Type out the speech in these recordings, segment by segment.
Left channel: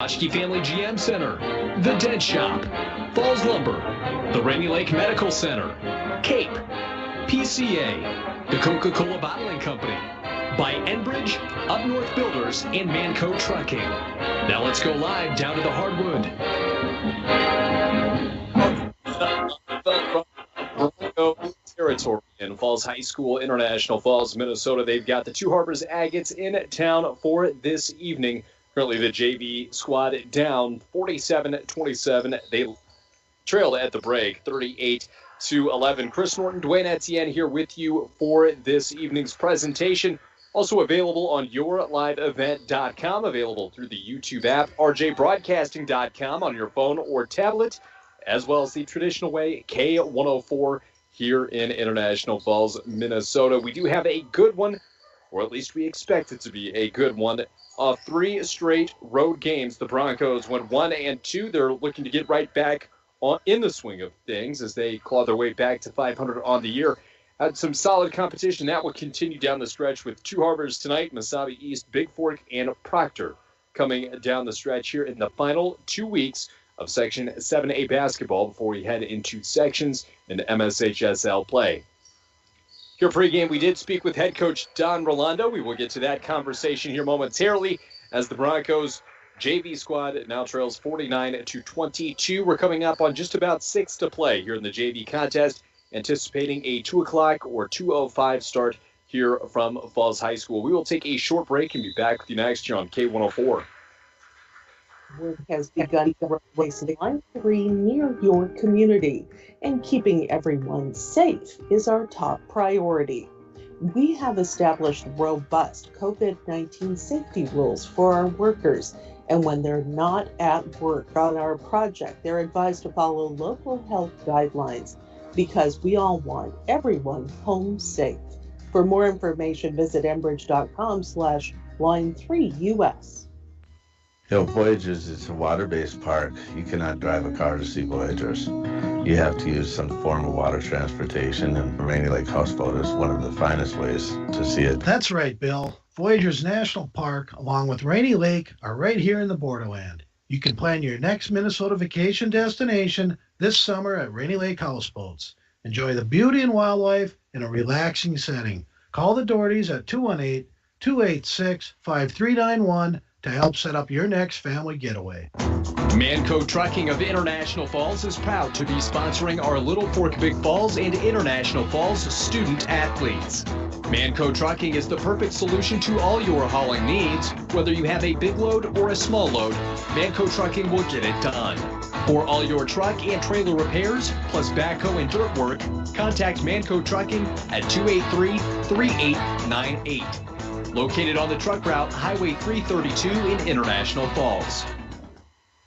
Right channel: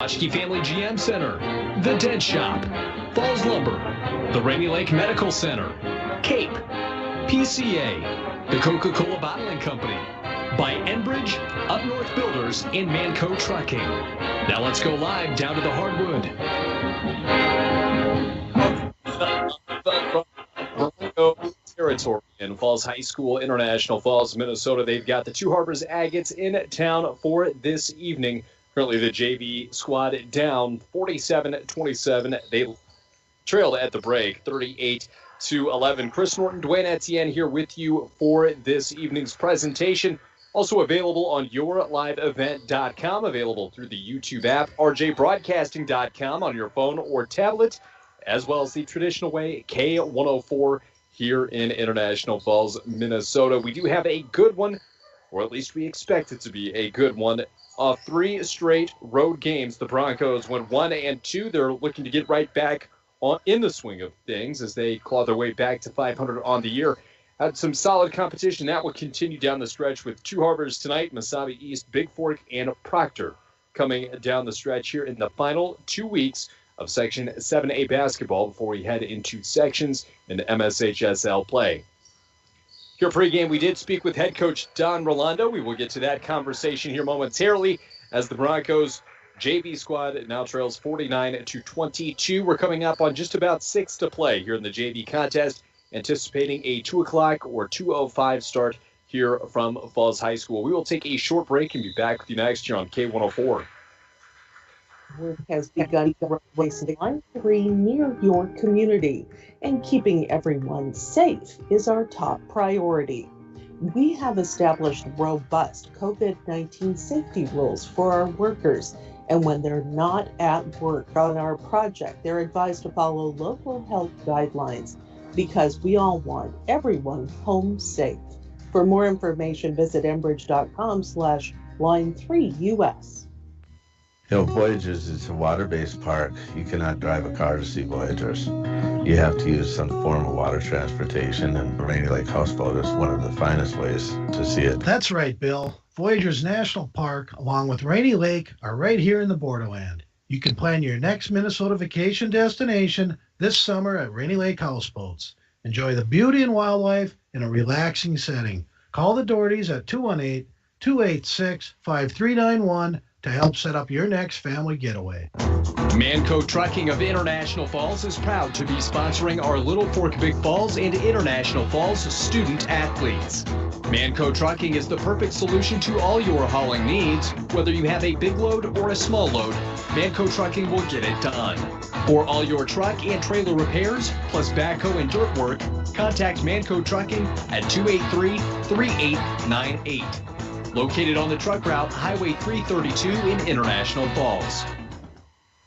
Oshke Family GM Center, The Dead Shop, Falls Lumber, the Rainy Lake Medical Center, Cape, PCA, the Coca-Cola Bottling Company, by Enbridge, Up North Builders, and Manco Trucking. Now let's go live down to the hardwood. Territory in Falls High School, International Falls, Minnesota. They've got the Two Harbors Agates in town for this evening. Currently, the JV squad down 47-27. They trailed at the break 38-11. Chris Norton, Dwayne Etienne here with you for this evening's presentation. Also available on yourliveevent.com, available through the YouTube app, rjbroadcasting.com on your phone or tablet, as well as the traditional way, K104 here in International Falls, Minnesota. We do have a good one, or at least we expect it to be a good one. 3 straight road games. The Broncos went 1-2. They're looking to get right back in the swing of things as they claw their way back to 500 on the year. Had some solid competition. That will continue down the stretch with Two Harbors tonight, Mesabi East, Big Fork, and Proctor coming down the stretch here in the final 2 weeks of Section 7A basketball before we head into sections in MSHSL play. Here pregame, we did speak with head coach Don Rolando. We will get to that conversation here momentarily as the Broncos JV squad now trails 49-22. We're coming up on just about 6 to play here in the JV contest, anticipating a 2 o'clock or 2:05 start here from Falls High School. We will take a short break and be back with you next year on K104. Work has begun to replace Line 3 near your community, and keeping everyone safe is our top priority. We have established robust COVID-19 safety rules for our workers, and when they're not at work on our project, they're advised to follow local health guidelines because we all want everyone home safe. For more information, visit enbridge.com/line3us. Voyagers is a water-based park. You cannot drive a car to see Voyagers. You have to use some form of water transportation, and Rainy Lake Houseboat is one of the finest ways to see it. That's right, Bill. Voyagers National Park, along with Rainy Lake, are right here in the borderland. You can plan your next Minnesota vacation destination this summer at Rainy Lake Houseboats. Enjoy the beauty and wildlife in a relaxing setting. Call the Dohertys at 218-286-5391 to help set up your next family getaway. Manco Trucking of International Falls is proud to be sponsoring our Little Fork Big Falls and International Falls student athletes. Manco Trucking is the perfect solution to all your hauling needs. Whether you have a big load or a small load, Manco Trucking will get it done. For all your truck and trailer repairs, plus backhoe and dirt work, contact Manco Trucking at 283-3898. Located on the truck route, Highway 332 in International Falls.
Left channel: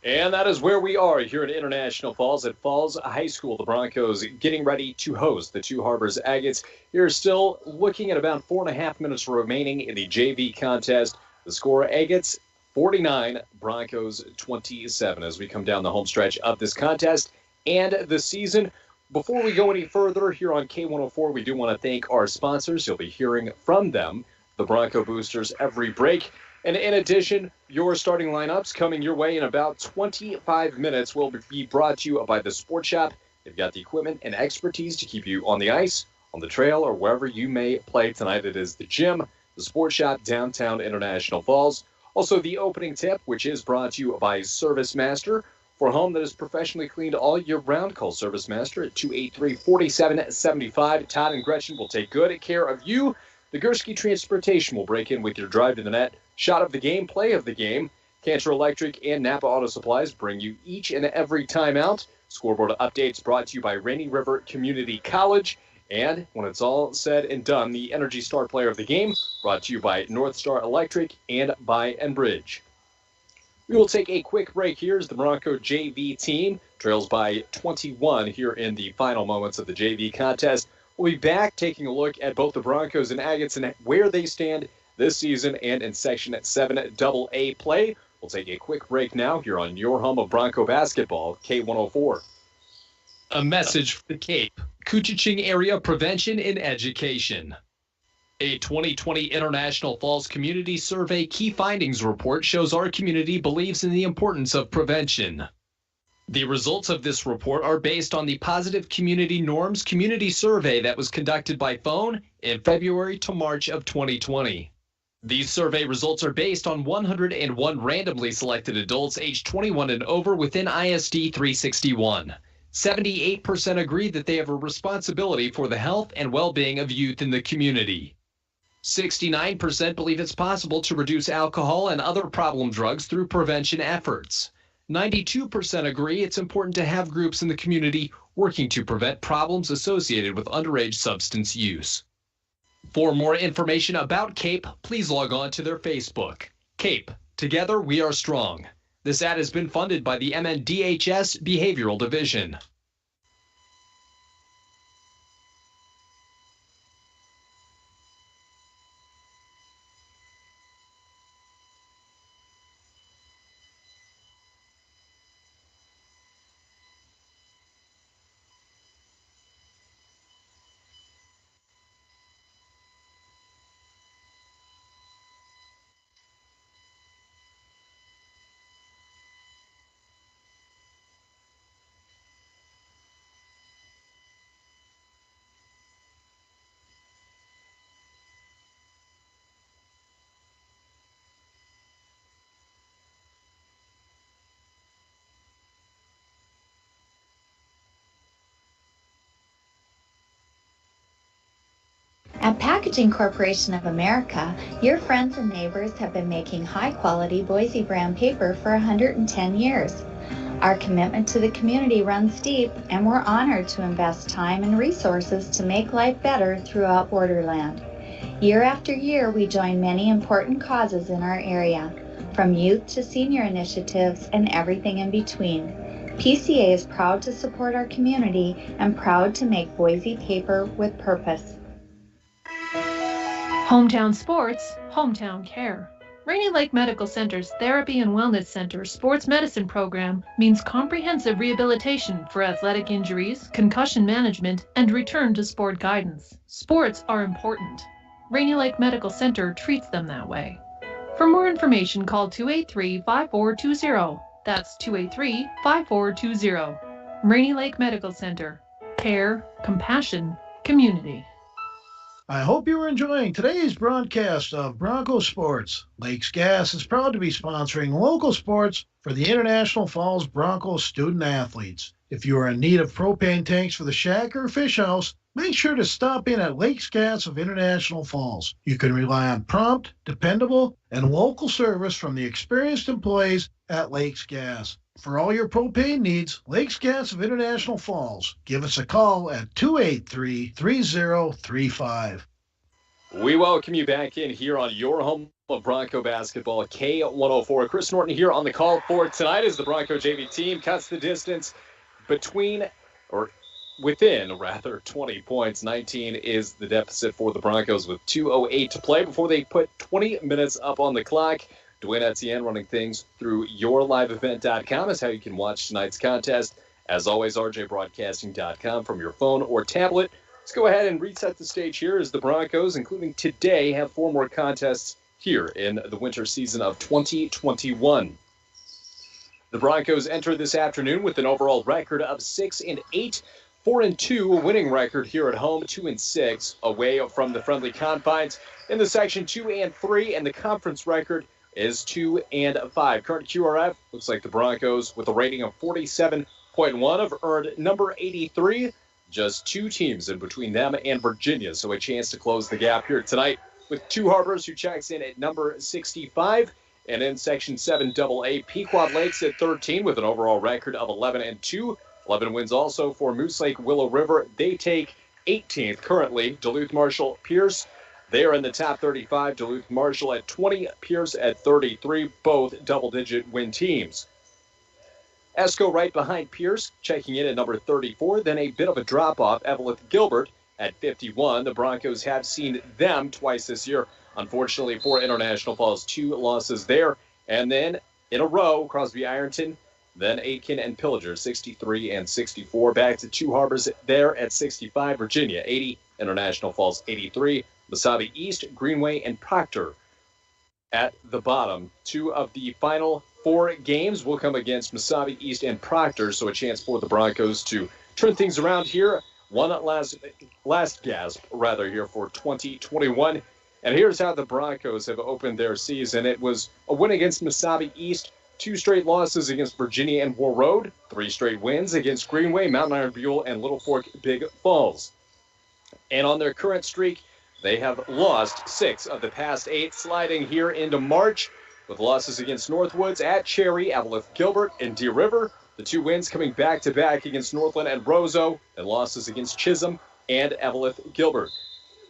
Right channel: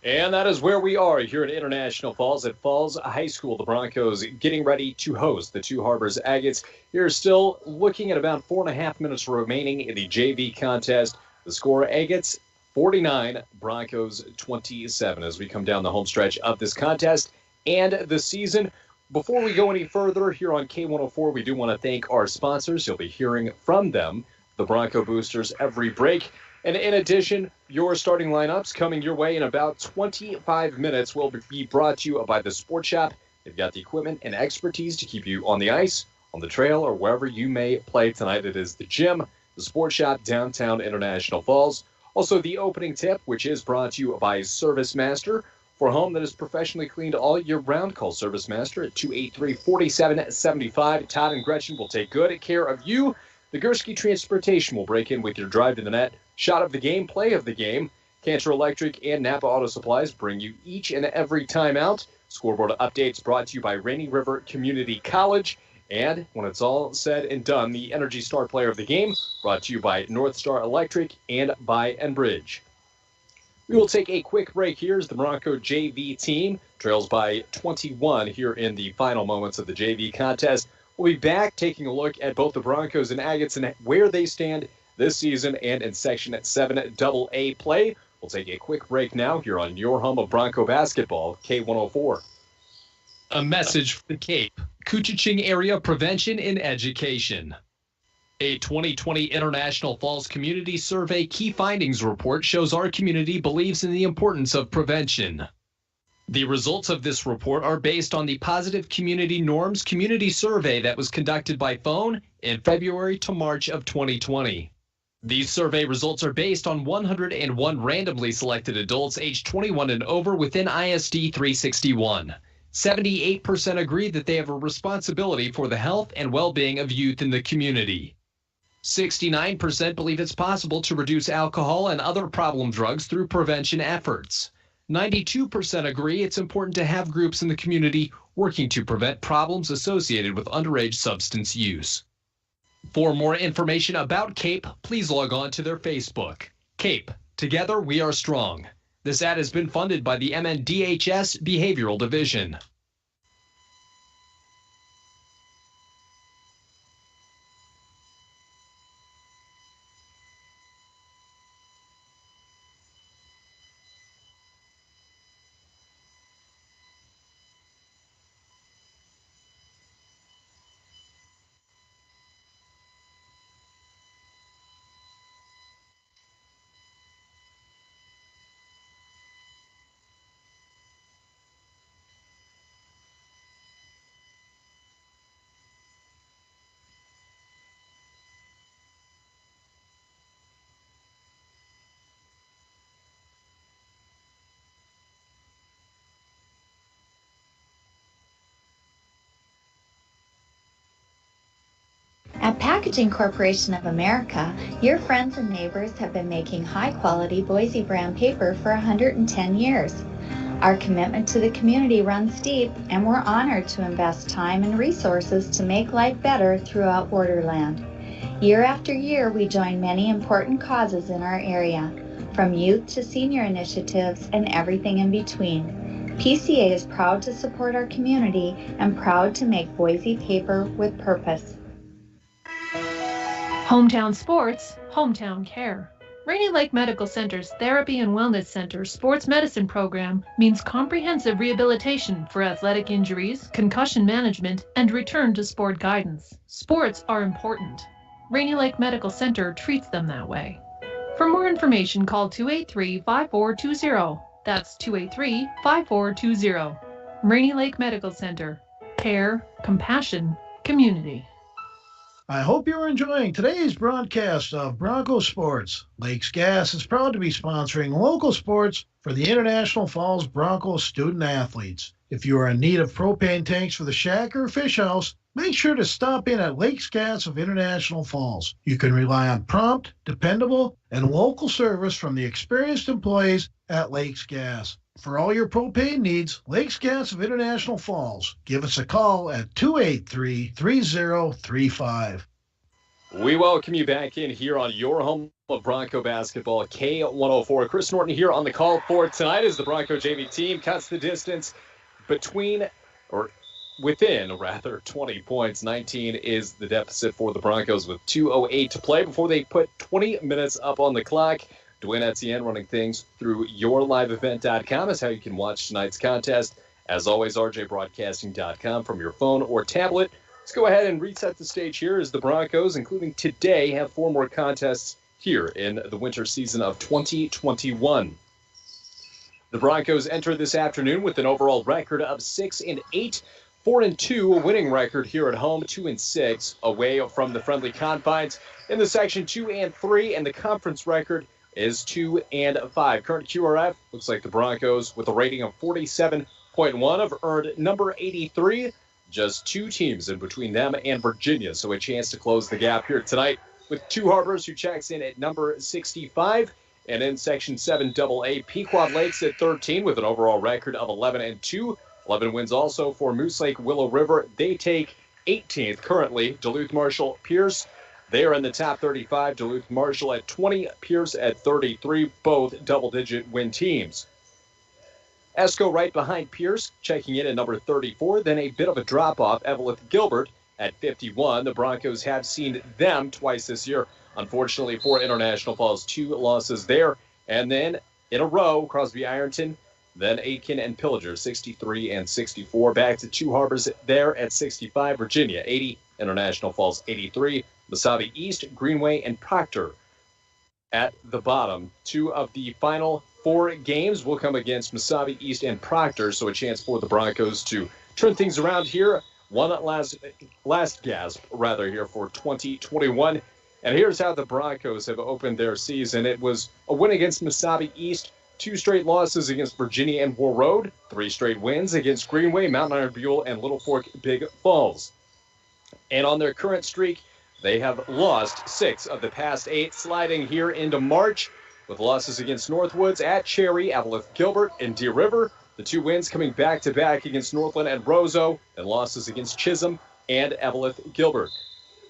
And that is where we are here in International Falls at Falls High School. The Broncos getting ready to host the Two Harbors Agates. You're still looking at about 4.5 minutes remaining in the JV contest. The score, Agates 49, Broncos 27 as we come down the home stretch of this contest and the season. Before we go any further here on K104, we do want to thank our sponsors. You'll be hearing from them, the Bronco Boosters, every break. And in addition, your starting lineups coming your way in about 25 minutes will be brought to you by the Sports Shop. They've got the equipment and expertise to keep you on the ice, on the trail, or wherever you may play tonight. It is the gym, the Sports Shop, downtown International Falls. Also, the opening tip, which is brought to you by Service Master. For a home that is professionally cleaned all year round, call Service Master at 283-4775. Todd and Gretchen will take good care of you. The Gursky Transportation will break in with your drive to the net. Shot of the game, play of the game. Cantor Electric and Napa Auto Supplies bring you each and every time out. Scoreboard updates brought to you by Rainy River Community College. And when it's all said and done, the Energy Star Player of the Game brought to you by North Star Electric and by Enbridge. We will take a quick break here as the Bronco JV team trails by 21 here in the final moments of the JV contest. We'll be back taking a look at both the Broncos and Agates and where they stand this season and in Section 7AA play. We'll take a quick break now here on your home of Bronco basketball, K104. A message for the Cape, Couchiching Area Prevention and Education. A 2020 International Falls Community Survey Key Findings report shows our community believes in the importance of prevention. The results of this report are based on the Positive Community Norms Community Survey that was conducted by phone in February to March of 2020. These survey results are based on 101 randomly selected adults aged 21 and over within ISD 361. 78% agree that they have a responsibility for the health and well-being of youth in the community. 69% believe it's possible to reduce alcohol and other problem drugs through prevention efforts. 92% agree it's important to have groups in the community working to prevent problems associated with underage substance use. For more information about CAPE, please log on to their Facebook. CAPE, Together We Are Strong. This ad has been funded by the MNDHS Behavioral Division. At Packaging Corporation of America, your friends and neighbors have been making high-quality Boise brand paper for 110 years. Our commitment to the community runs deep, and we're honored to invest time and resources to make life better throughout Borderland. Year after year, we join many important causes in our area, from youth to senior initiatives and everything in between. PCA is proud to support our community and proud to make Boise paper with purpose. Hometown Sports, Hometown Care. Rainy Lake Medical Center's Therapy and Wellness Center Sports Medicine Program means comprehensive rehabilitation for athletic injuries, concussion management, and return to sport guidance. Sports are important. Rainy Lake Medical Center treats them that way. For more information, call 283-5420. That's 283-5420. Rainy Lake Medical Center. Care, compassion, community. I hope you are enjoying today's broadcast of Bronco Sports. Lakes Gas is proud to be sponsoring local sports for the International Falls Bronco student athletes. If you are in need of propane tanks for the shack or fish house, make sure to stop in at Lakes Gas of International Falls. You can rely on prompt, dependable, and local service from the experienced employees at Lakes Gas. For all your propane needs, Lakes Gas of International Falls. Give us a call at 283-3035. We welcome you back in here on your home of Bronco basketball, K104. Chris Norton here on the call for tonight as the Bronco JV team cuts the distance within 20 points. 19 is the deficit for the Broncos with 2:08 to play before they put 20 minutes up on the clock. Dwayne Etienne running things through yourliveevent.com is how you can watch tonight's contest. As always, rjbroadcasting.com from your phone or tablet. Let's go ahead and reset the stage here as the Broncos, including today, have 4 more contests here in the winter season of 2021. The Broncos enter this afternoon with an overall record of 6-8, 4-2, a winning record here at home, 2-6 away from the friendly confines in the Section 2 and 3, and the conference record is 2-5. Current QRF looks like the Broncos with a rating of 47.1 have earned number 83. Just 2 teams in between them and Virginia, so a chance to close the gap here tonight with Two Harbors, who checks in at number 65. And in Section 7 AA, Pequot Lakes at 13 with an overall record of 11-2. 11 wins also for Moose Lake Willow River. They take 18th currently. Duluth Marshall Pierce, they are in the top 35. Duluth Marshall at 20, Pierce at 33, both double-digit win teams. Esco right behind Pierce, checking in at number 34. Then a bit of a drop-off, Evelyn Gilbert at 51. The Broncos have seen them twice this year. Unfortunately for International Falls, 2 losses there. And then in a row, Crosby Ironton, then Aitken and Pillager, 63 and 64. Back to Two Harbors there at 65. Virginia, 80. International Falls, 83. Mesabi East, Greenway, and Proctor at the bottom. 2 of the final 4 games will come against Mesabi East and Proctor, so a chance for the Broncos to turn things around here. One last gasp, rather, here for 2021. And here's how the Broncos have opened their season. It was a win against Mesabi East, 2 straight losses against Virginia and War Road, 3 straight wins against Greenway, Mountain Iron Buell, and Little Fork Big Falls. And on their current streak, they have lost 6 of the past 8, sliding here into March with losses against Northwoods, at Cherry, Eveleth Gilbert, and Deer River. The 2 wins coming back-to-back against Northland and Roseau, and losses against Chisholm and Eveleth Gilbert.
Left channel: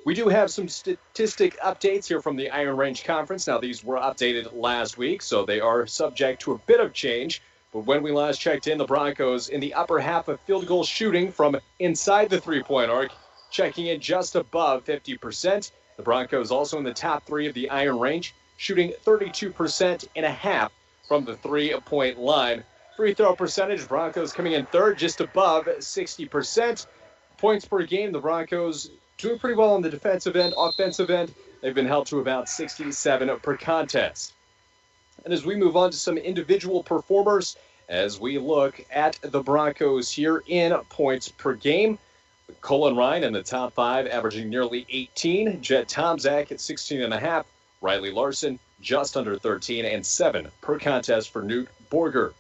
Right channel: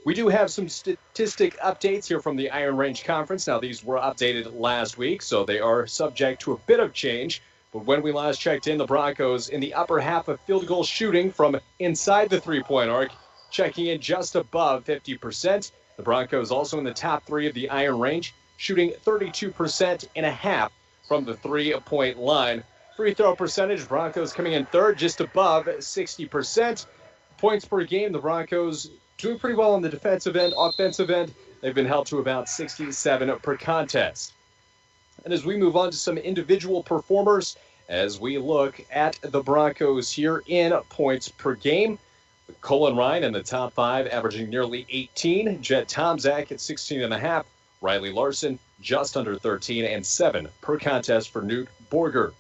We do have some statistic updates here from the Iron Range Conference. Now, these were updated last week, so they are subject to a bit of change. But when we last checked in, the Broncos in the upper half of field goal shooting from inside the three-point arc, checking in just above 50%. The Broncos also in the top 3 of the Iron Range, shooting 32.5% from the three-point line. Free throw percentage, Broncos coming in 3rd, just above 60%. Points per game, the Broncos doing pretty well on the defensive end. Offensive end, they've been held to about 67 per contest. And as we move on to some individual performers, as we look at the Broncos here in points per game, Colin Ryan in the top 5, averaging nearly 18. Jet Tomzak at 16.5. Riley Larson just under 13, and 7 per contest for Newt Borger.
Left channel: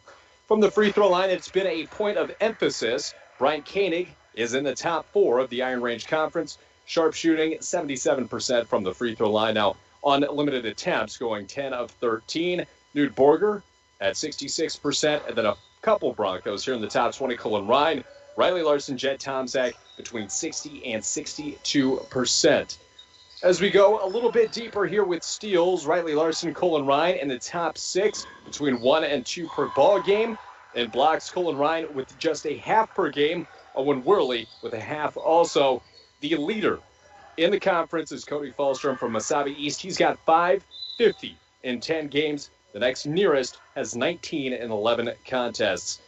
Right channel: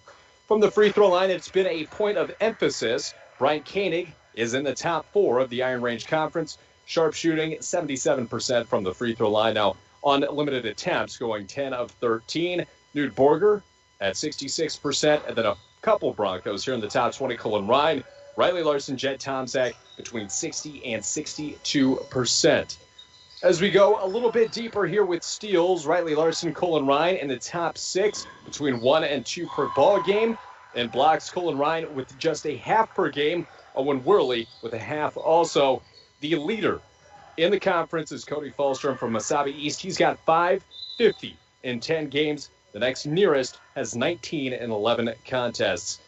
From the free throw line, it's been a point of emphasis. Bryant Koenig is in the top 4 of the Iron Range Conference. Sharp shooting, 77% from the free throw line. Now, on limited attempts, going 10 of 13. Newt Borger at 66%. And then a couple Broncos here in the top 20. Colin Ryan, Riley Larson, Jet Tomzak between 60 and 62%. As we go a little bit deeper here with steals, Riley Larson, Colin Ryan in the top 6 between 1 and 2 per ball game. And blocks, Colin Ryan with just a half per game. Owen Worley with a half also. The leader in the conference is Cody Fallstrom from Mesabi East. He's got 550 in 10 games. The next nearest has 19 in 11 contests.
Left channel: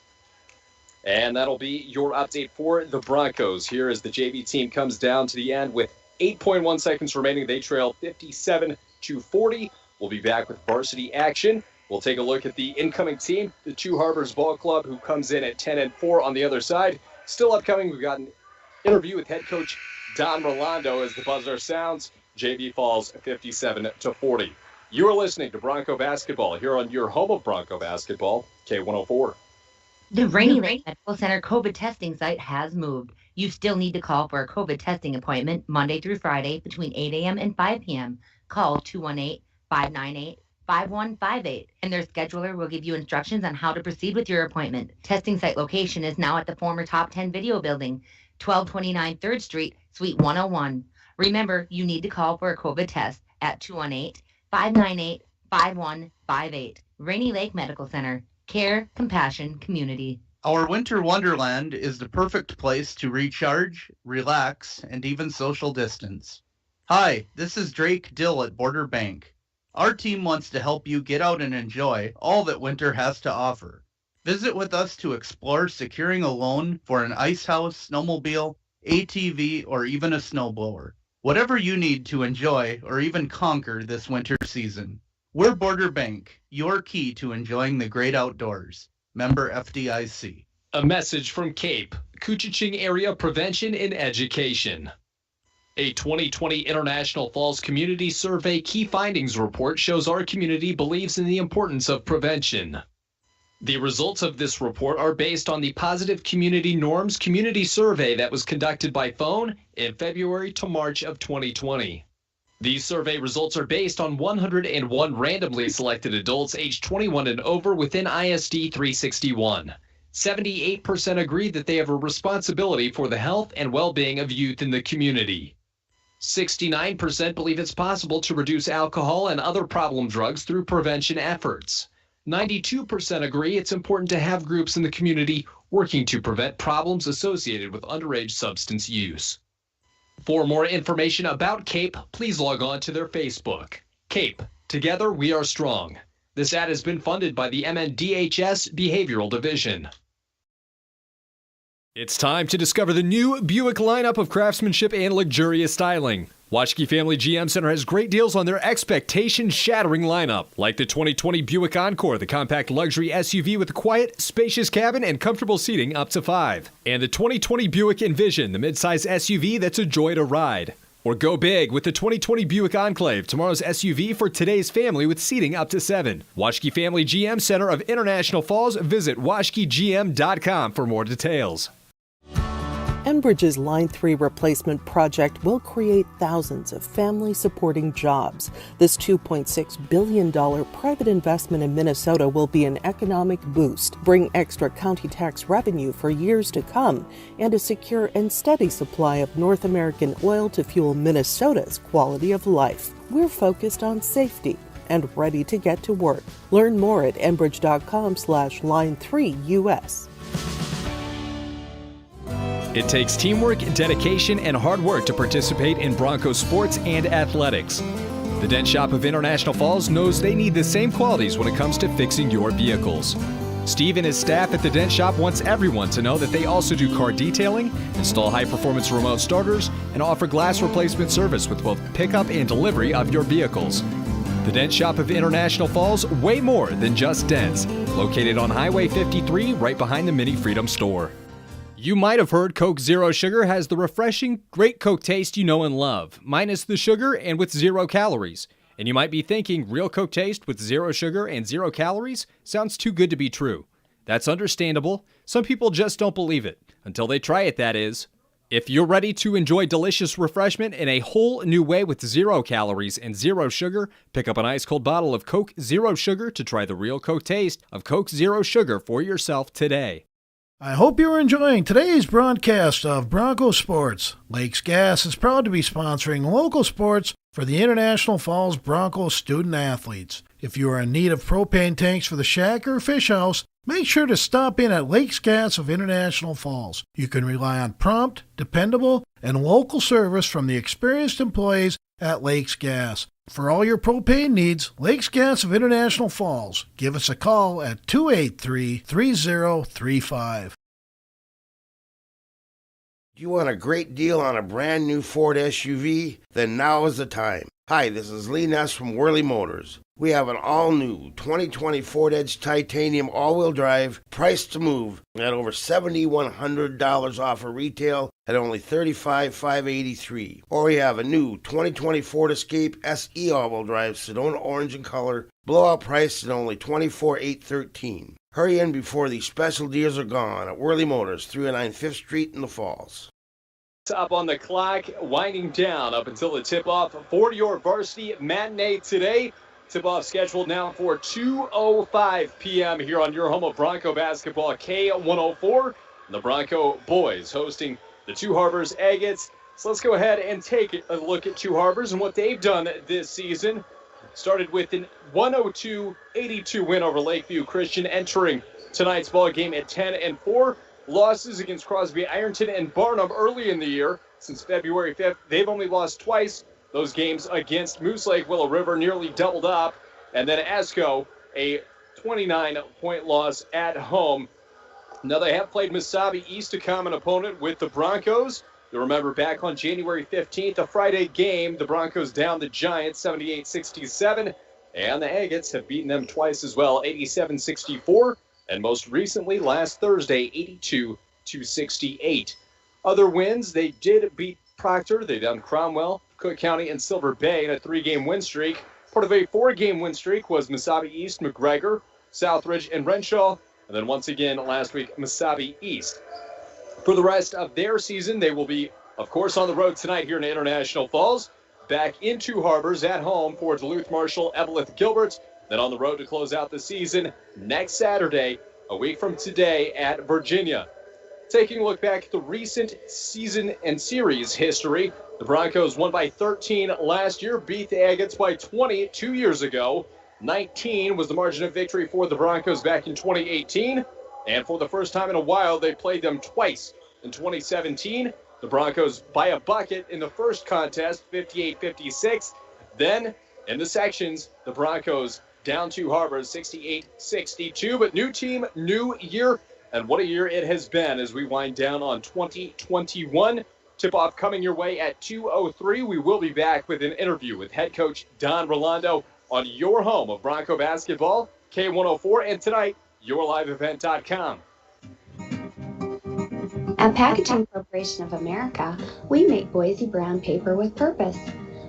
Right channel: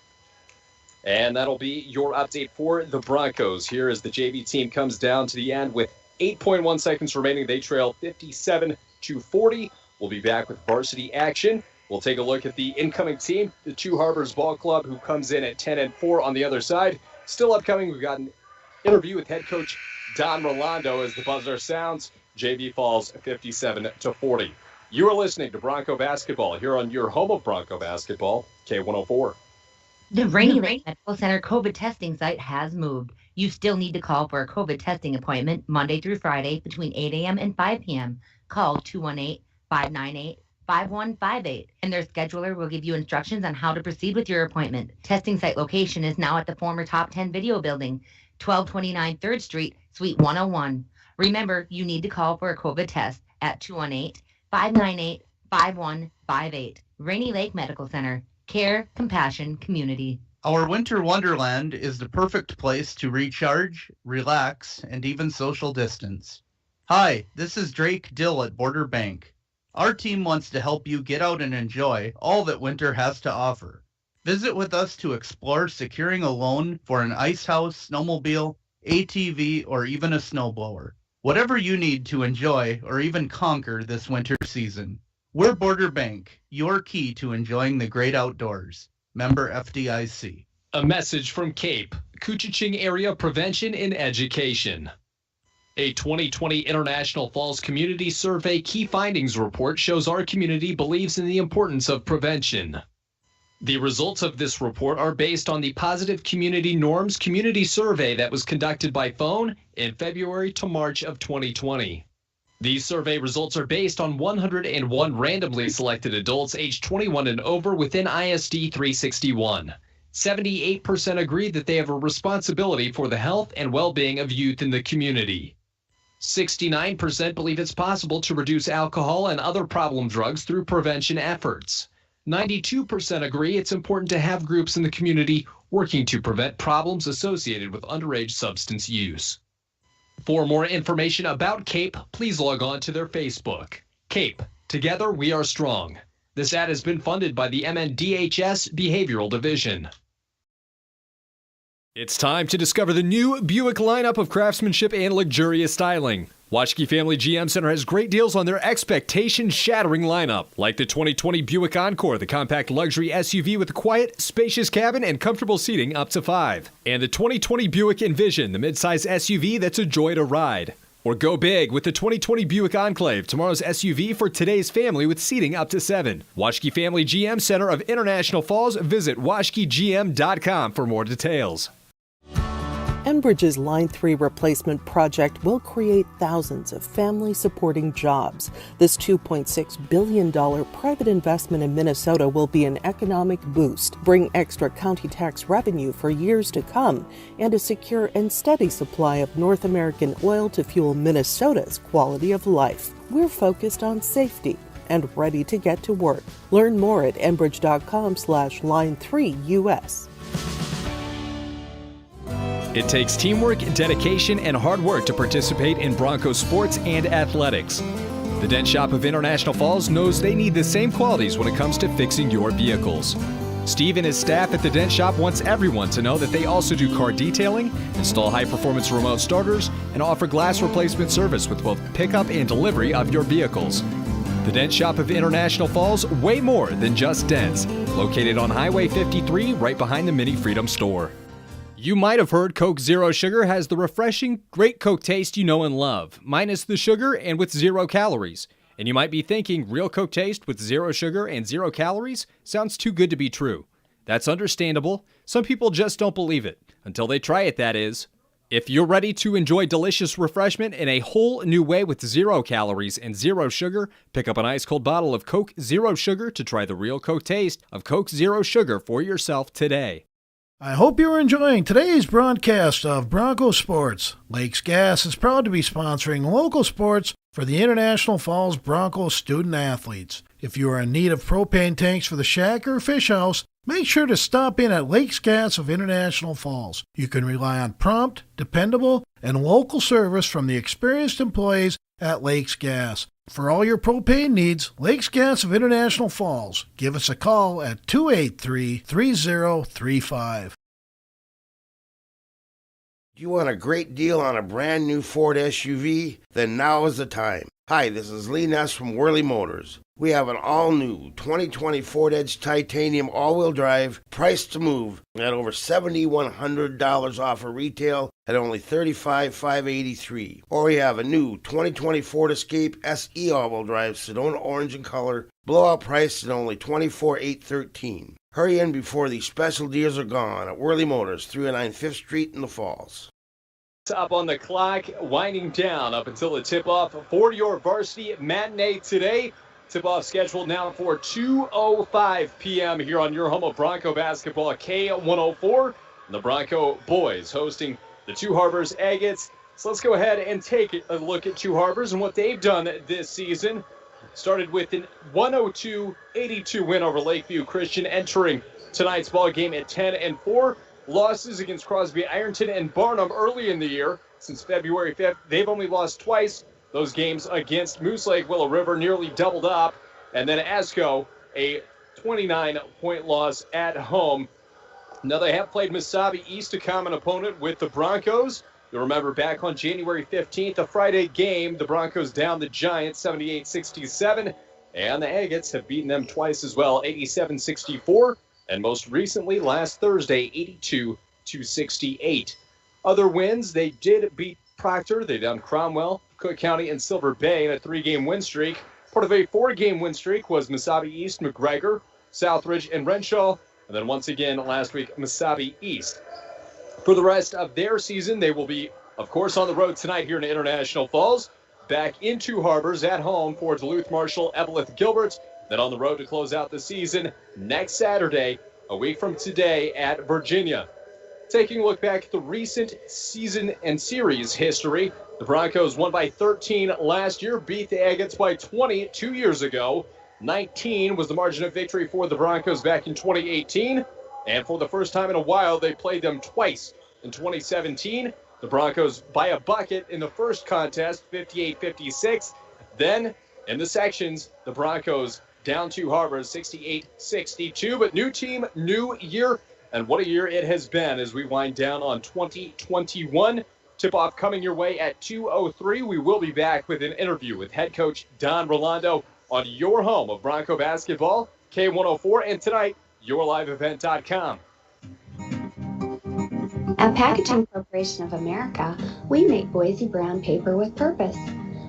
And that'll be your update for the Broncos. Here as the JV team comes down to the end with 8.1 seconds remaining. They trail 57-40. We'll be back with varsity action. We'll take a look at the incoming team, the Two Harbors Ball Club, who comes in at 10-4 on the other side. Still upcoming, we've got an interview with head coach Don Rolando as the buzzer sounds. JV falls 57-40. You are listening to Bronco Basketball here on your home of Bronco Basketball, K104. The Rainy Lake Medical Center COVID testing site has moved. You still need to call for a COVID testing appointment Monday through Friday between 8 a.m. and 5 p.m. Call 218-598-5158, and their scheduler will give you instructions on how to proceed with your appointment. Testing site location is now at the former Top 10 Video Building, 1229 3rd Street, Suite 101. Remember, you need to call for a COVID test at 218-598-5158. Rainy Lake Medical Center. Care, compassion, community. Our winter wonderland is the perfect place to recharge, relax, and even social distance. Hi, this is Drake Dill at Border Bank. Our team wants to help you get out and enjoy all that winter has to offer. Visit with us to explore securing a loan for an ice house, snowmobile, ATV, or even a snowblower. Whatever you need to enjoy or even conquer this winter season. We're Border Bank, your key to enjoying the great outdoors. Member FDIC. A message from CAPE, Koochiching Area Prevention and Education. A 2020 International Falls Community Survey Key Findings Report shows our community believes in the importance of prevention. The results of this report are based on the Positive Community Norms Community Survey that was conducted by phone in February to March of 2020. These survey results are based on 101 randomly selected adults aged 21 and over within ISD 361. 78% agree that they have a responsibility for the health and well-being of youth in the community. 69% believe it's possible to reduce alcohol and other problem drugs through prevention efforts. 92% agree it's important to have groups in the community working to prevent problems associated with underage substance use. For more information about CAPE, please log on to their Facebook. CAPE, together we are strong. This ad has been funded by the MNDHS Behavioral Division. It's time to discover the new Buick lineup of craftsmanship and luxurious styling. Waschke Family GM Center has great deals on their expectation-shattering lineup, like the 2020 Buick Encore, the compact luxury SUV with a quiet, spacious cabin and comfortable seating up to 5. And the 2020 Buick Envision, the midsize SUV that's a joy to ride. Or go big with the 2020 Buick Enclave, tomorrow's SUV for today's family with seating up to 7. Waschke Family GM Center of International Falls. Visit waschkegm.com for more details. Enbridge's Line 3 replacement project will create thousands of family-supporting jobs. This $2.6 billion private investment in Minnesota will be an economic boost, bring extra county tax revenue for years to come, and a secure and steady supply of North American oil to fuel Minnesota's quality of life. We're focused on safety and ready to get to work. Learn more at enbridge.com/line3us. It takes teamwork, dedication, and hard work to participate in Broncos sports and athletics. The Dent Shop of International Falls knows they need the same qualities when it comes to fixing your vehicles. Steve and his staff at the Dent Shop wants everyone to know that they also do car detailing, install high-performance remote starters, and offer glass replacement service with both pickup and delivery of your vehicles. The Dent Shop of International Falls, way more than just dents. Located on Highway 53, right behind the Mini Freedom store. You might have heard Coke Zero Sugar has the refreshing, great Coke taste you know and love, minus the sugar and with 0 calories. And you might be thinking, real Coke taste with 0 sugar and 0 calories sounds too good to be true. That's understandable. Some people just don't believe it, until they try it, that is. If you're ready to enjoy delicious refreshment in a whole new way with 0 calories and 0 sugar, pick up an ice-cold bottle of Coke Zero Sugar to try the real Coke taste of Coke Zero Sugar for yourself today. I hope you're enjoying today's broadcast of Bronco Sports. Lakes Gas is proud to be sponsoring local sports for the International Falls Bronco student athletes. If you are in need of propane tanks for the shack or fish house, make sure to stop in at Lakes Gas of International Falls. You can rely on prompt, dependable, and local service from the experienced employees at Lakes Gas. For all your propane needs, Lakes Gas of International Falls. Give us a call at 283-3035. Do you want a great deal on a brand new Ford SUV? Then now is the time. Hi, this is Lee Ness from Worley Motors. We have an all-new 2020 Ford Edge Titanium all-wheel drive, priced to move, at over $7,100 off of retail at only $35,583. Or we have a new 2020 Ford Escape SE all-wheel drive, Sedona orange in color, blowout priced at only $24,813. Hurry in before these special deals are gone at Worley Motors, 309 5th Street in the Falls. Up on the clock, winding down up until the tip-off for your varsity matinee today. Tip-off scheduled now for 2:05 p.m. here on your home of Bronco basketball, K104. The Bronco boys hosting the Two Harbors Agates. So let's go ahead and take a look at Two Harbors and what they've done this season. Started with an 102-82 win over Lakeview Christian, entering tonight's ball game at 10-4. Losses against Crosby, Ironton, and Barnum early in the year. Since February 5th, they've only lost twice. Those games against Moose Lake, Willow River nearly doubled up. And then Esco, a 29-point loss at home. Now they have played Mesabi East, a common opponent with the Broncos. You'll remember back on January 15th, a Friday game, the Broncos down the Giants 78-67. And the Agates have beaten them twice as well, 87-64. And most recently, last Thursday, 82-68. Other wins, they did beat Proctor. They downed Cromwell, Cook County, and Silver Bay in a 3-game win streak. Part of a 4-game win streak was Mesabi East, McGregor, Southridge, and Renshaw. And then once again, last week, Mesabi East. For the rest of their season, they will be, of course, on the road tonight here in International Falls. Back in Two Harbors at home for Duluth Marshall, Evelyn Gilbert. Then on the road to close out the season next Saturday, a week from today at Virginia. Taking a look back at the recent season and series history, the Broncos won by 13 last year, beat the Agates by 20 2 years ago. 19 was the margin of victory for the Broncos back in 2018. And for the first time in a while, they played them twice. In 2017, the Broncos by a bucket in the first contest, 58-56. Then, in the sections, the Broncos down Two Harbors, 68-62. But new team, new year. And what a year it has been as we wind down on 2021. Tip-off coming your way at 2:03. We will be back with an interview with head coach Don Rolando on your home of Bronco basketball, K104, and tonight, yourliveevent.com. At Packaging Corporation of America, we make Boise brown paper with purpose.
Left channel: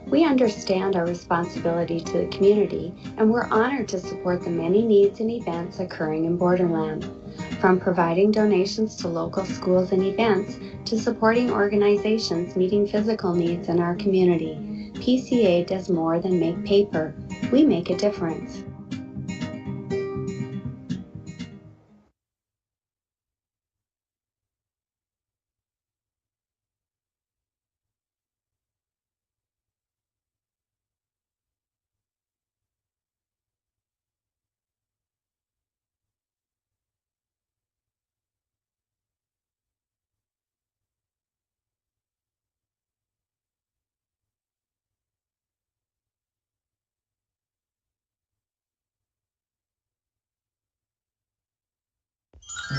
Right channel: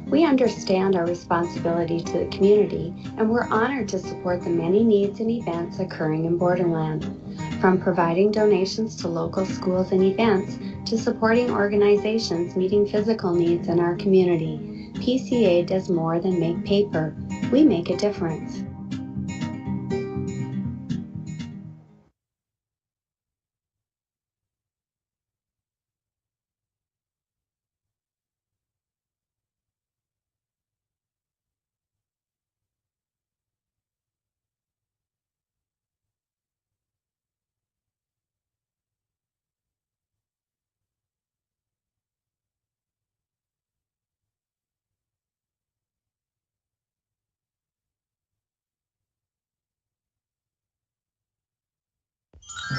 We understand our responsibility to the community, and we're honored to support the many needs and events occurring in Borderland. From providing donations to local schools and events, to supporting organizations meeting physical needs in our community, PCA does more than make paper. We make a difference.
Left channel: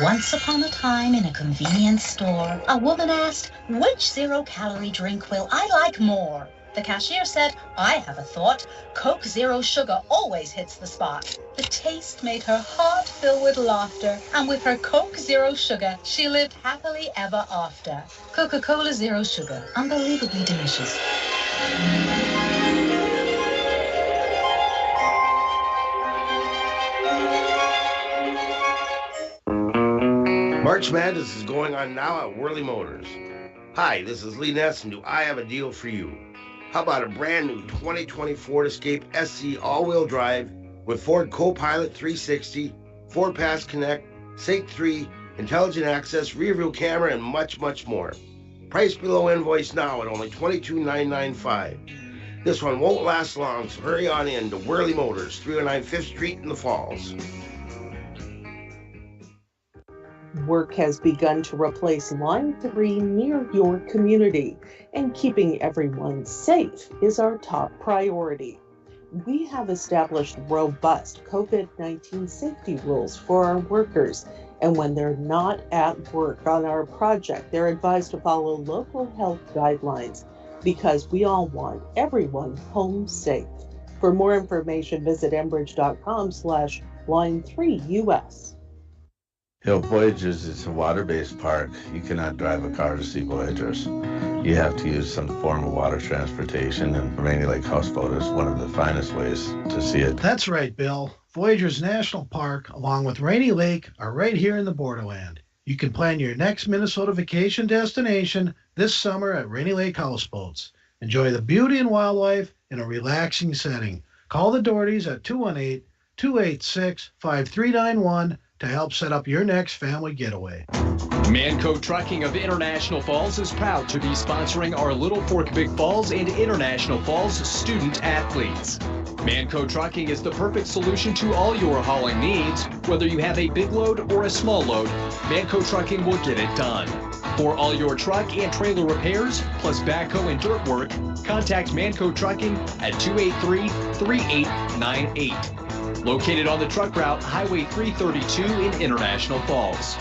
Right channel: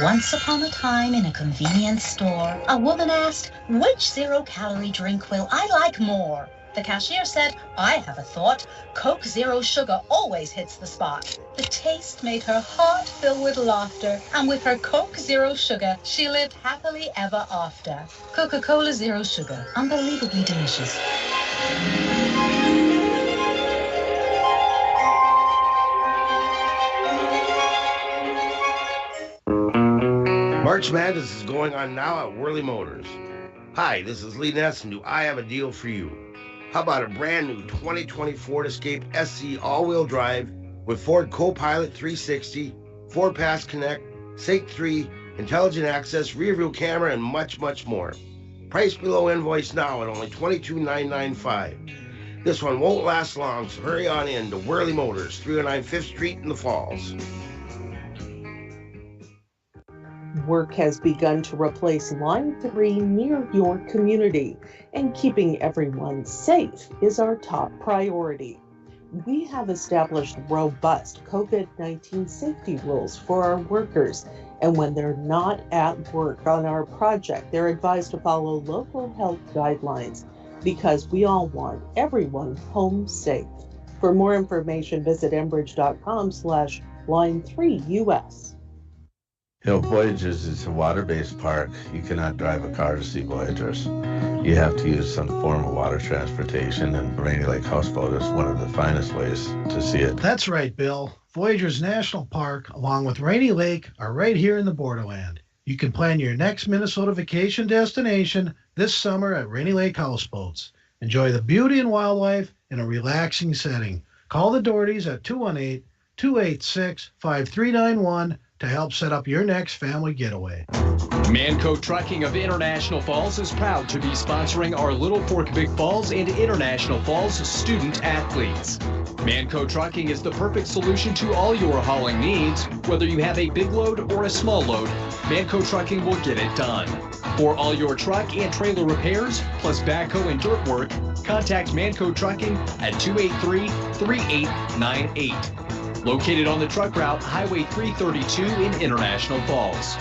Once upon a time in a convenience store, a woman asked, "Which zero-calorie drink will I like more?" The cashier said, "I have a thought. Coke Zero Sugar always hits the spot." The taste made her heart fill with laughter, and with her Coke Zero Sugar, she lived happily ever after. Coca-Cola Zero Sugar, unbelievably delicious. March Madness is going on now at Worley Motors. Hi, this is Lee Ness, and do I have a deal for you? How about a brand new 2020 Ford Escape SC all-wheel drive with Ford Copilot 360, Ford Pass Connect, Sync 3, Intelligent Access, rear-view camera, and much, much more. Price below invoice now at only $22,995. This one won't last long, so hurry on in to Worley Motors, 309 5th Street in the Falls. Work has begun to replace Line 3 near your community, and keeping everyone safe is our top priority. We have established robust COVID-19 safety rules for our workers, and when they're not at work on our project, they're advised to follow local health guidelines because we all want everyone home safe. For more information, visit enbridge.com/line3us. Voyagers is a water-based park. You cannot drive a car to see Voyagers. You have to use some form of water transportation, and Rainy Lake Houseboat is one of the finest ways to see it. That's right, Bill. Voyagers National Park, along with Rainy Lake, are right here in the Borderland. You can plan your next Minnesota vacation destination this summer at Rainy Lake Houseboats. Enjoy the beauty and wildlife in a relaxing setting. Call the Dohertys at 218-286-5391 to help set up your next family getaway. Manco Trucking of International Falls is proud to be sponsoring our Little Fork Big Falls and International Falls student athletes. Manco Trucking is the perfect solution to all your hauling needs. Whether you have a big load or a small load, Manco Trucking will get it done. For all your truck and trailer repairs, plus backhoe and dirt work, contact Manco Trucking at 283-3898. Located on the truck route Highway 332 in International Falls.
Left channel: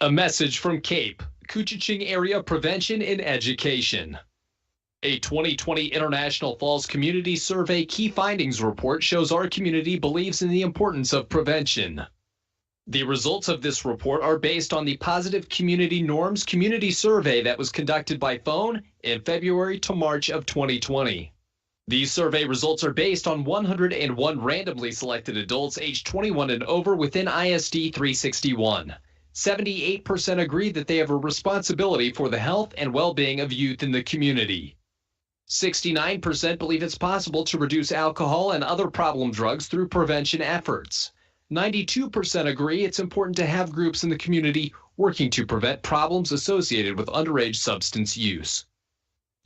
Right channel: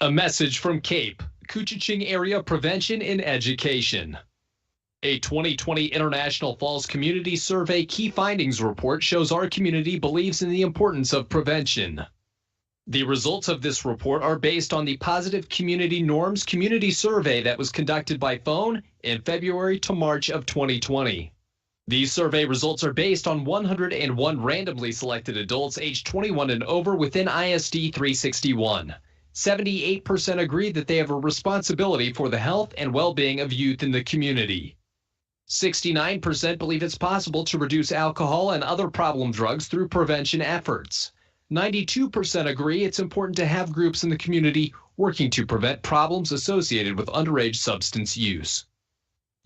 A message from CAPE, Koochiching Area Prevention and Education. A 2020 International Falls Community Survey Key Findings Report shows our community believes in the importance of prevention. The results of this report are based on the Positive Community Norms Community Survey that was conducted by phone in February to March of 2020. These survey results are based on 101 randomly selected adults aged 21 and over within ISD 361. 78% agree that they have a responsibility for the health and well-being of youth in the community. 69% believe it's possible to reduce alcohol and other problem drugs through prevention efforts. 92% agree it's important to have groups in the community working to prevent problems associated with underage substance use.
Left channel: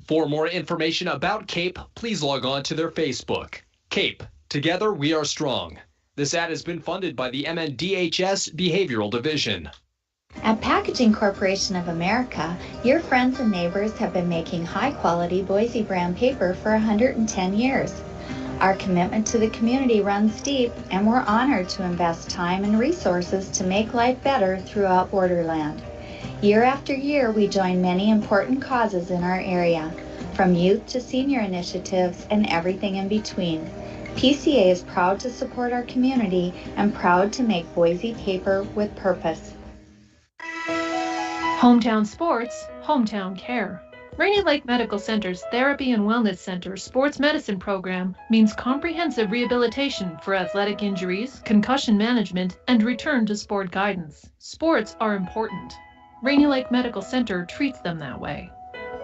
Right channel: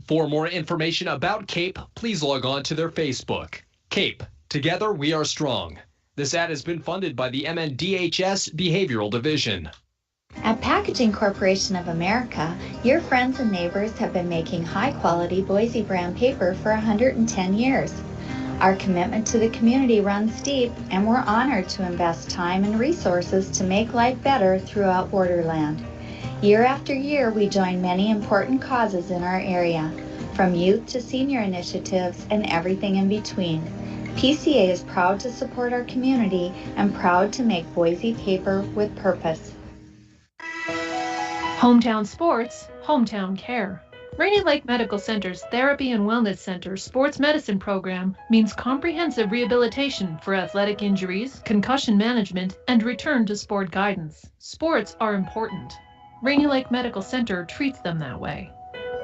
For more information about CAPE, please log on to their Facebook. CAPE, Together We Are Strong. This ad has been funded by the MNDHS Behavioral Division. At Packaging Corporation of America, your friends and neighbors have been making high-quality Boise brown paper for 110 years. Our commitment to the community runs deep, and we're honored to invest time and resources to make life better throughout Borderland. Year after year, we join many important causes in our area, from youth to senior initiatives and everything in between. PCA is proud to support our community and proud to make Boise paper with purpose. Hometown sports, hometown care. Rainy Lake Medical Center's Therapy and Wellness Center sports medicine program means comprehensive rehabilitation for athletic injuries, concussion management, and return to sport guidance. Sports are important. Rainy Lake Medical Center treats them that way.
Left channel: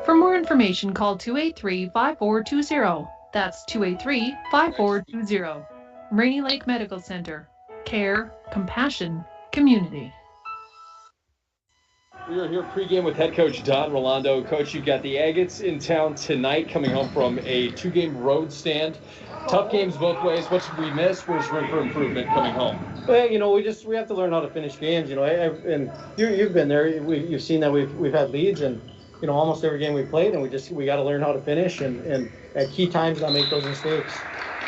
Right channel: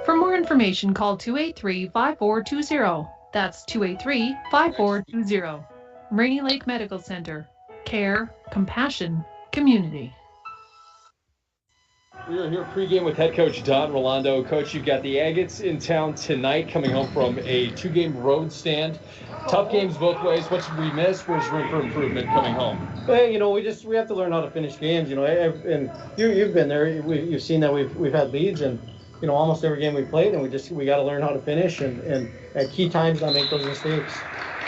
For more information, call 283-5420. That's 283-5420. Rainy Lake Medical Center. Care, compassion, community. We are here pregame with head coach Don Rolando. Coach, you've got the Agates in town tonight, coming home from a 2-game road stand. Tough games both ways. What should we miss? Where's room for improvement coming home? Well, we have to learn how to finish games. And you've been there. You've seen that we've had leads, and almost every game we played, and we got to learn how to finish and at key times not make those mistakes.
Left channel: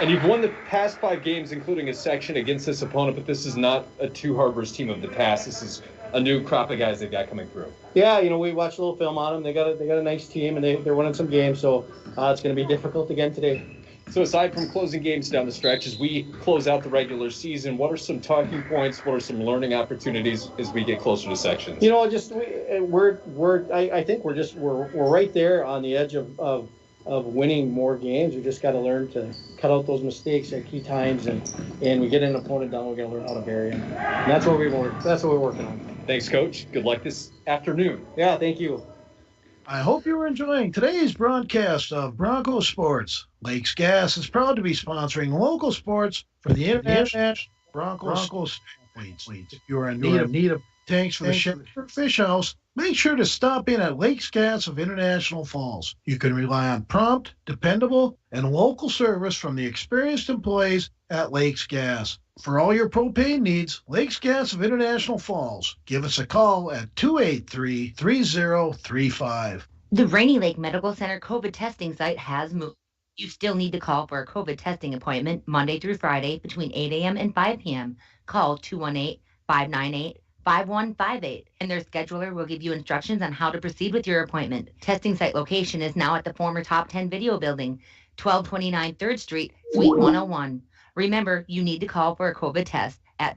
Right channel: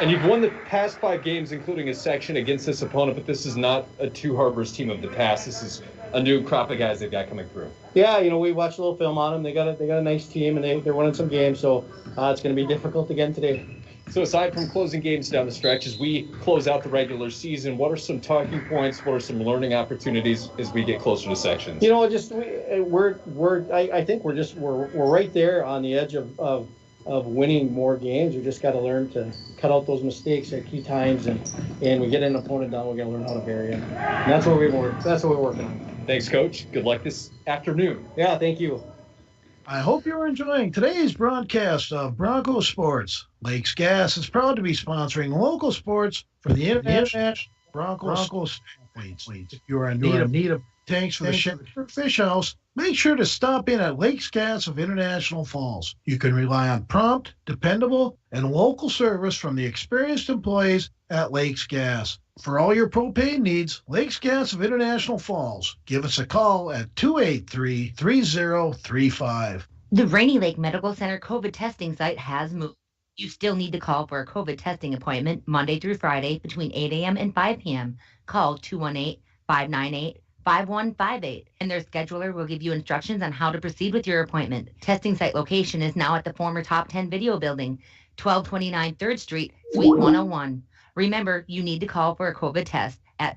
And you've won the past 5 games, including a section against this opponent, but this is not a Two Harbors team of the past. This is a new crop of guys they've got coming through. Yeah, we watched a little film on them. They got a nice team, and they're winning some games, so it's going to be difficult again today. So aside from closing games down the stretch, as we close out the regular season, what are some talking points? What are some learning opportunities as we get closer to sections? I think we're right there on the edge of winning more games. We just got to learn to cut out those mistakes at key times, and we get an opponent down. We got to learn how to bury him. And that's what we're working on. Thanks, Coach. Good luck this afternoon. Yeah, thank you. I hope you're enjoying today's broadcast of Bronco Sports. Lakes Gas is proud to be sponsoring local sports for the International Broncos athletes. If you are in need of tanks for the Shepherd Fish House, make sure to stop in at Lakes Gas of International Falls. You can rely on prompt, dependable, and local service from the experienced employees at Lakes Gas. For all your propane needs, Lakes Gas of International Falls. Give us a call at 283-3035. The Rainy Lake Medical Center COVID testing site has moved. You still need to call for a COVID testing appointment Monday through Friday between 8 a.m. and 5 p.m. Call 218-598-5158, and their scheduler will give you instructions on how to proceed with your appointment. Testing site location is now at the former Top 10 Video Building, 1229 3rd Street, Suite 101. Remember, you need to call for a COVID test at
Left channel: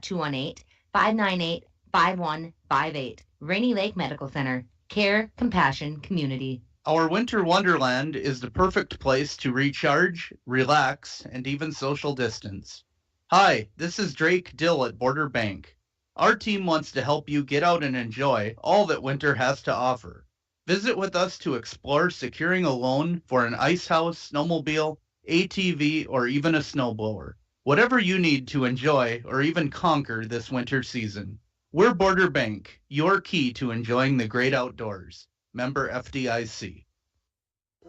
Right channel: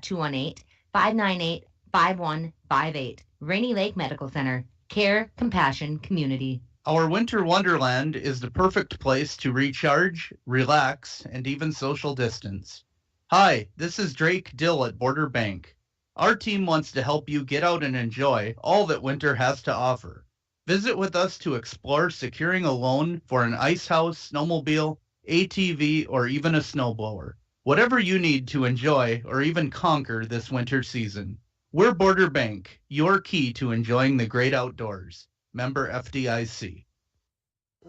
218-598-5158. Rainy Lake Medical Center. Care, compassion, community. Our winter wonderland is the perfect place to recharge, relax, and even social distance. Hi, this is Drake Dill at Border Bank. Our team wants to help you get out and enjoy all that winter has to offer. Visit with us to explore securing a loan for an ice house, snowmobile, ATV, or even a snowblower. Whatever you need to enjoy or even conquer this winter season. We're Border Bank, your key to enjoying the great outdoors. Member FDIC.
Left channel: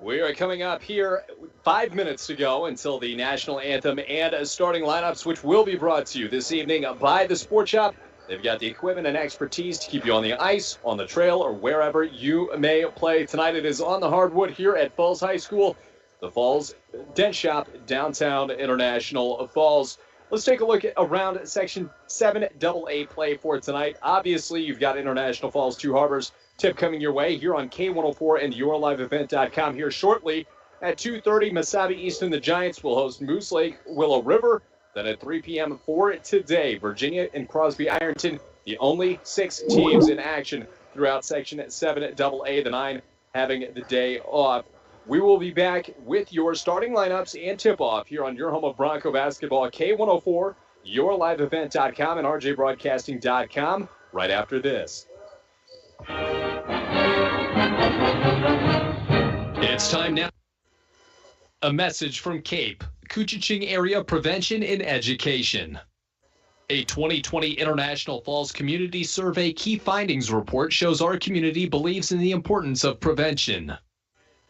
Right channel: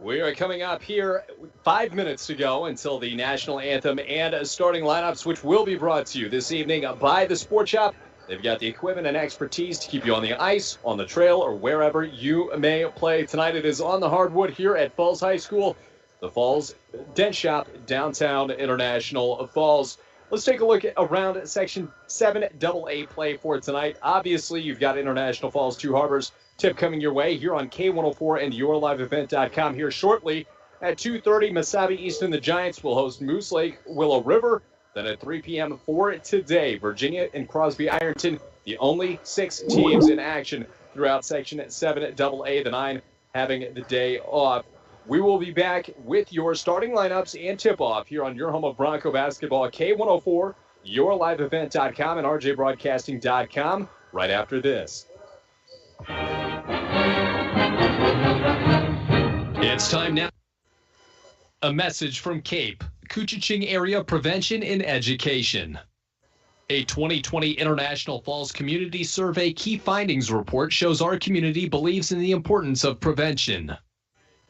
We are coming up here 5 minutes to go until the national anthem and starting lineups, which will be brought to you this evening by the Sport Shop. They've got the equipment and expertise to keep you on the ice, on the trail, or wherever you may play. Tonight it is on the hardwood here at Falls High School. The Falls Dent Shop, downtown International Falls. Let's take a look around Section 7 AA play for tonight. Obviously, you've got International Falls, Two Harbors tip coming your way here on K104 and YourLiveEvent.com here shortly. At 2:30, Mesabi East and the Giants will host Moose Lake, Willow River. Then at 3 p.m. for today, Virginia and Crosby Ironton, the only 6 teams in action throughout Section 7 AA, the 9 having the day off. We will be back with your starting lineups and tip-off here on your home of Bronco basketball, K104, YourLiveEvent.com, and RJBroadcasting.com right after this. It's time now. A message from CAPE, Koochiching Area Prevention and Education. A 2020 International Falls Community Survey Key Findings Report shows our community believes in the importance of prevention.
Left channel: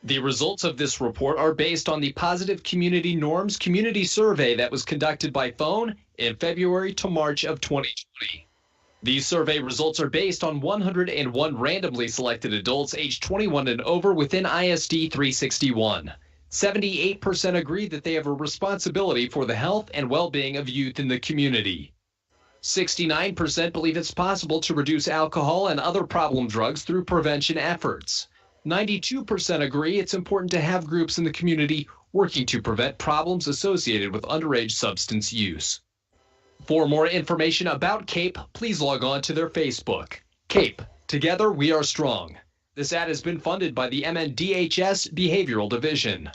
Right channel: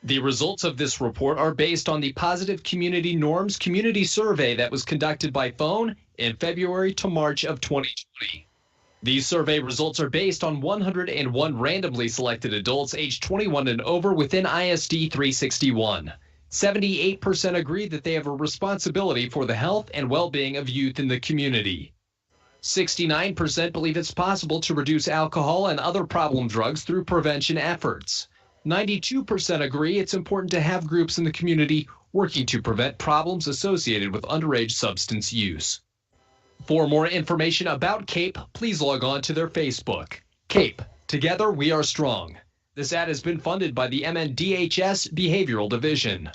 The results of this report are based on the Positive Community Norms Community Survey that was conducted by phone in February to March of 2020. These survey results are based on 101 randomly selected adults aged 21 and over within ISD 361. 78% agree that they have a responsibility for the health and well-being of youth in the community. 69% believe it's possible to reduce alcohol and other problem drugs through prevention efforts. 92% agree it's important to have groups in the community working to prevent problems associated with underage substance use. For more information about CAPE, please log on to their Facebook. CAPE, together we are strong. This ad has been funded by the MNDHS Behavioral Division.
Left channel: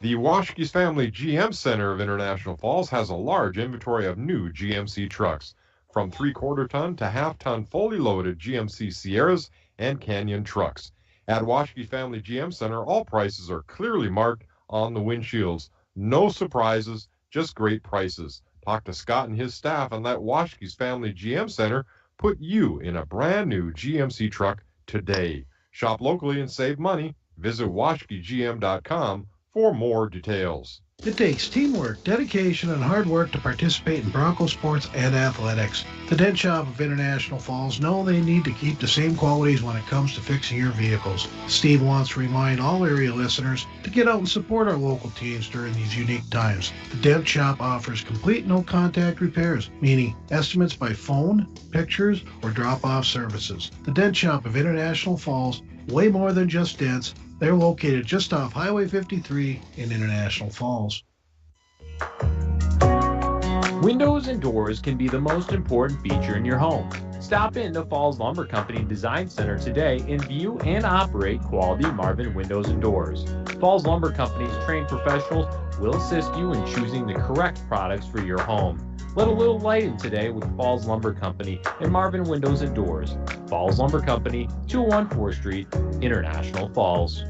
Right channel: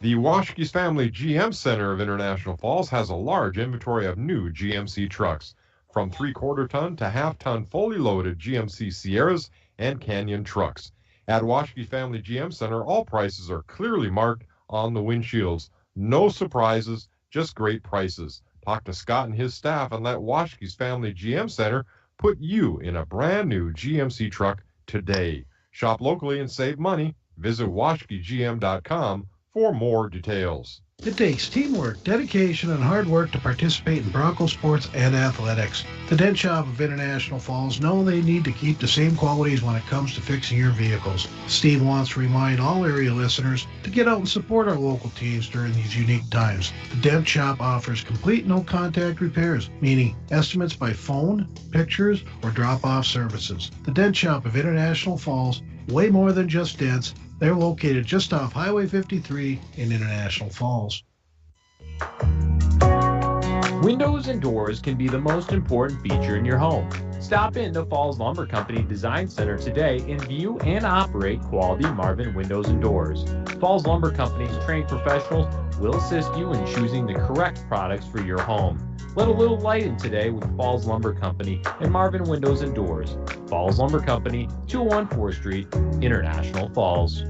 The Washkie's Family GM Center of International Falls has a large inventory of new GMC trucks, from 3/4 ton to half-ton fully loaded GMC Sierras and Canyon trucks. At Washkie Family GM Center, all prices are clearly marked on the windshields. No surprises, just great prices. Talk to Scott and his staff and let Washkie's Family GM Center put you in a brand new GMC truck today. Shop locally and save money. Visit WashkieGM.com for more details. It takes teamwork, dedication, and hard work to participate in Bronco sports and athletics. The Dent Shop of International Falls know they need to keep the same qualities when it comes to fixing your vehicles. Steve wants to remind all area listeners to get out and support our local teams during these unique times. The Dent Shop offers complete no-contact repairs, meaning estimates by phone, pictures, or drop-off services. The Dent Shop of International Falls, way more than just dents. They're located just off Highway 53 in International Falls. Windows and doors can be the most important feature in your home. Stop in to Falls Lumber Company Design Center today and view and operate quality Marvin windows and doors. Falls Lumber Company's trained professionals will assist you in choosing the correct products for your home. Let a little light in today with Falls Lumber Company and Marvin Windows and Doors. Falls Lumber Company, 201 4th Street, International Falls.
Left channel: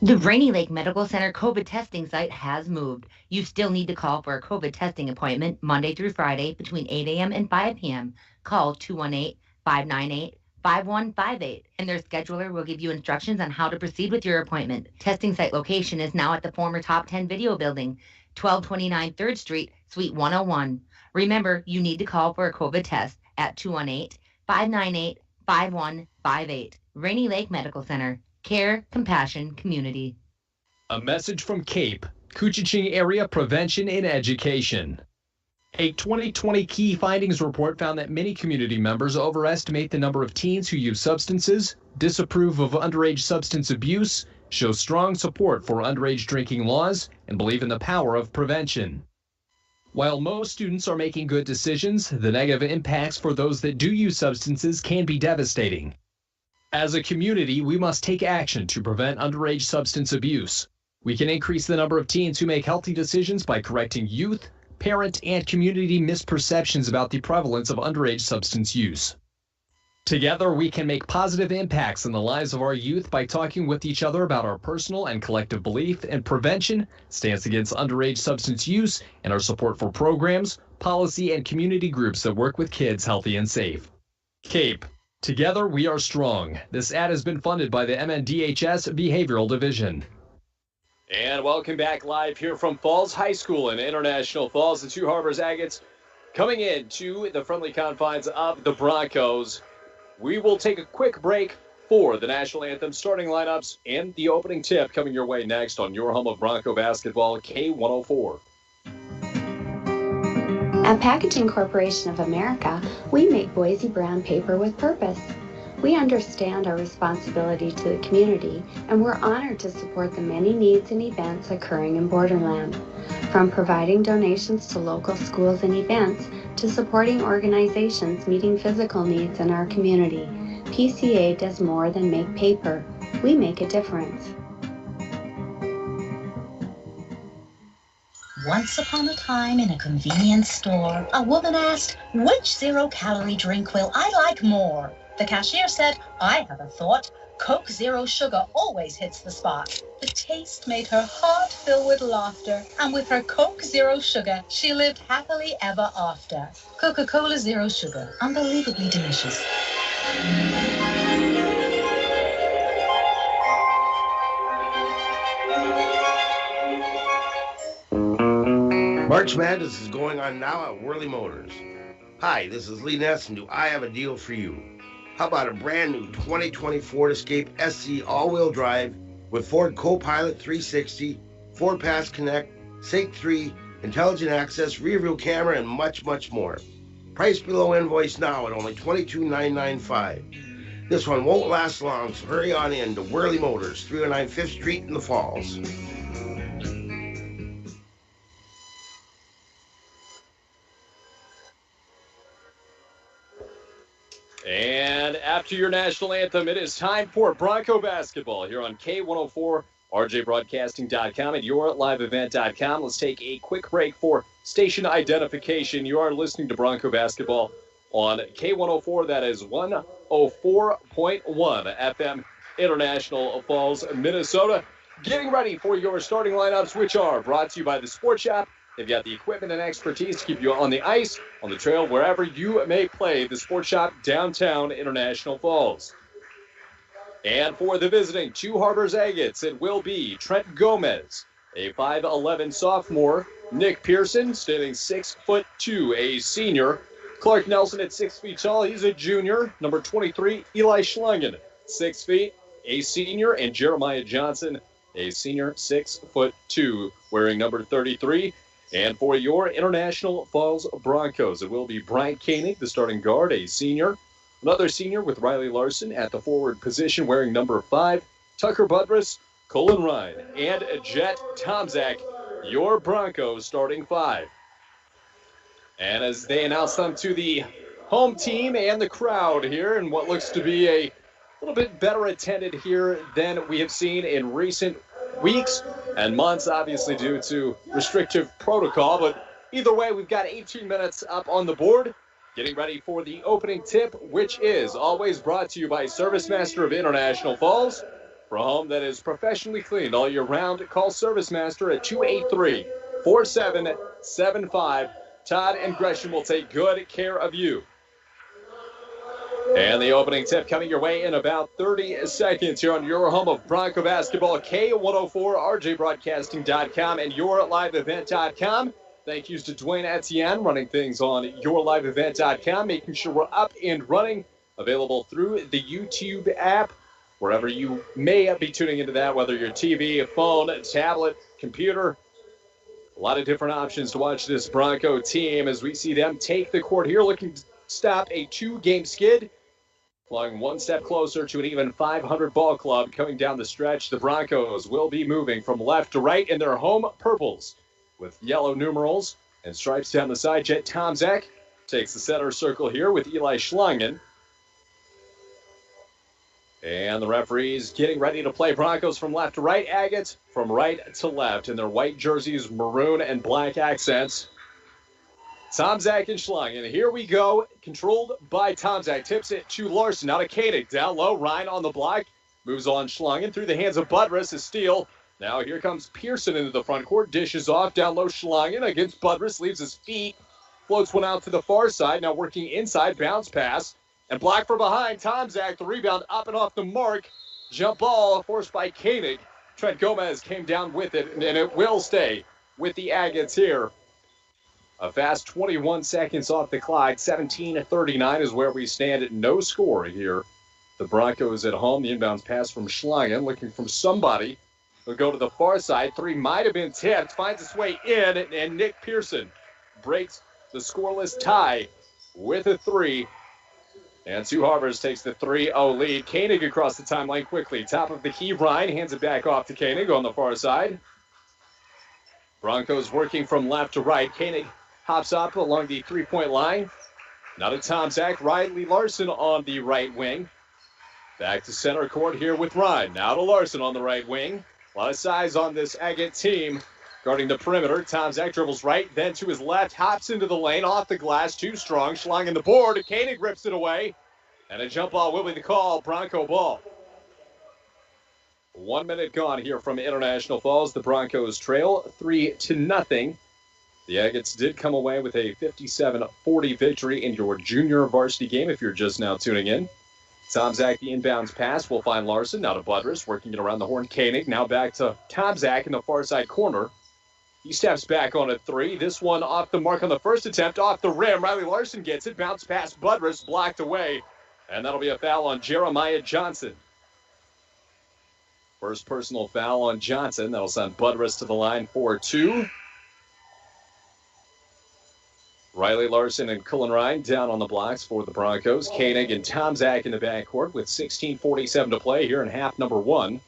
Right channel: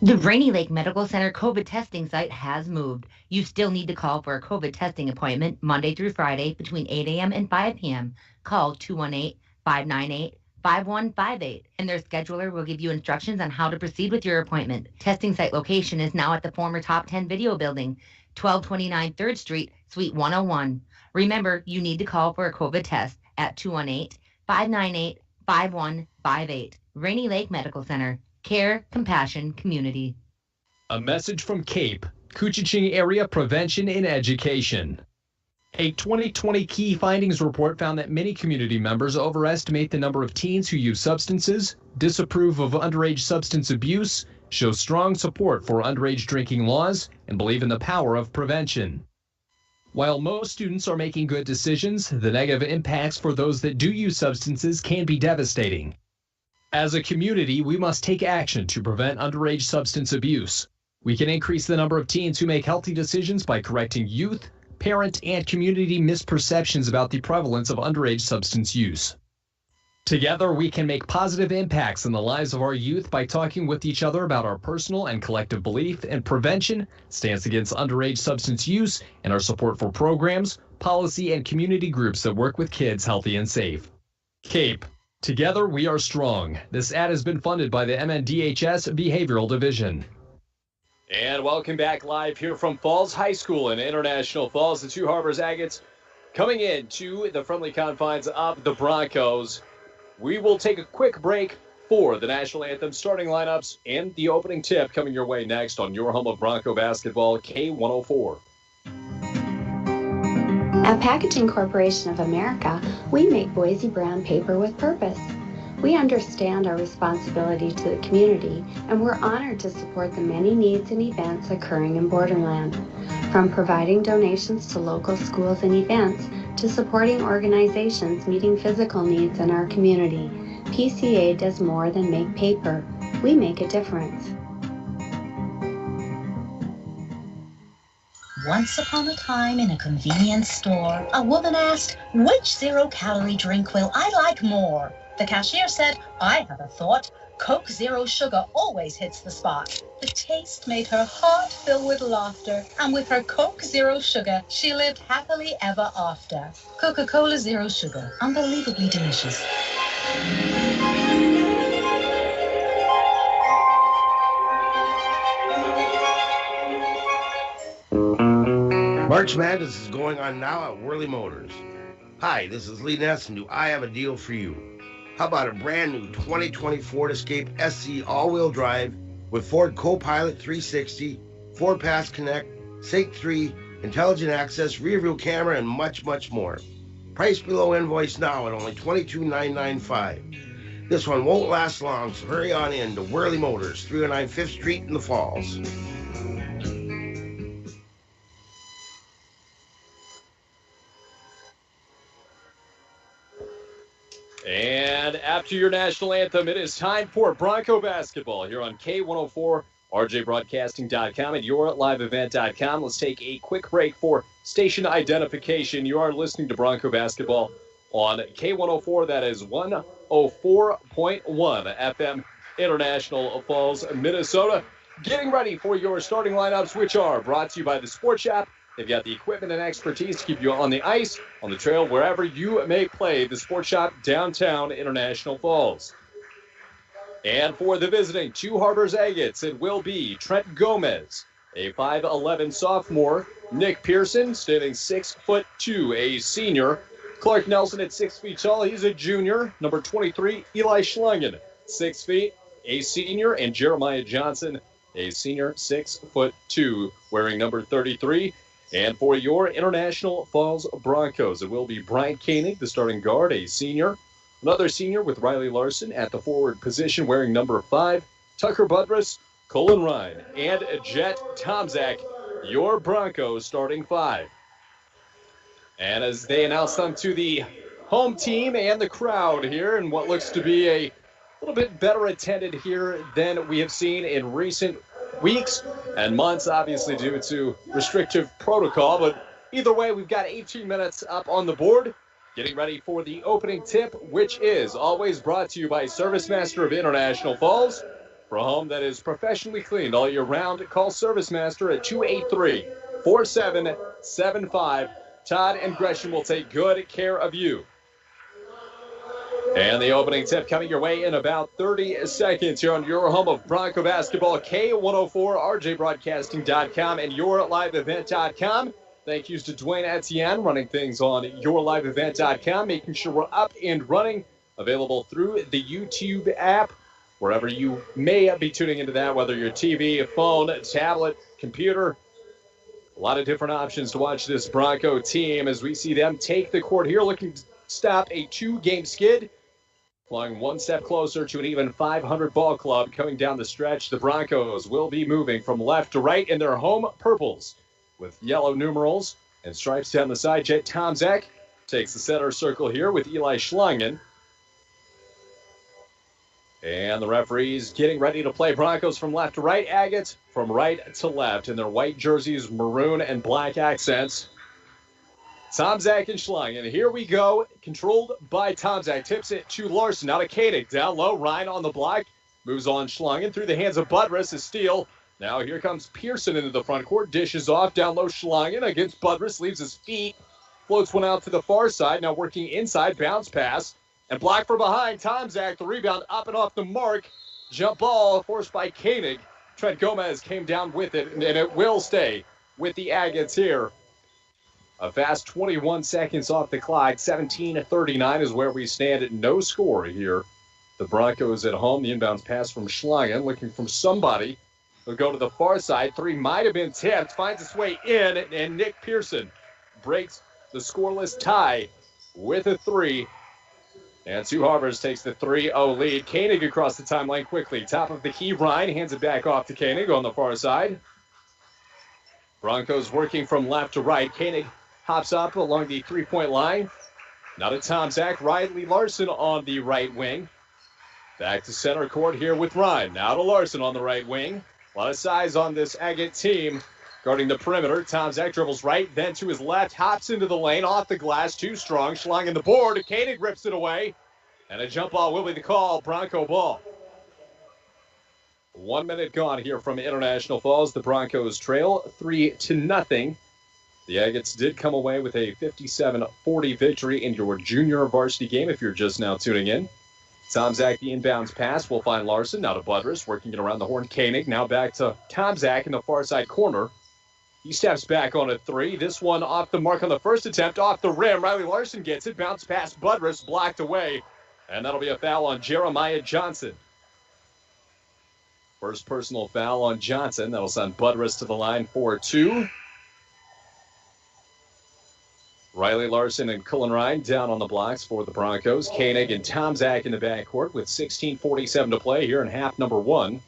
The Rainy Lake Medical Center COVID testing site has moved. You still need to call for a COVID testing appointment Monday through Friday between 8 a.m. and 5 p.m. Call 218-598-5158, and their scheduler will give you instructions on how to proceed with your appointment. Testing site location is now at the former Top 10 Video Building, 1229 3rd Street, Suite 101. Remember, you need to call for a COVID test at 218-598-5158. Rainy Lake Medical Center. Care, compassion, community. A message from CAPE, Couchiching Area Prevention and Education. A 2020 key findings report found that many community members overestimate the number of teens who use substances, disapprove of underage substance abuse, show strong support for underage drinking laws, and believe in the power of prevention. While most students are making good decisions, the negative impacts for those that do use substances can be devastating. As a community, we must take action to prevent underage substance abuse. We can increase the number of teens who make healthy decisions by correcting youth, parent, and community misperceptions about the prevalence of underage substance use. Together, we can make positive impacts in the lives of our youth by talking with each other about our personal and collective belief in prevention, stance against underage substance use, and our support for programs, policy, and community groups that work with kids healthy and safe. CAPE. Together, we are strong. This ad has been funded by the MNDHS Behavioral Division. And welcome back live here from Falls High School in International Falls. The Two Harbors Agates coming into the friendly confines of the Broncos. We will take a quick break for the national anthem, starting lineups, and the opening tip coming your way next on your home of Bronco basketball, K104. At Packaging Corporation of America, we make Boise brown paper with purpose. We understand our responsibility to the community, and we're honored to support the many needs and events occurring in Borderland. From providing donations to local schools and events, to supporting organizations meeting physical needs in our community, PCA does more than make paper. We make a difference. Once upon a time in a convenience store, a woman asked, "Which zero-calorie drink will I like more?" The cashier said, "I have a thought. Coke Zero Sugar always hits the spot." The taste made her heart fill with laughter, and with her Coke Zero Sugar, she lived happily ever after. Coca-Cola Zero Sugar, unbelievably delicious. March Madness is going on now at Worley Motors. Hi, this is Lee Ness, and do I have a deal for you? How about a brand new 2020 Ford Escape SC all-wheel drive with Ford Copilot 360, Ford Pass Connect, SAIC 3, intelligent access, rear view camera, and much, much more. Price below invoice now at only $22,995. This one won't last long, so hurry on in to Worley Motors, 309 5th Street in the Falls. And after your national anthem, it is time for Bronco basketball here on K104, RJBroadcasting.com, and YourLiveEvent.com. Let's take a quick break for station identification. You are listening to Bronco basketball on K104. That is 104.1 FM, International Falls, Minnesota. Getting ready for your starting lineups, which are brought to you by the Sports Shop. They've got the equipment and expertise to keep you on the ice, on the trail, wherever you may play. The Sports Shop, downtown International Falls. And for the visiting Two Harbors Agates, it will be Trent Gomez, a 5'11 sophomore. Nick Pearson, standing 6'2", a senior. Clark Nelson at 6 feet tall, he's a junior. Number 23, Eli Schlangen, 6 feet, a senior. And Jeremiah Johnson, a senior, 6'2", wearing number 33. And for your International Falls Broncos, it will be Brian Koenig, the starting guard, a senior. Another senior with Riley Larson at the forward position, wearing number 5. Tucker Buttress, Colin Ryan, and Jet Tomczak, your Broncos starting 5. And as they announce them to the home team and the crowd here, and what looks to be a little bit better attended here than we have seen in recent weeks and months, obviously due to restrictive protocol. But either way, we've got 18 minutes up on the board, getting ready for the opening tip, which is always brought to you by ServiceMaster of International Falls. For a home that is professionally cleaned all year round, call ServiceMaster at 283-4775. Todd and Gresham will take good care of you. And the opening tip coming your way in about 30 seconds here on your home of Bronco basketball, K104, RJBroadcasting.com, and YourLiveEvent.com. Thank yous to Dwayne Etienne running things on YourLiveEvent.com, making sure we're up and running, available through the YouTube app, wherever you may be tuning into that, whether your TV, phone, tablet, computer. A lot of different options to watch this Bronco team as we see them take the court here, looking to stop a 2-game skid, flying one step closer to an even 500 ball club coming down the stretch. The Broncos will be moving from left to right in their home purples with yellow numerals and stripes down the side. Jet Tomczak takes the center circle here with Eli Schlangen. And the referees getting ready to play. Broncos from left to right, Agates from right to left in their white jerseys, maroon and black accents. Tomczak and Schlangen. Here we go. Controlled by Tomczak. Tips it to Larson. Now to Koenig. Down low. Ryan on the block. Moves on Schlangen through the hands of Buttress. A steal. Now here comes Pearson into the front court. Dishes off. Down low Schlangen against Buttress. Leaves his feet. Floats one out to the far side. Now working inside. Bounce pass. And block from behind. Tomczak. The rebound up and off the mark. Jump ball forced by Koenig. Trent Gomez came down with it. And it will stay with the Agates here. A fast 21 seconds off the clock. 17-39 is where we stand at no score here. The Broncos at home. The inbounds pass from Schlangen, looking from somebody. They'll go to the far side. Three might have been tipped. Finds its way in, and Nick Pearson breaks the scoreless tie with a three. And Two Harbors takes the 3-0 lead. Koenig across the timeline quickly. Top of the key, Ryan hands it back off to Koenig on the far side. Broncos working from left to right. Koenig hops up along the three-point line. Now to Tomczak. Riley Larson on the right wing. Back to center court here with Ryan. Now to Larson on the right wing. A lot of size on this Agate team. Guarding the perimeter. Tomczak dribbles right, then to his left. Hops into the lane, off the glass. Too strong. Schlangen the board. Koenig rips it away. And a jump ball will be the call. Bronco ball. 1 minute gone here from International Falls. The Broncos trail 3-0. The Agates did come away with a 57-40 victory in your junior varsity game if you're just now tuning in. Tomczak, the inbounds pass, will find Larson. Now to Buttress, working it around the horn. Koenig now back to Tomczak in the far side corner. He steps back on a three. This one off the mark on the first attempt, off the rim. Riley Larson gets it, bounce past Buttress, blocked away. And that'll be a foul on Jeremiah Johnson. First personal foul on Johnson. That'll send Buttress to the line for 2. Riley Larson and Cullen Ryan down on the blocks for the Broncos. Koenig and Tomczak in the backcourt with 16:47 to play here in half number 1.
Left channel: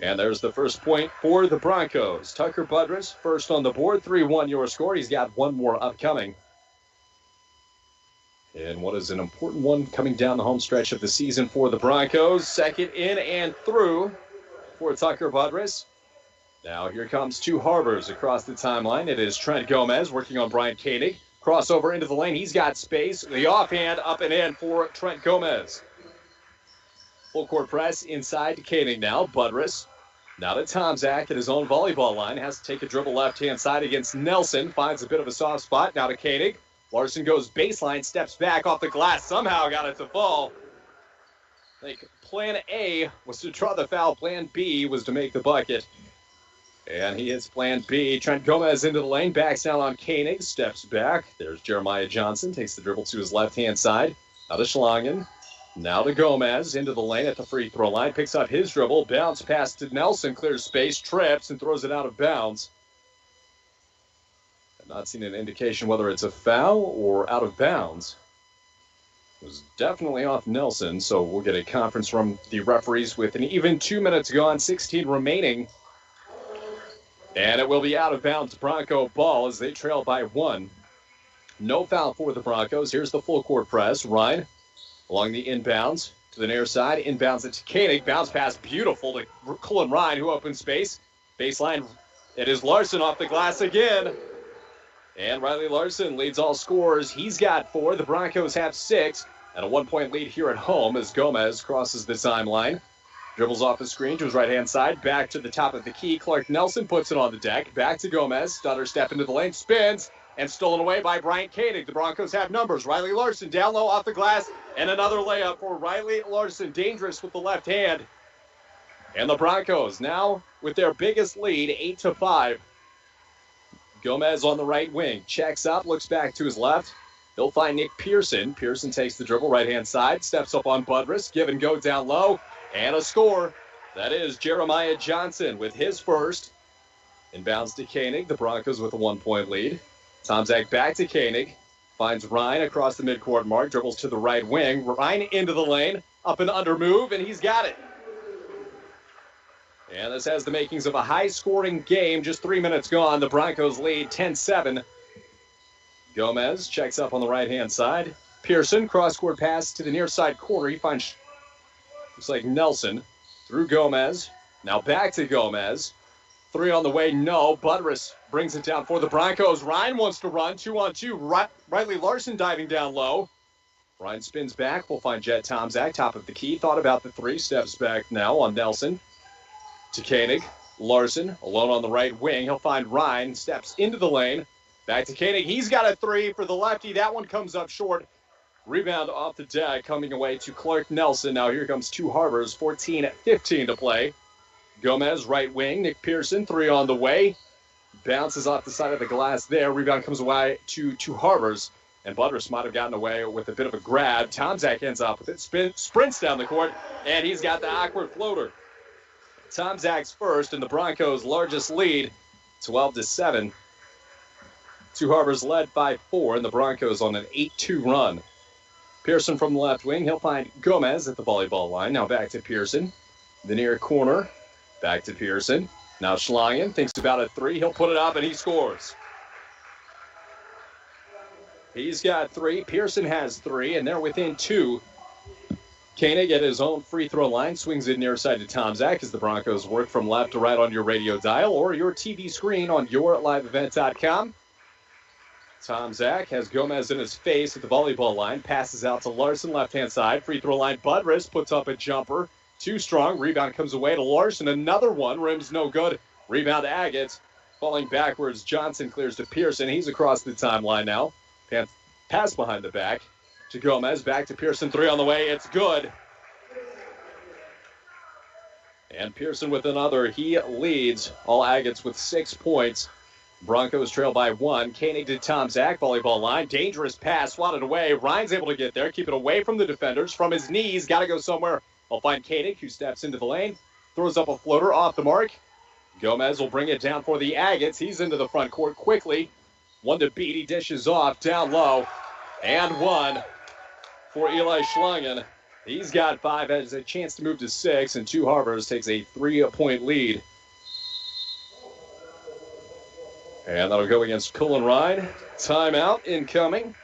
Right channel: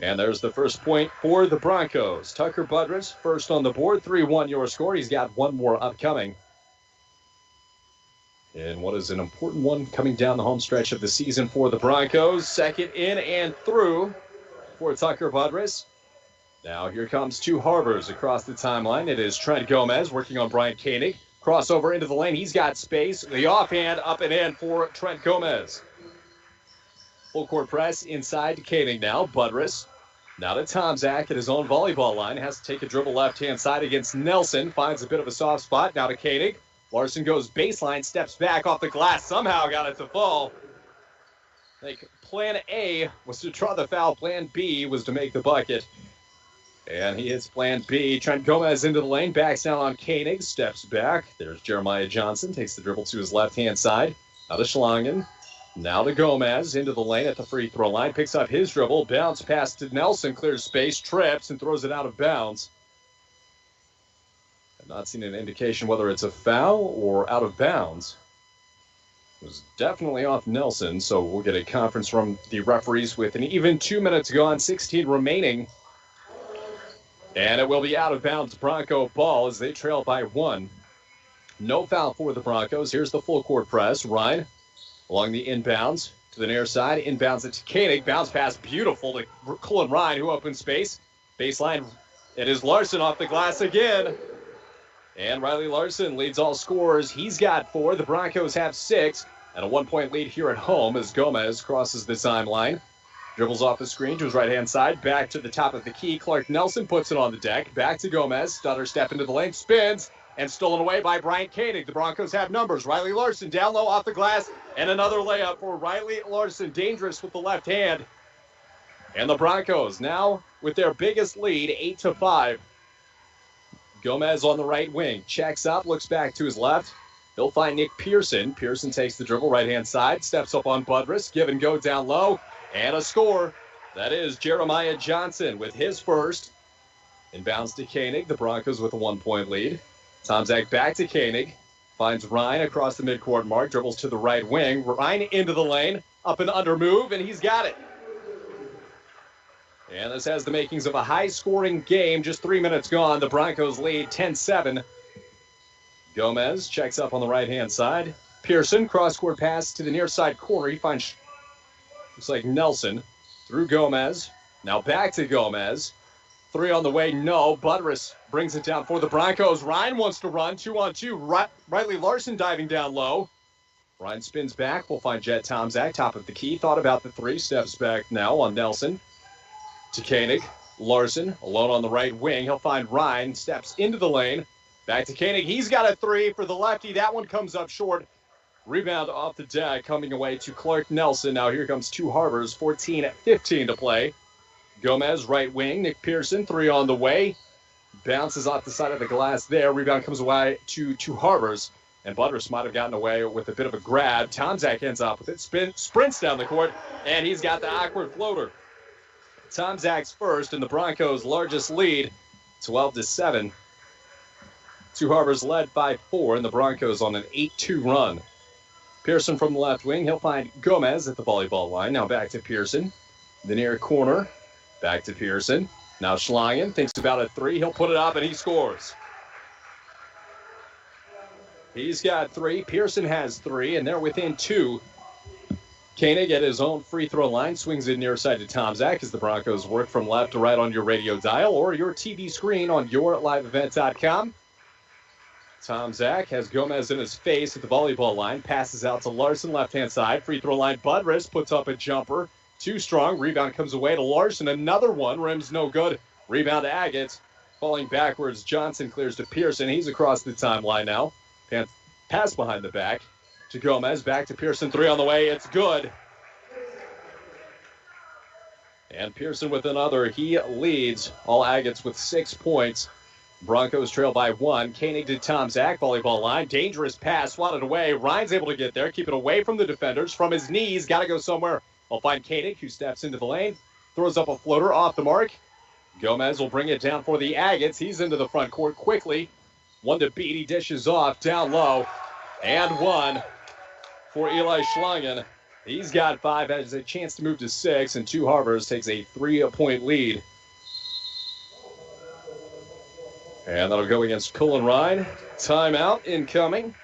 And there's the first point for the Broncos. Tucker Budrys first on the board, 3-1 your score. He's got one more upcoming. And what is an important one coming down the home stretch of the season for the Broncos. Second in and through for Tucker Budrys. Now here comes two Harbors across the timeline. It is Trent Gomez working on Brian Koenig. Crossover into the lane. He's got space. The offhand up and in for Trent Gomez. Full court press inside to Koenig now. Budrys. Now to Tomczak at his own volleyball line. Has to take a dribble left-hand side against Nelson. Finds a bit of a soft spot. Now to Koenig. Larson goes baseline. Steps back off the glass. Somehow got it to fall. I think plan A was to draw the foul. Plan B was to make the bucket. And he hits plan B. Trent Gomez into the lane. Backs down on Koenig. Steps back. There's Jeremiah Johnson. Takes the dribble to his left-hand side. Now to Schlangen. Now to Gomez. Into the lane at the free throw line. Picks up his dribble. Bounce pass to Nelson. Clears space. Trips and throws it out of bounds. I've not seen an indication whether it's a foul or out of bounds. It was definitely off Nelson. So we'll get a conference from the referees with an even 2 minutes gone. 16 remaining. And it will be out of bounds Bronco ball as they trail by 1. No foul for the Broncos. Here's the full court press. Ryan along the inbounds to the near side. Inbounds it to Koenig. Bounce pass beautiful to Cullen Ryan who opens space. Baseline. It is Larson off the glass again. And Riley Larson leads all scorers. He's got 4. The Broncos have 6. And a 1-point lead here at home as Gomez crosses the timeline. Dribbles off the screen to his right-hand side. Back to the top of the key. Clark Nelson puts it on the deck. Back to Gomez. Stutter step into the lane. Spins. And stolen away by Bryant Koenig. The Broncos have numbers. Riley Larson down low off the glass. And another layup for Riley Larson. Dangerous with the left hand. And the Broncos now with their biggest lead, 8-5. Gomez on the right wing. Checks up. Looks back to his left. He'll find Nick Pearson. Pearson takes the dribble right-hand side. Steps up on Budrys. Give and go down low. And a score. That is Jeremiah Johnson with his first. Inbounds to Koenig. The Broncos with a 1-point lead. Tomczak back to Koenig. Finds Ryan across the midcourt mark. Dribbles to the right wing. Ryan into the lane. Up and under move. And he's got it. And this has the makings of a high-scoring game. Just 3 minutes gone. The Broncos lead 10-7. Gomez checks up on the right-hand side. Pearson, cross-court pass to the near side corner. He finds... Looks like Nelson through Gomez. Now back to Gomez. 3 on the way. No. Budrys brings it down for the Broncos. Ryan wants to run. 2-on-2. Riley Larson diving down low. Ryan spins back. We'll find Jet Tomczak. Top of the key. Thought about the 3. Steps back now on Nelson. To Koenig. Larson alone on the right wing. He'll find Ryan. Steps into the lane. Back to Koenig. He's got a 3 for the lefty. That one comes up short. Rebound off the deck coming away to Clark Nelson. Now here comes two Harbors, 14-15 to play. Gomez, right wing. Nick Pearson, 3 on the way. Bounces off the side of the glass there. Rebound comes away to two Harbors. And Budrys might have gotten away with a bit of a grab. Tomczak ends up with it. Sprints down the court. And he's got the awkward floater. Tomczak's first and the Broncos' largest lead, 12-7. Two Harbors led by 4. And the Broncos on an 8-2 run. Pearson from the left wing. He'll find Gomez at the volleyball line. Now back to Pearson. The near corner. Back to Pearson. Now Schlangen thinks about a 3. He'll put it up and he scores. He's got 3. Pearson has 3 and they're within 2. Koenig at his own free throw line. Swings it near side to Tomczak as the Broncos work from left to right on your radio dial or your TV screen on yourliveevent.com. Tomczak has Gomez in his face at the volleyball line. Passes out to Larson, left-hand side. Free throw line. Budrys puts up a jumper. Too strong. Rebound comes away to Larson. Another one. Rim's no good. Rebound to Agate. Falling backwards. Johnson clears to Pearson. He's across the timeline now. Pass behind the back to Gomez. Back to Pearson. 3 on the way. It's good. And Pearson with another. He leads all Agates with 6 points. Broncos trail by 1. Koenig to Tomczak, volleyball line. Dangerous pass, swatted away. Ryan's able to get there, keep it away from the defenders. From his knees, got to go somewhere. I'll find Koenig, who steps into the lane. Throws up a floater off the mark. Gomez will bring it down for the Agates. He's into the front court quickly. One to beat. He dishes off down low. And one for Eli Schlangen. He's got 5, has a chance to move to 6, and Two Harbors takes a 3-point lead. And that'll go against Cullen Ryan. Timeout incoming.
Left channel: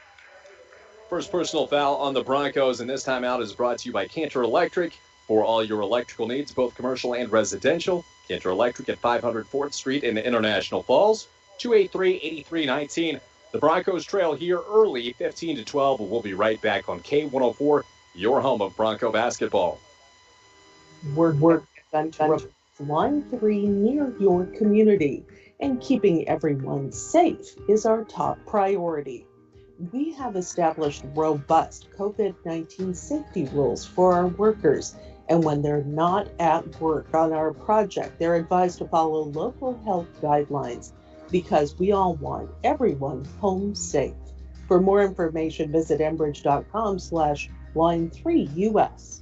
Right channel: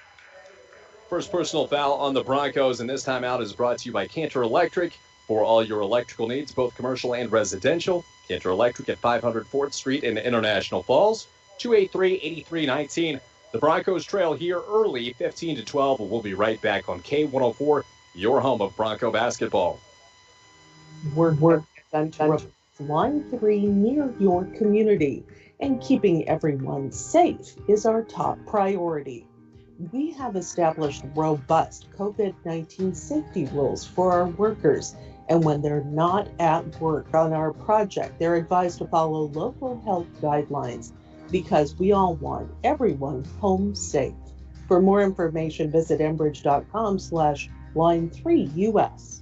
First personal foul on the Broncos, and this timeout is brought to you by Cantor Electric for all your electrical needs, both commercial and residential. Cantor Electric at 500 4th Street in International Falls, 283-8319. The Broncos trail here early, 15-12. We'll be right back on K104, your home of Bronco basketball. We're Line 3 near your community, and keeping everyone safe is our top priority. We have established robust COVID-19 safety rules for our workers, and when they're not at work on our project, they're advised to follow local health guidelines because we all want everyone home safe. For more information, visit enbridge.com/line3us.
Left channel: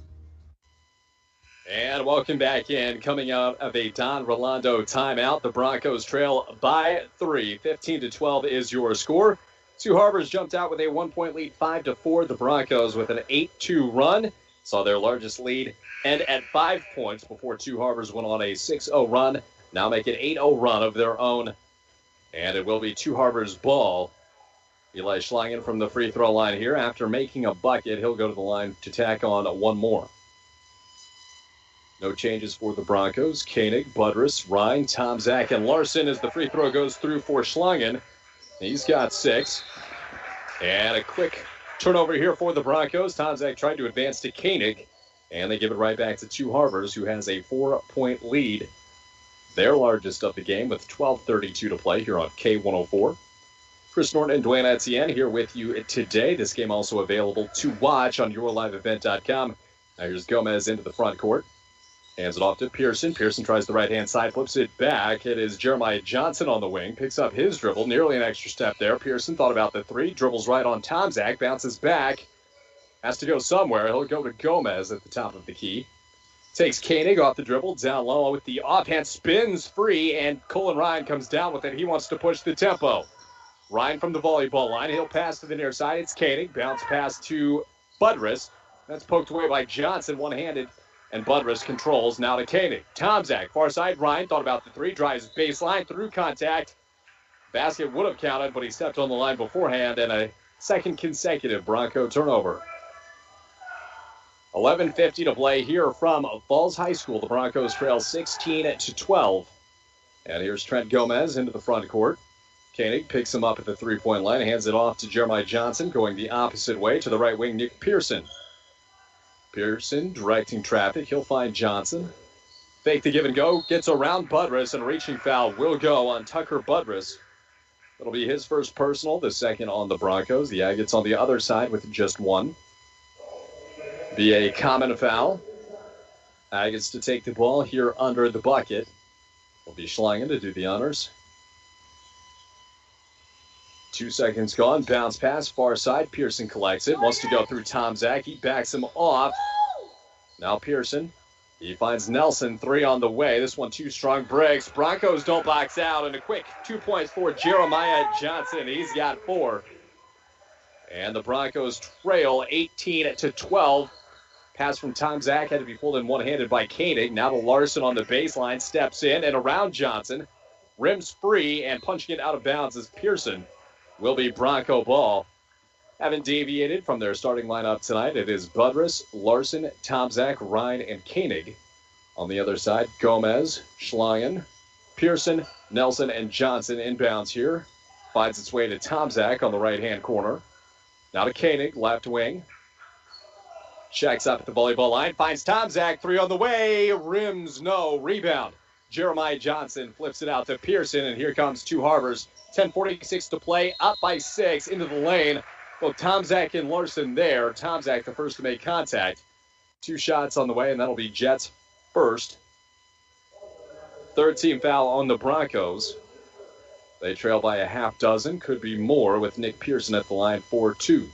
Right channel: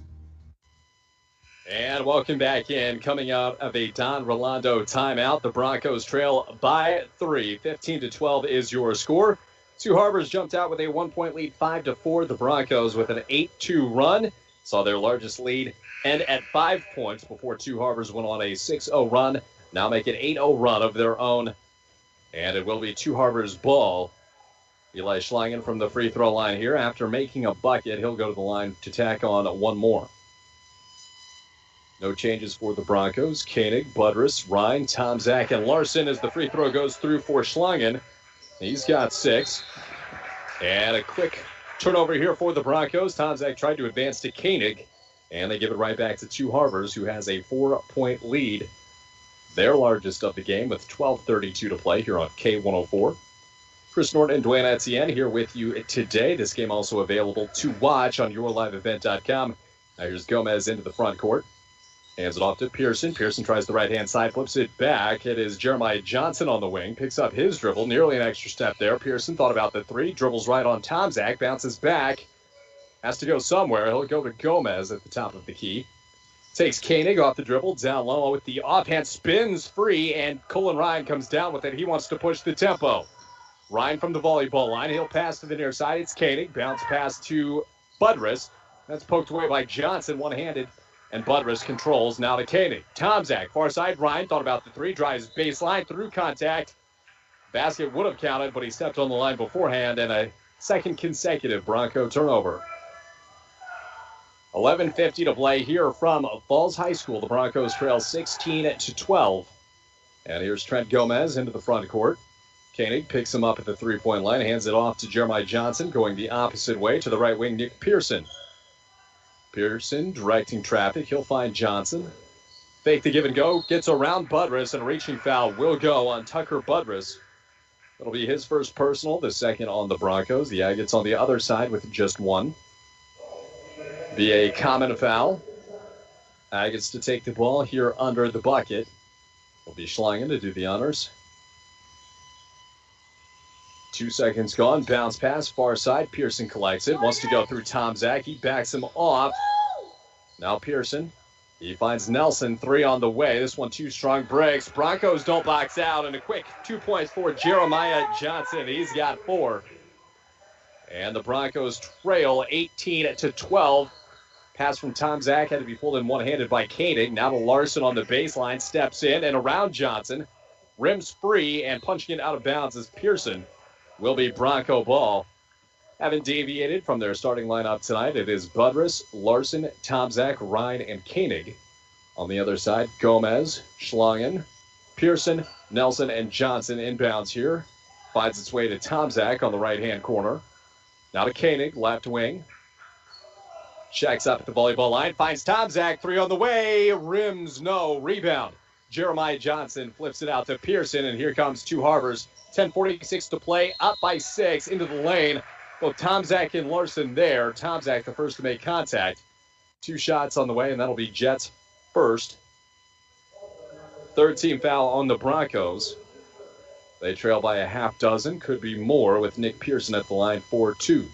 And welcome back in. Coming out of a Don Rolando timeout, the Broncos trail by 3. 15-12 is your score. Two Harbors jumped out with a 1-point lead, 5-4. The Broncos with an 8-2 run saw their largest lead end at 5 points before Two Harbors went on a 6-0 run. Now make an 8-0 run of their own. And it will be Two Harbors ball. Eli Schlangen from the free throw line here. After making a bucket, he'll go to the line to tack on one more. No changes for the Broncos. Koenig, Budrus, Ryan, Tomczak, and Larson as the free throw goes through for Schlangen. He's got 6. And a quick turnover here for the Broncos. Tomczak tried to advance to Koenig, and they give it right back to Two Harbors, who has a 4-point lead. Their largest of the game with 12:32 to play here on K104. Chris Norton and Dwayne Etienne here with you today. This game also available to watch on yourliveevent.com. Now here's Gomez into the front court. Hands it off to Pearson. Pearson tries the right-hand side, flips it back. It is Jeremiah Johnson on the wing. Picks up his dribble. Nearly an extra step there. Pearson thought about the 3. Dribbles right on Tomczak. Bounces back. Has to go somewhere. He'll go to Gomez at the top of the key. Takes Koenig off the dribble. Down low with the offhand. Spins free, and Cullen Ryan comes down with it. He wants to push the tempo. Ryan from the volleyball line. He'll pass to the near side. It's Koenig. Bounce pass to Budrus. That's poked away by Johnson, one-handed. And Budrus controls now to Koenig. Tomczak, far side. Ryan thought about the 3. Drives baseline through contact. Basket would have counted, but he stepped on the line beforehand. And a second consecutive Bronco turnover. 11:50 to play here from Falls High School. The Broncos trail 16-12. And here's Trent Gomez into the front court. Koenig picks him up at the 3-point line. Hands it off to Jeremiah Johnson, going the opposite way to the right wing, Nick Pearson. Pearson directing traffic. He'll find Johnson. Fake the give and go. Gets around Budrus, and a reaching foul will go on Tucker Budrus. It'll be his first personal, the second on the Broncos. The Agates on the other side with just 1. Be a common foul. Agates to take the ball here under the bucket. Will be Schlangen to do the honors. 2 seconds gone. Bounce pass, far side. Pearson collects it. Wants to go through Tomczak. He backs him off. Now Pearson. He finds Nelson. 3 on the way. This one too strong. Breaks. Broncos don't box out. And a quick 2 points for Jeremiah Johnson. He's got 4. And the Broncos trail 18-12. Pass from Tomczak had to be pulled in one-handed by Koenig. Now to Larson on the baseline. Steps in and around Johnson. Rims free and punching it out of bounds is Pearson. Will be Bronco ball. Haven't deviated from their starting lineup tonight. It is Budrus, Larson, Tomczak, Ryan, and Koenig. On the other side, Gomez, Schlangen, Pearson, Nelson, and Johnson inbounds here. Finds its way to Tomczak on the right-hand corner. Now to Koenig, left wing. Checks up at the volleyball line. Finds Tomczak, 3 on the way. Rims, no. Rebound. Jeremiah Johnson flips it out to Pearson, and here comes Two Harbors. 10:46 to play, up by 6 into the lane. Both Tomczak and Larson there. Tomczak the first to make contact. 2 shots on the way, and that'll be Jets first. Third team foul on the Broncos. They trail by a half dozen, could be more with Nick Pearson at the line for 2.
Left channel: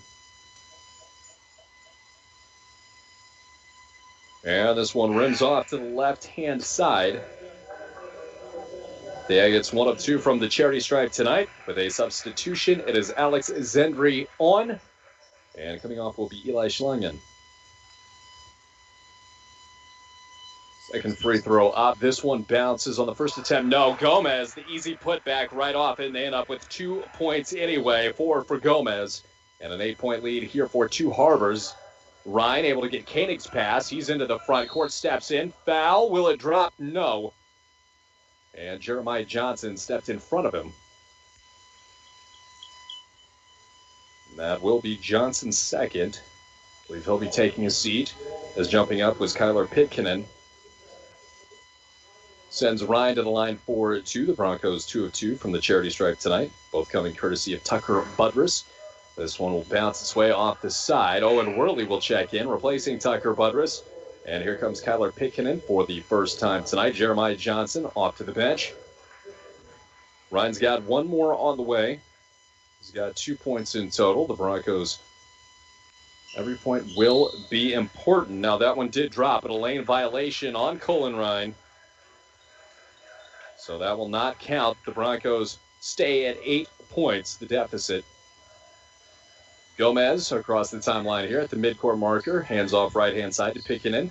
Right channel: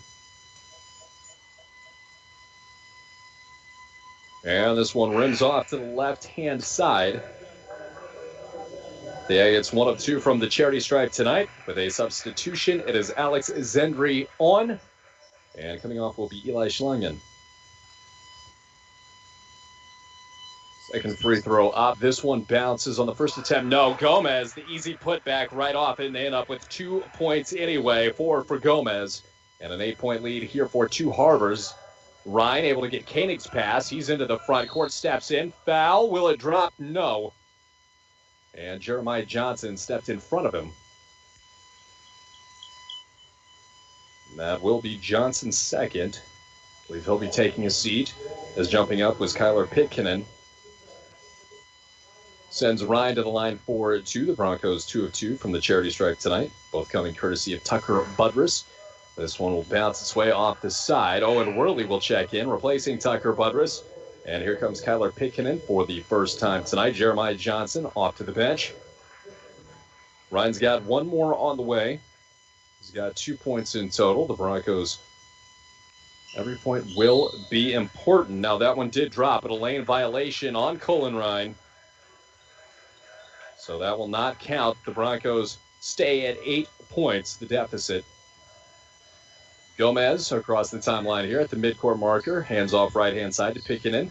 And this one rims off to the left-hand side. The Agates 1 of 2 from the charity stripe tonight. With a substitution, it is Alex Zendry on. And coming off will be Eli Schlangen. Second free throw up. This one bounces on the first attempt. No, Gomez, the easy putback right off it, and they end up with 2 points anyway. 4 for Gomez. And an 8-point lead here for Two Harbors. Ryan able to get Koenig's pass. He's into the front court, steps in. Foul. Will it drop? No. And Jeremiah Johnson stepped in front of him. And that will be Johnson's second. I believe he'll be taking a seat, as jumping up was Kyler Pitkinen. Sends Ryan to the line for 2. The Broncos 2 of 2 from the charity stripe tonight. Both coming courtesy of Tucker Budrus. This one will bounce its way off the side. Owen Worley will check in, replacing Tucker Budrus. And here comes Kyler Pitkinen for the first time tonight. Jeremiah Johnson off to the bench. Ryan's got one more on the way. He's got 2 points in total. The Broncos, every point will be important. Now that one did drop, but a lane violation on Colin Ryan. So that will not count. The Broncos stay at 8 points, the deficit. Gomez across the timeline here at the midcourt marker. Hands off right-hand side to Pitkinen.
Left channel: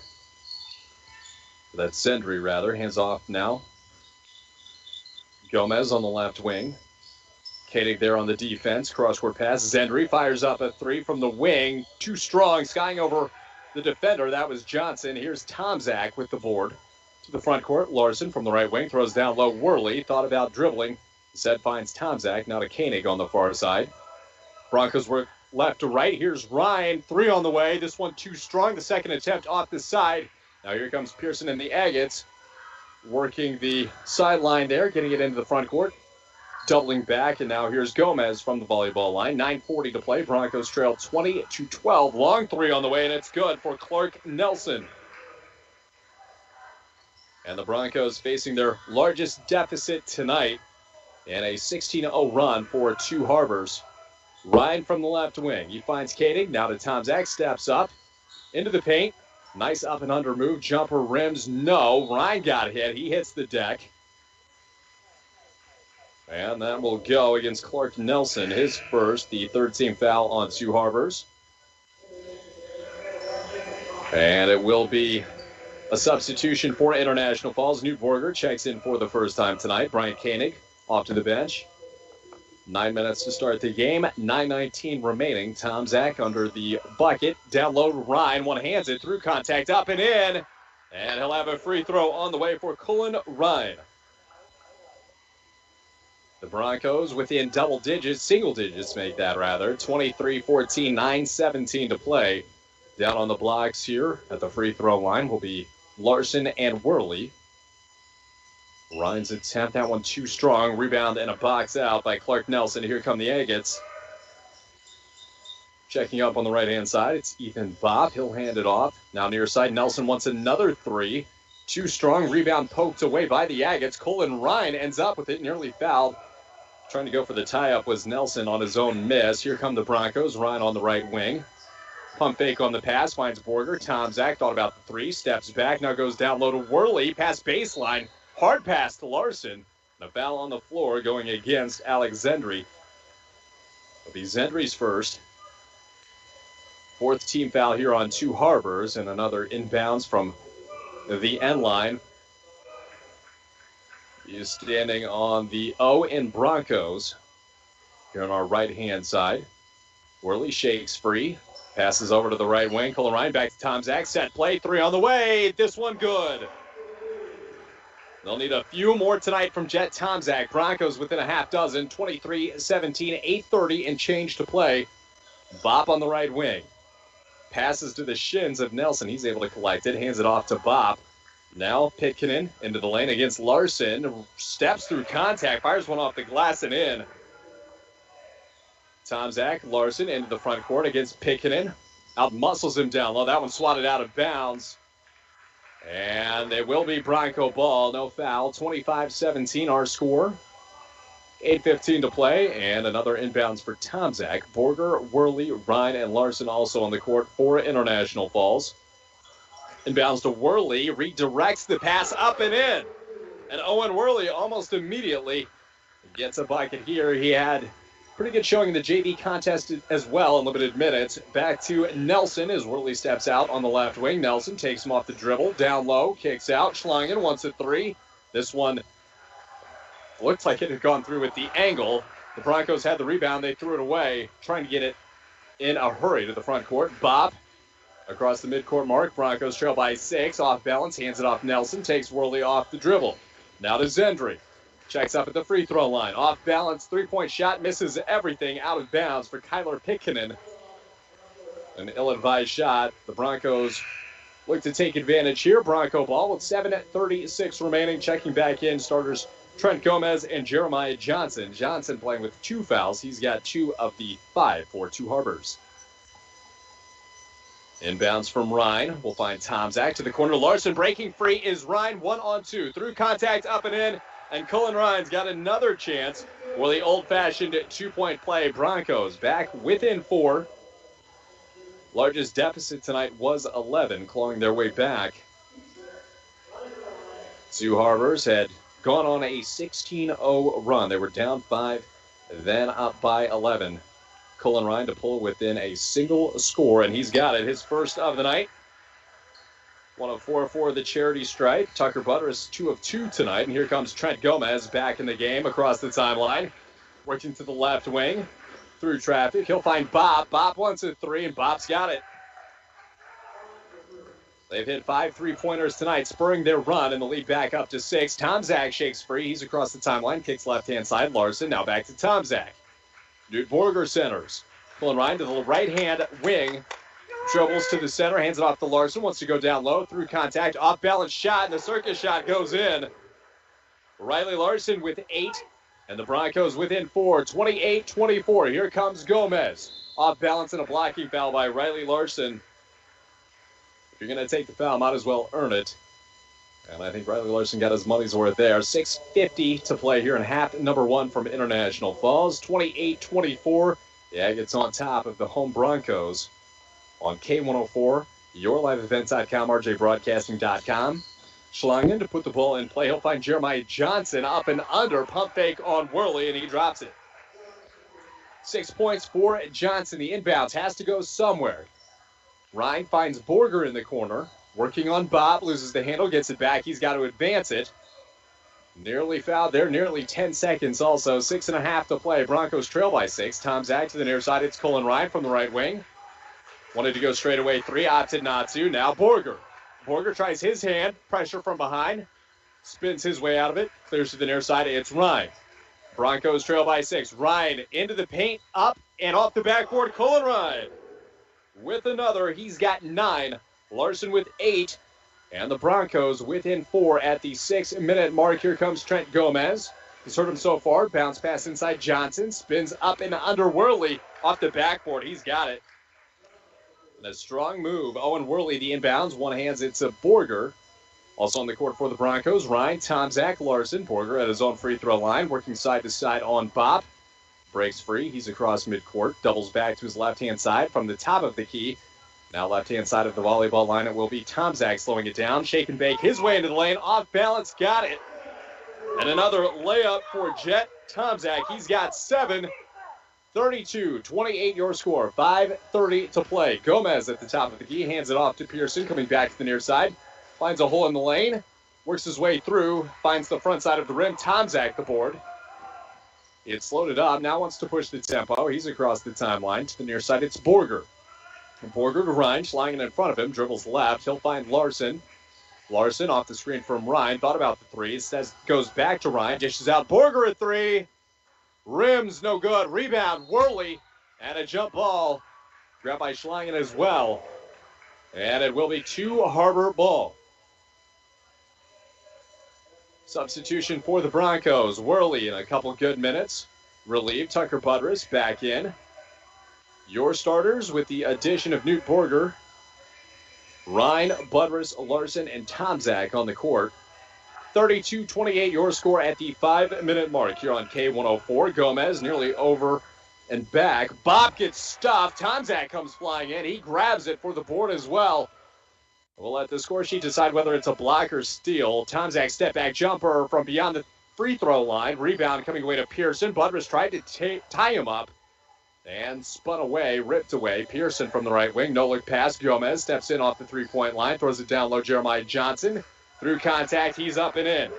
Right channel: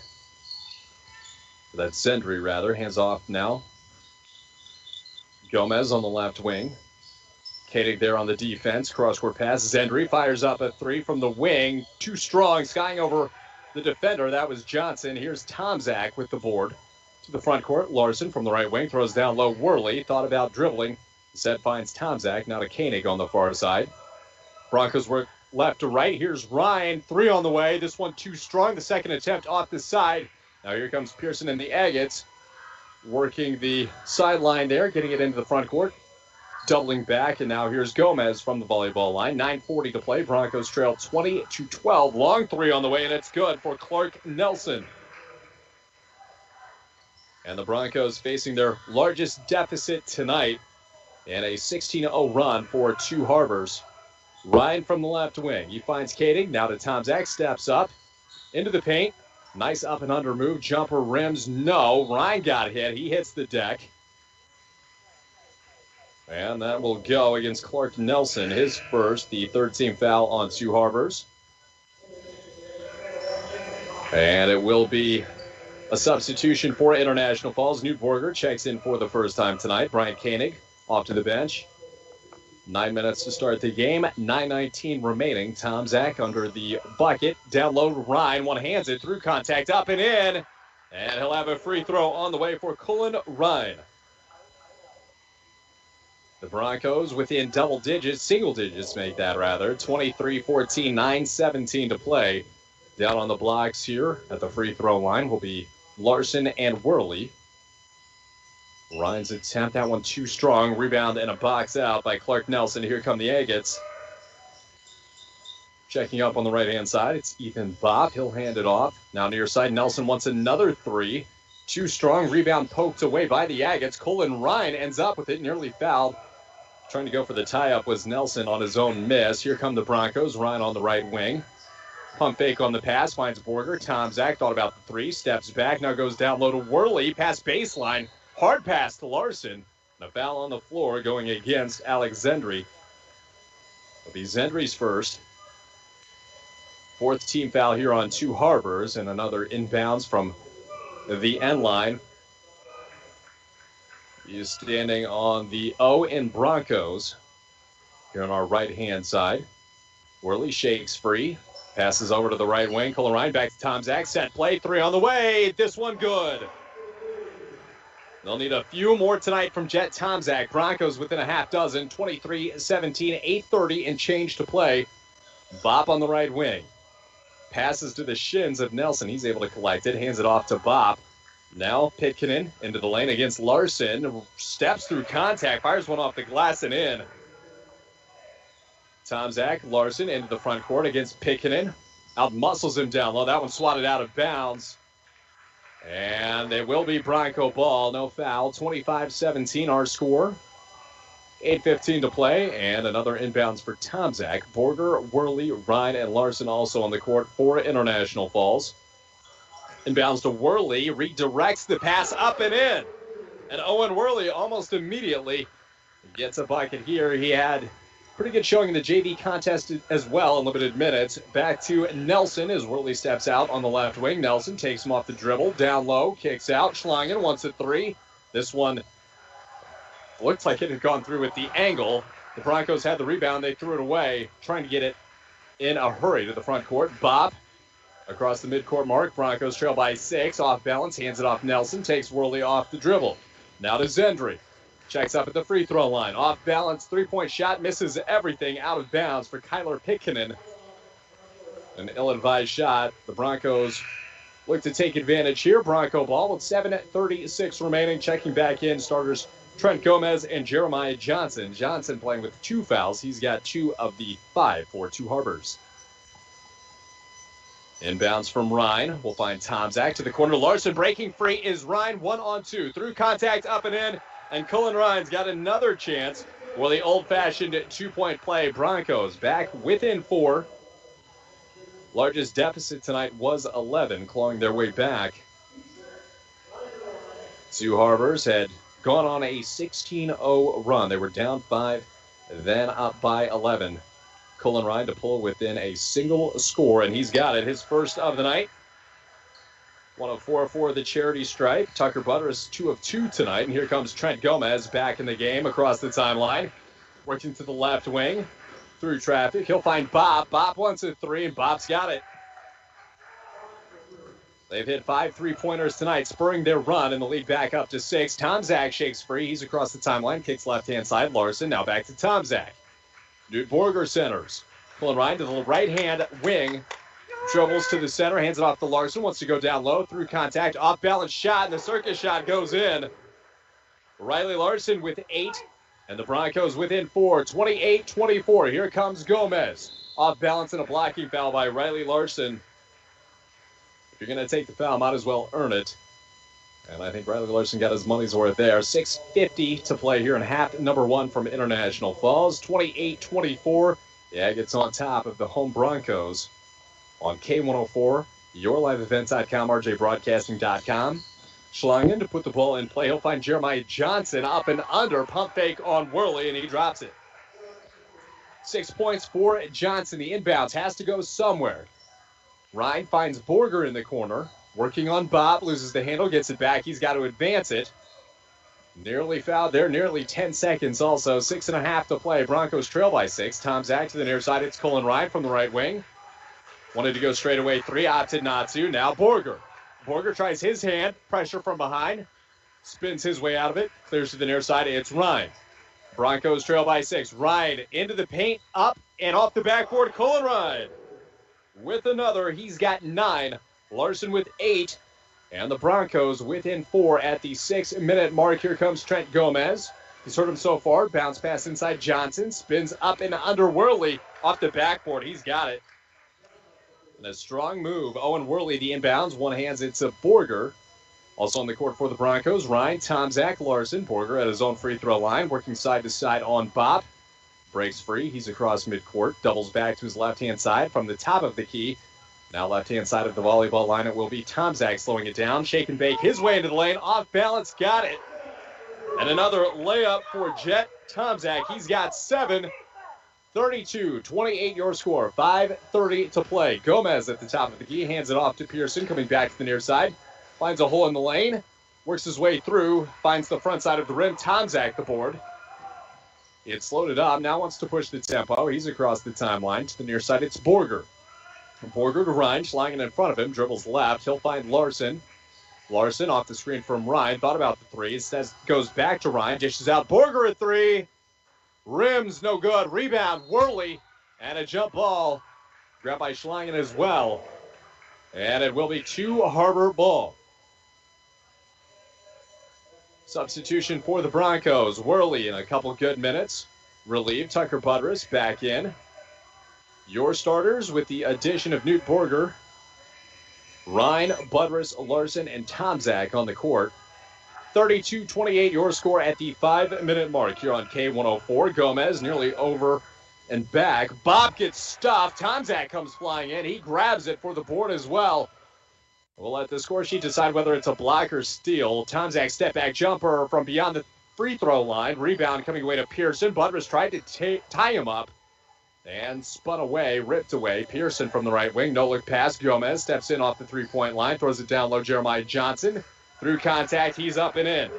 That's Zendry, rather. Hands off now. Gomez on the left wing. Koenig there on the defense. Cross-court pass. Zendry fires up a 3 from the wing. Too strong, skying over the defender. That was Johnson. Here's Tomczak with the board. To the front court, Larson from the right wing throws down low. Worley thought about dribbling. Instead finds Tomczak, now to Koenig on the far side. Broncos work left to right. Here's Ryan, 3 on the way. This one too strong. The second attempt off the side. Now here comes Pearson and the Agates, working the sideline there, getting it into the front court, doubling back, and now here's Gomez from the volleyball line. 9:40 to play. Broncos trail 20-12. Long 3 on the way, and it's good for Clark Nelson. And the Broncos facing their largest deficit tonight and a 16-0 run for Two Harbors. Ryan from the left wing. He finds Koenig. Now to Tomczak. Steps up into the paint. Nice up and under move. Jumper rims. No. Ryan got hit. He hits the deck. And that will go against Clark Nelson. His first, the third-team foul on Two Harbors. And it will be a substitution for International Falls. Newt Borger checks in for the first time tonight. Brian Koenig off to the bench. 9 minutes to start the game. 9:19 remaining. Tomczak under the bucket. Down low to Ryan. One hands it through contact. Up and in. And he'll have a free throw on the way for Colin Ryan. The Broncos within double digits. Single digits make that rather. 23-14. 9:17 to play. Down on the blocks here at the free throw line will be Larson and Worley. Ryan's attempt, that one too strong. Rebound and a box out by Clark Nelson. Here come the Agates. Checking up on the right-hand side, it's Ethan Bopp. He'll hand it off. Now near side, Nelson wants another 3. Too strong. Rebound poked away by the Agates. Colin Ryan ends up with it, nearly fouled. Trying to go for the tie-up was Nelson on his own miss. Here come the Broncos. Ryan on the right wing. Pump fake on the pass, finds Borger. Tomczak thought about the 3, steps back, now goes down low to Worley. Past baseline. Hard pass to Larson. And a foul on the floor going against Alex Zendry. It'll be Zendry's first. 4th team foul here on Two Harbors, and another inbounds from the end line. He is standing on the O in Broncos. Here on our right-hand side. Worley shakes free. Passes over to the right wing. Colin Ryan back to Tomczak. Set play. 3 on the way. This one good. They'll need a few more tonight from Jet Tomczak. Broncos within a half dozen. 23-17, 8:30 and change to play. Bopp on the right wing. Passes to the shins of Nelson. He's able to collect it. Hands it off to Bopp. Now Pitkinen into the lane against Larson. Steps through contact. Fires one off the glass and in. Tomczak, Larson into the front court against Pitkinen. Out muscles him down low. That one swatted out of bounds. And it will be Bronco ball. No foul. 25-17 our score. 8:15 to play. And another inbounds for Tomczak. Borger, Worley, Ryan, and Larson also on the court for International Falls. Inbounds to Worley. Redirects the pass up and in. And Owen Worley almost immediately gets a bucket here. He had pretty good showing in the JV contest as well in limited minutes. Back to Nelson as Worley steps out on the left wing. Nelson takes him off the dribble, down low, kicks out. Schlangen wants a three. This one looked like it had gone through with the angle. The Broncos had the rebound. They threw it away, trying to get it in a hurry to the front court. Bob across the midcourt mark. Broncos trail by 6. Off balance, hands it off Nelson. Takes Worley off the dribble. Now to Zendry. Checks up at the free throw line. Off balance, three-point shot. Misses everything, out of bounds for Kyler Pitkinen. An ill-advised shot. The Broncos look to take advantage here. Bronco ball with 7:36 remaining. Checking back in, starters Trent Gomez and Jeremiah Johnson. Johnson playing with 2 fouls. He's got 2 of the 5 for Two Harbors. Inbounds from Ryan. We'll find Tomczak to the corner. Larson breaking free is Ryan. 1-on-2. Through contact, up and in. And Cullen Ryan's got another chance for the old-fashioned 2-point play. Broncos back within 4. Largest deficit tonight was 11, clawing their way back. Two Harbors had gone on a 16-0 run. They were down 5, then up by 11. Cullen Ryan to pull within a single score, and he's got it. His first of the night. 1 of 4 for the charity stripe. Tucker Buttress 2 of 2 tonight. And here comes Trent Gomez back in the game across the timeline. Working to the left wing. Through traffic. He'll find Bob. Bob wants a 3, and Bob's got it. They've hit 5 3-pointers tonight, spurring their run in the lead back up to 6. Tomczak shakes free. He's across the timeline. Kicks left-hand side. Larson now back to Tomczak. Newt Borger centers. Pulling Ryan to the right-hand wing. Dribbles to the center, hands it off to Larson. Wants to go down low, through contact, off-balance shot, and the circus shot goes in. Riley Larson with 8, and the Broncos within 4, 28-24. Here comes Gomez. Off balance and a blocking foul by Riley Larson. If you're going to take the foul, might as well earn it. And I think Riley Larson got his money's worth there. 6:50 to play here in half number 1 from International Falls. 28-24. The Agates on top of the home Broncos. On K104, yourliveevent.com, rjbroadcasting.com. Schlangen to put the ball in play. He'll find Jeremiah Johnson up and under. Pump fake on Worley, and he drops it. 6 points for Johnson. The inbounds has to go somewhere. Ryan finds Borger in the corner. Working on Bob. Loses the handle. Gets it back. He's got to advance it. Nearly fouled there. Nearly 10 seconds also. 6.5 to play. Broncos trail by 6. Tomczak to the near side. It's Cullen Ryan from the right wing. Wanted to go straight away 3, opted not to. Now Borger. Borger tries his hand. Pressure from behind. Spins his way out of it. Clears to the near side. It's Ryan. Broncos trail by 6. Ryan into the paint. Up and off the backboard. Cullen Ryan with another. He's got 9. Larson with 8. And the Broncos within 4 at the 6-minute mark. Here comes Trent Gomez. He's hurt him so far. Bounce pass inside Johnson. Spins up and under Worley. Off the backboard. He's got it. And a strong move. Owen Worley, the inbounds. One hands it to Borger. Also on the court for the Broncos, Ryan, Tomczak, Larson. Borger at his own free throw line, working side to side on Bob. Breaks free. He's across midcourt. Doubles back to his left-hand side from the top of the key. Now left-hand side of the volleyball line, it will be Tomczak slowing it down. Shake and bake his way into the lane. Off balance, got it. And another layup for Jet Tomczak. He's got 7. 32-28 your score. 5:30 to play. Gomez at the top of the key. Hands it off to Pearson, coming back to the near side. Finds a hole in the lane. Works his way through. Finds the front side of the rim. Tomczak the board. It's loaded up. Now wants to push the tempo. He's across the timeline. To the near side, it's Borger. Borger to Ryan. Schlangen in front of him. Dribbles left. He'll find Larson. Larson off the screen from Ryan. Thought about the 3. Says goes back to Ryan. Dishes out. Borger at 3. Rims no good. Rebound Worley. And a jump ball. Grabbed by Schlangen as well. And it will be Two Harbor ball. Substitution for the Broncos. Worley in a couple good minutes. Relieved. Tucker Buttress back in. Your starters with the addition of Newt Borger. Ryan, Buttress, Larson, and Tomczak on the court. 32-28 your score at the 5-minute mark here on K104. Gomez nearly over and back. Bob gets stuffed. Tomczak comes flying in. He grabs it for the board as well. We'll let the score sheet decide whether it's a block or steal. Tomczak step-back jumper from beyond the free throw line. Rebound coming away to Pearson. Budrus tried to tie him up and spun away, ripped away. Pearson from the right wing. No-look pass. Gomez steps in off the three-point line. Throws it down low. Jeremiah Johnson. Through contact, he's up and in.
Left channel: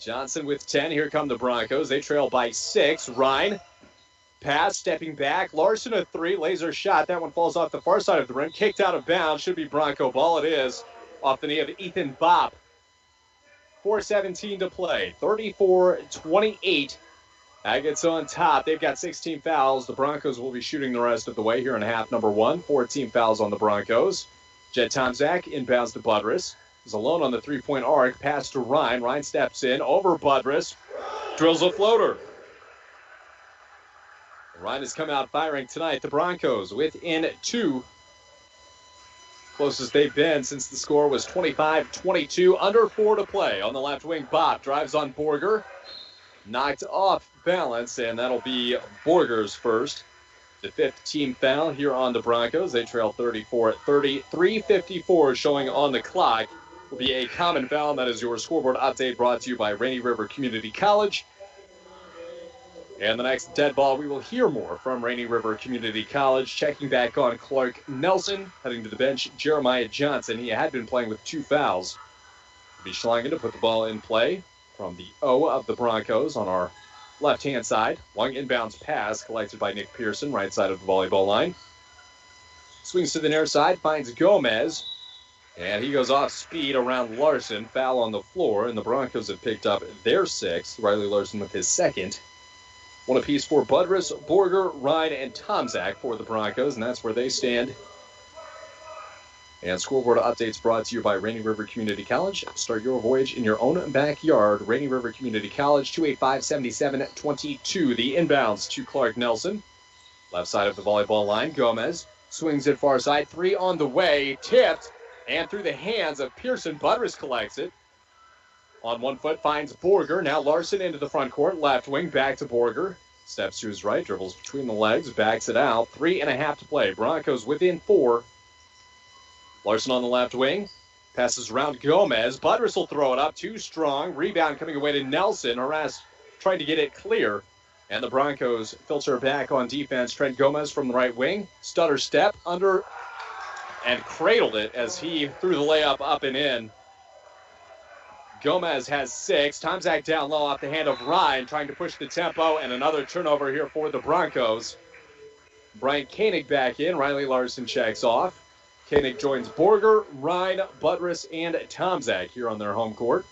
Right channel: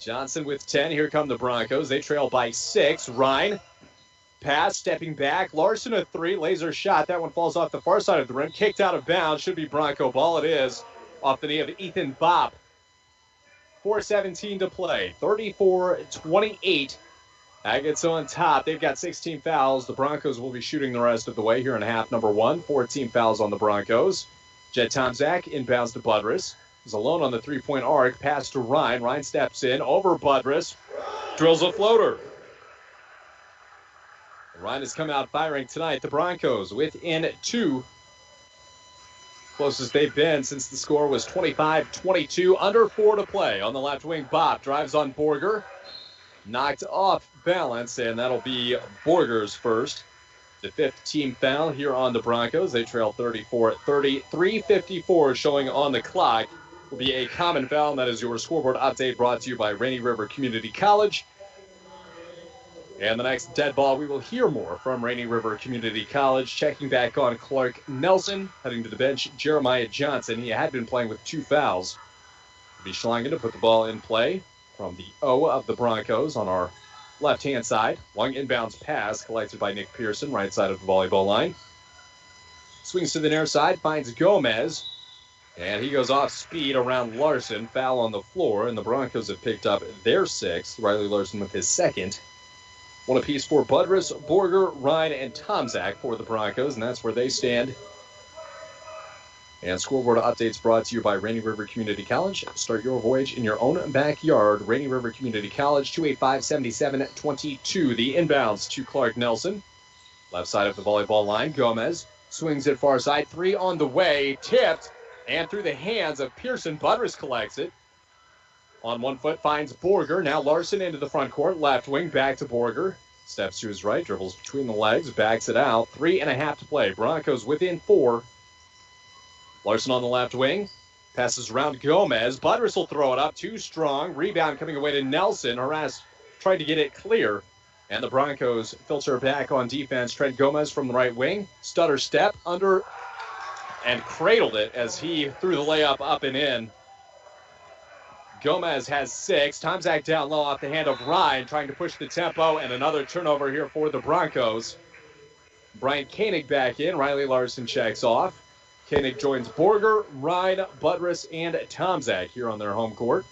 Johnson with 10. Here come the Broncos. They trail by 6. Ryan. Pass, stepping back. Larson a 3. Laser shot. That one falls off the far side of the rim. Kicked out of bounds. Should be Bronco ball. It is. Off the knee of Ethan Bopp. 4:17 to play. 34-28. Agates on top. They've got 16 fouls. The Broncos will be shooting the rest of the way here in half number 1. 14 fouls on the Broncos. Jet Tomczak inbounds to Budrus. He's alone on the three-point arc. Pass to Ryan. Ryan steps in over Budrus. Drills a floater. Ryan has come out firing tonight. The Broncos within 2. Closest they've been since the score was 25-22. Under 4 to play. On the left wing, Bopp drives on Borger. Knocked off balance, and that'll be Borger's first. The 5th team foul here on the Broncos. They trail 34-30. 3:54 showing on the clock. Will be a common foul, and that is your scoreboard update brought to you by Rainy River Community College. And the next dead ball, we will hear more from Rainy River Community College. Checking back on Clark Nelson. Heading to the bench, Jeremiah Johnson. He had been playing with 2 fouls. It'll be Schlangen to put the ball in play from the O of the Broncos on our left-hand side. Long inbounds pass collected by Nick Pearson, right side of the volleyball line. Swings to the near side, finds Gomez. And he goes off speed around Larson. Foul on the floor, and the Broncos have picked up their 6th. Riley Larson with his 2nd. One apiece for Budrus, Borger, Ryan, and Tomczak for the Broncos, and that's where they stand. And scoreboard updates brought to you by Rainy River Community College. Start your voyage in your own backyard. Rainy River Community College, 285-77-22. The inbounds to Clark Nelson. Left side of the volleyball line, Gomez swings it far side. 3 on the way, tipped, and through the hands of Pearson. Budrus collects it. On 1 foot, finds Borger. Now Larson into the front court. Left wing, back to Borger. Steps to his right, dribbles between the legs, backs it out. 3.5 to play. Broncos within 4. Larson on the left wing. Passes around Gomez. Budrus will throw it up. Too strong. Rebound coming away to Nelson. Harass tried to get it clear. And the Broncos filter back on defense. Trent Gomez from the right wing. Stutter step under and cradled it as he threw the layup up and in. Gomez has 6. Tomczak down low off the hand of Ryan, trying to push the tempo, and another turnover here for the Broncos. Brian Koenig back in. Riley Larson checks off. Koenig joins Borger, Ryan, Budrus, and Tomczak here on their home court.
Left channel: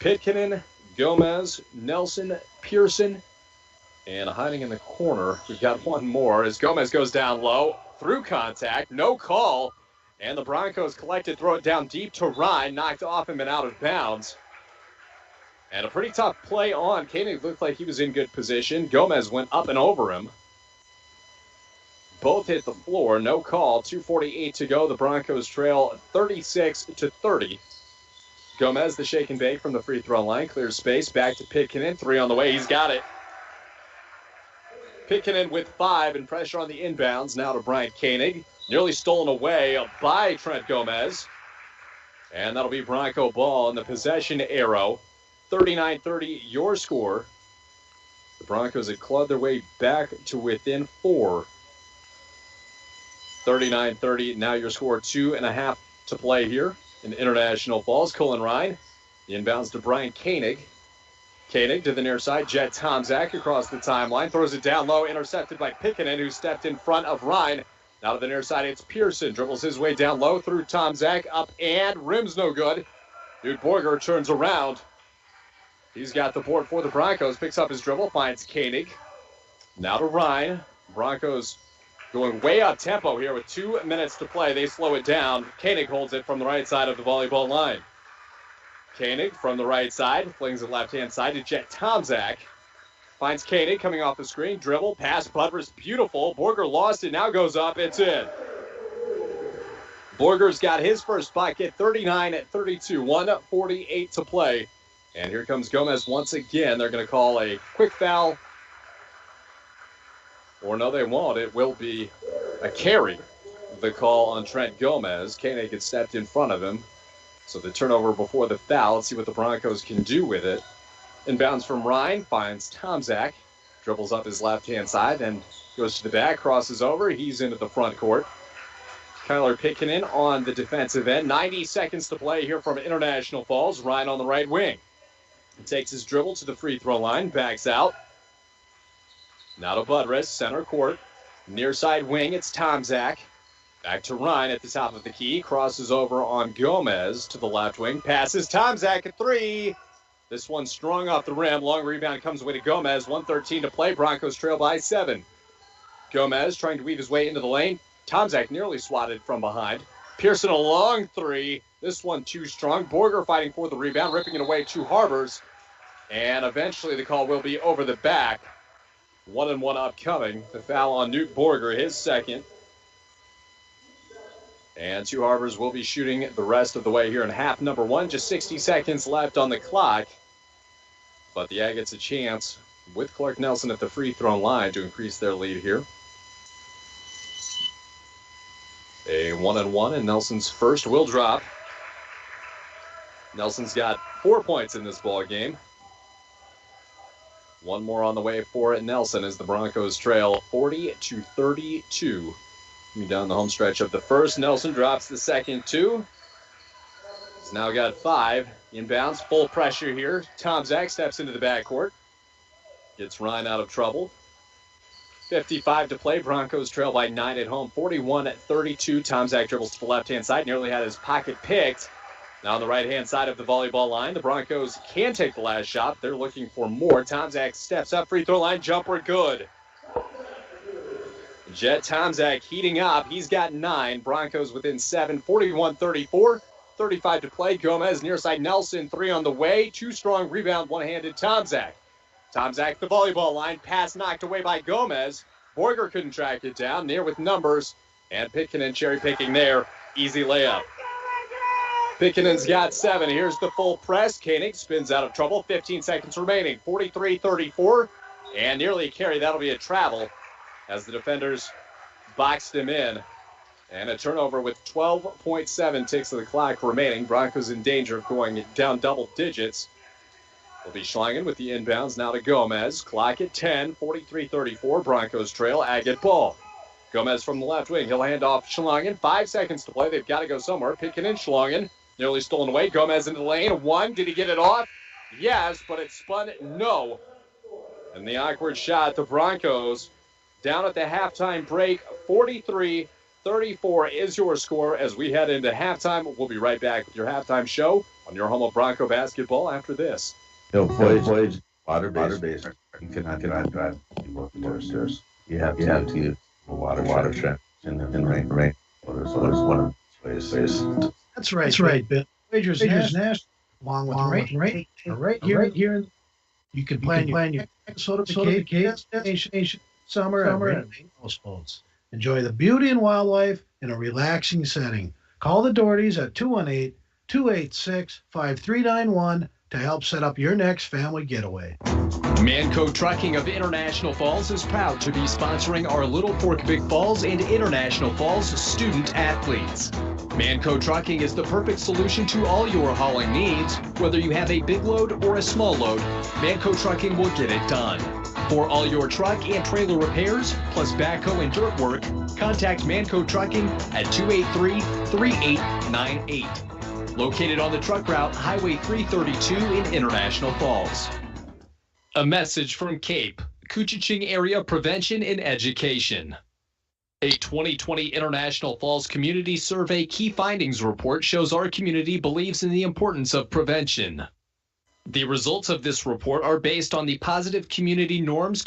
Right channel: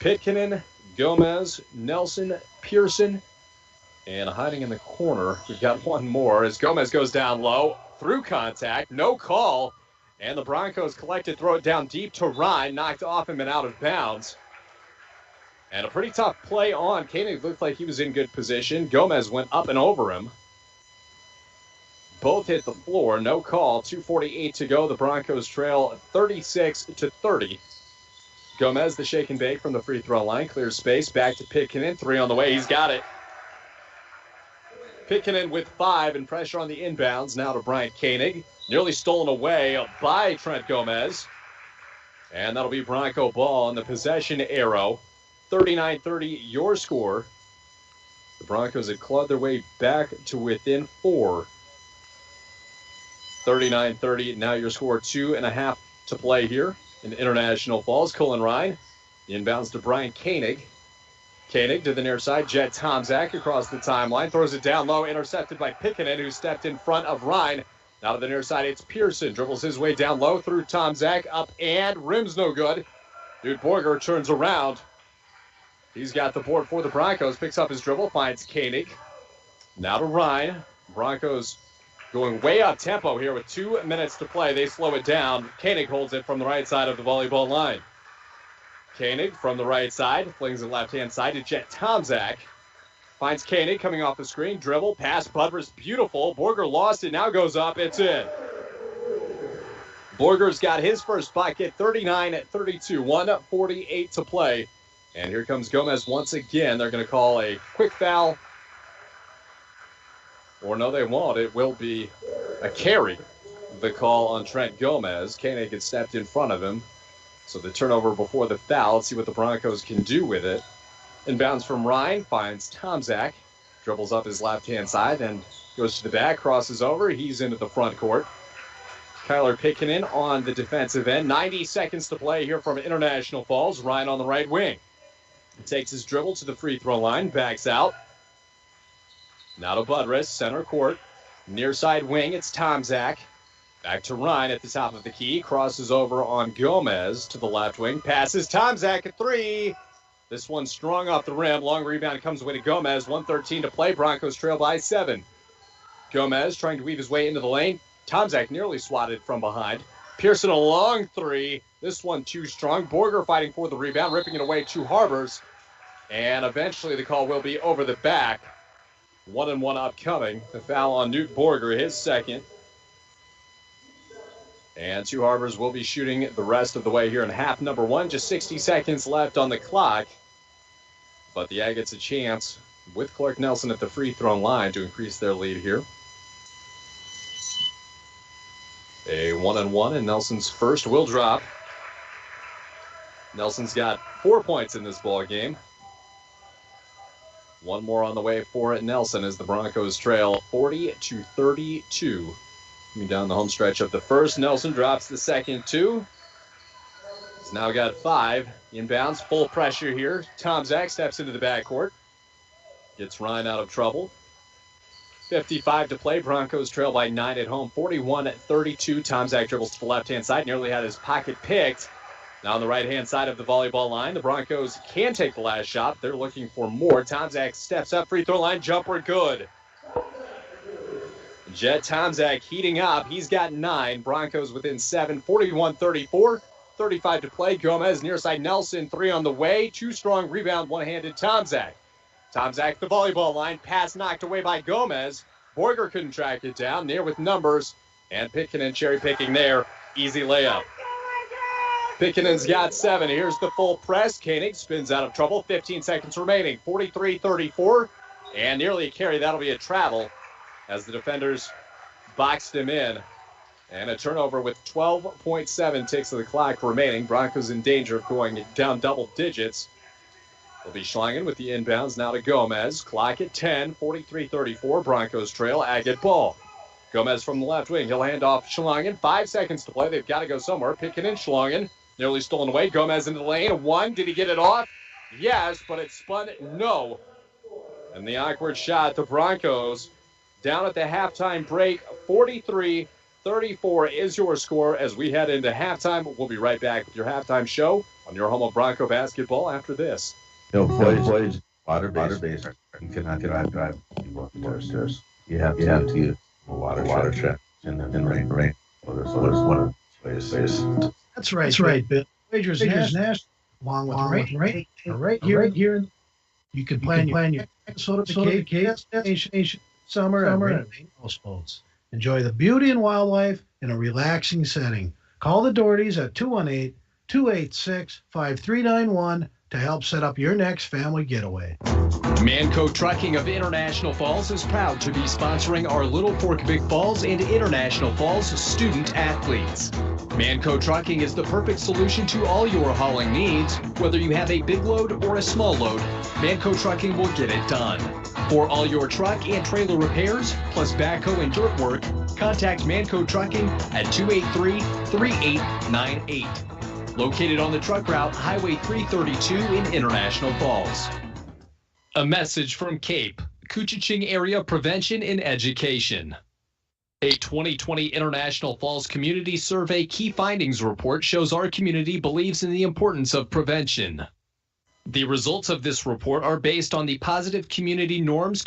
Pitkinen, Gomez, Nelson, Pearson, and hiding in the corner, we've got one more as Gomez goes down low through contact. No call. And the Broncos collected, throw it down deep to Ryan, knocked off him and out of bounds. And a pretty tough play on. Koenig looked like he was in good position. Gomez went up and over him. Both hit the floor, no call. 2:48 to go. The Broncos trail 36-30. Gomez, the shake and bake from the free throw line, clears space, back to Pitkinen. 3 on the way, he's got it. Pitkinen with 5 and pressure on the inbounds. Now to Brian Koenig. Nearly stolen away by Trent Gomez. And that'll be Bronco ball in the possession arrow. 39-30 your score. The Broncos have clawed their way back to within 4. 39-30, now your score. 2.5 to play here in International Falls. Cullen Ryan, the inbounds to Brian Koenig. Koenig to the near side. Jet Tomczak across the timeline. Throws it down low, intercepted by Pitkinen, who stepped in front of Ryan. Now to the near side, it's Pearson. Dribbles his way down low through Tomczak. Up and rim's no good. Dude Borger turns around. He's got the board for the Broncos. Picks up his dribble, finds Koenig. Now to Ryan. Broncos going way up tempo here with 2 minutes to play. They slow it down. Koenig holds it from the right side of the volleyball line. Koenig from the right side. Flings the left-hand side to Jet Tomczak. Finds Koenig coming off the screen. Dribble, pass, Budrus, beautiful. Borger lost it, now goes up, it's in. Borger's got his first bucket, 39-32, 1:48 to play. And here comes Gomez once again. They're going to call a quick foul. Or no, they won't. It will be a carry. The call on Trent Gomez. Koenig had stepped in front of him. So the turnover before the foul. Let's see what the Broncos can do with it. Inbounds from Ryan, finds Tomczak. Dribbles up his left-hand side, then goes to the back, crosses over. He's into the front court. Kyler Pickenen on the defensive end. 90 seconds to play here from International Falls. Ryan on the right wing. He takes his dribble to the free throw line, backs out. Now to Budrus, center court. Near side wing, it's Tomczak. Back to Ryan at the top of the key. Crosses over on Gomez to the left wing. Passes Tomczak at three. This one strong off the rim. Long rebound comes away to Gomez. 1:13 to play. Broncos trail by 7. Gomez trying to weave his way into the lane. Tomczak nearly swatted from behind. Pearson a long three. This one too strong. Borger fighting for the rebound, ripping it away to Harbers. And eventually the call will be over the back. 1-and-1 upcoming. The foul on Newt Borger, his second. And Two Harbors will be shooting the rest of the way here in half number 1. Just 60 seconds left on the clock. But the Agates a chance with Clark Nelson at the free throw line to increase their lead here. A 1-and-1, and Nelson's first will drop. Nelson's got 4 points in this ball game. One more on the way for Nelson as the Broncos trail 40-32. Coming down the home stretch of the first. Nelson drops the second two. He's now got 5. Inbounds, full pressure here. Tomczak steps into the backcourt. Gets Ryan out of trouble. 55 to play. Broncos trail by 9 at home. 41-32. Tomczak dribbles to the left-hand side. Nearly had his pocket picked. Now on the right-hand side of the volleyball line, the Broncos can take the last shot. They're looking for more. Tomczak steps up. Free throw line. Jumper good. Jet Tomczak heating up. He's got 9. Broncos within 7. 41-34. 35 to play. Gomez near side. Nelson 3 on the way. Too strong rebound. One-handed Tomczak. Tomczak the volleyball line. Pass knocked away by Gomez. Borger couldn't track it down. Near with numbers. And Pickenen cherry picking there. Easy layup. Pickenen's got 7. Here's the full press. Koenig spins out of trouble. 15 seconds remaining. 43-34. And nearly a carry. That'll be a travel as the defenders boxed him in. And a turnover with 12.7 ticks of the clock remaining. Broncos in danger of going down double digits. It'll be Schlangen with the inbounds now to Gomez. Clock at 10, 43-34. Broncos trail. Agate ball. Gomez from the left wing. He'll hand off Schlangen. 5 seconds to play. They've got to go somewhere. Pickenen, Schlangen. Nearly stolen away. Gomez into the lane. 1. Did he get it off? Yes, but it spun. No. And the awkward shot. The Broncos down at the halftime break. 43-34 is your score as we head into halftime. We'll be right back with your halftime show on your home of Bronco basketball after this. Voyage water-based. You cannot drive downstairs. You have to use water trap and rain. There's one of the ways. That's right, Bill. Voyagers National, along with rain, right here. You can plan your Minnesota vacation, summer at houseboats. Enjoy the beauty and wildlife in a relaxing setting. Call the Dohertys at 218-286-5391 to help set up your next family getaway. Manco Trucking of International Falls is proud to be sponsoring our Little Fork Big Falls and International Falls student athletes. Manco Trucking is the perfect solution to all your hauling needs. Whether you have a big load or a small load, Manco Trucking will get it done. For all your truck and trailer repairs, plus backhoe and dirt work, contact Manco Trucking at 283-3898. Located on the truck route Highway 332 in International Falls. A message from CAPE, Koochiching Area Prevention and Education. A 2020 International Falls Community Survey Key Findings Report shows our community believes in the importance of prevention. The results of this report are based on the positive community norms,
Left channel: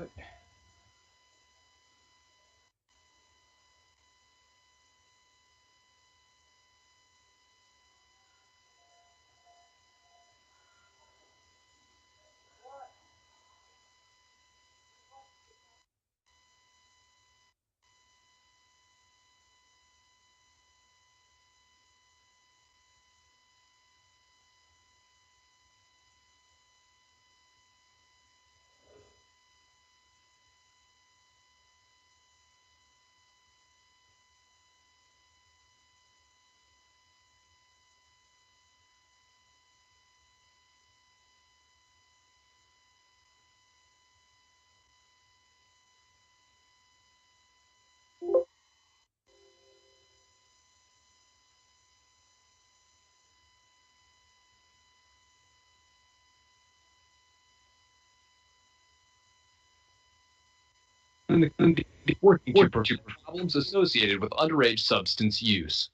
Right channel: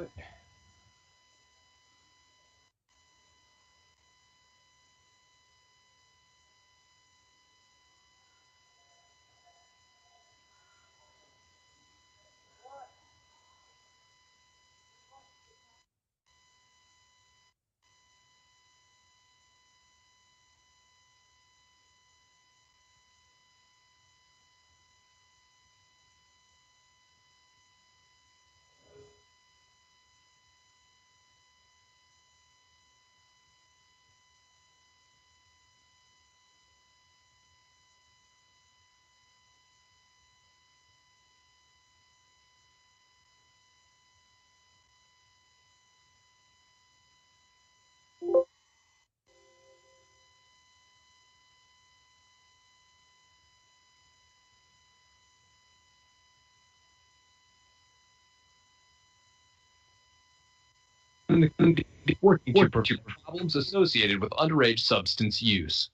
What? Working to prevent problems associated with underage substance use.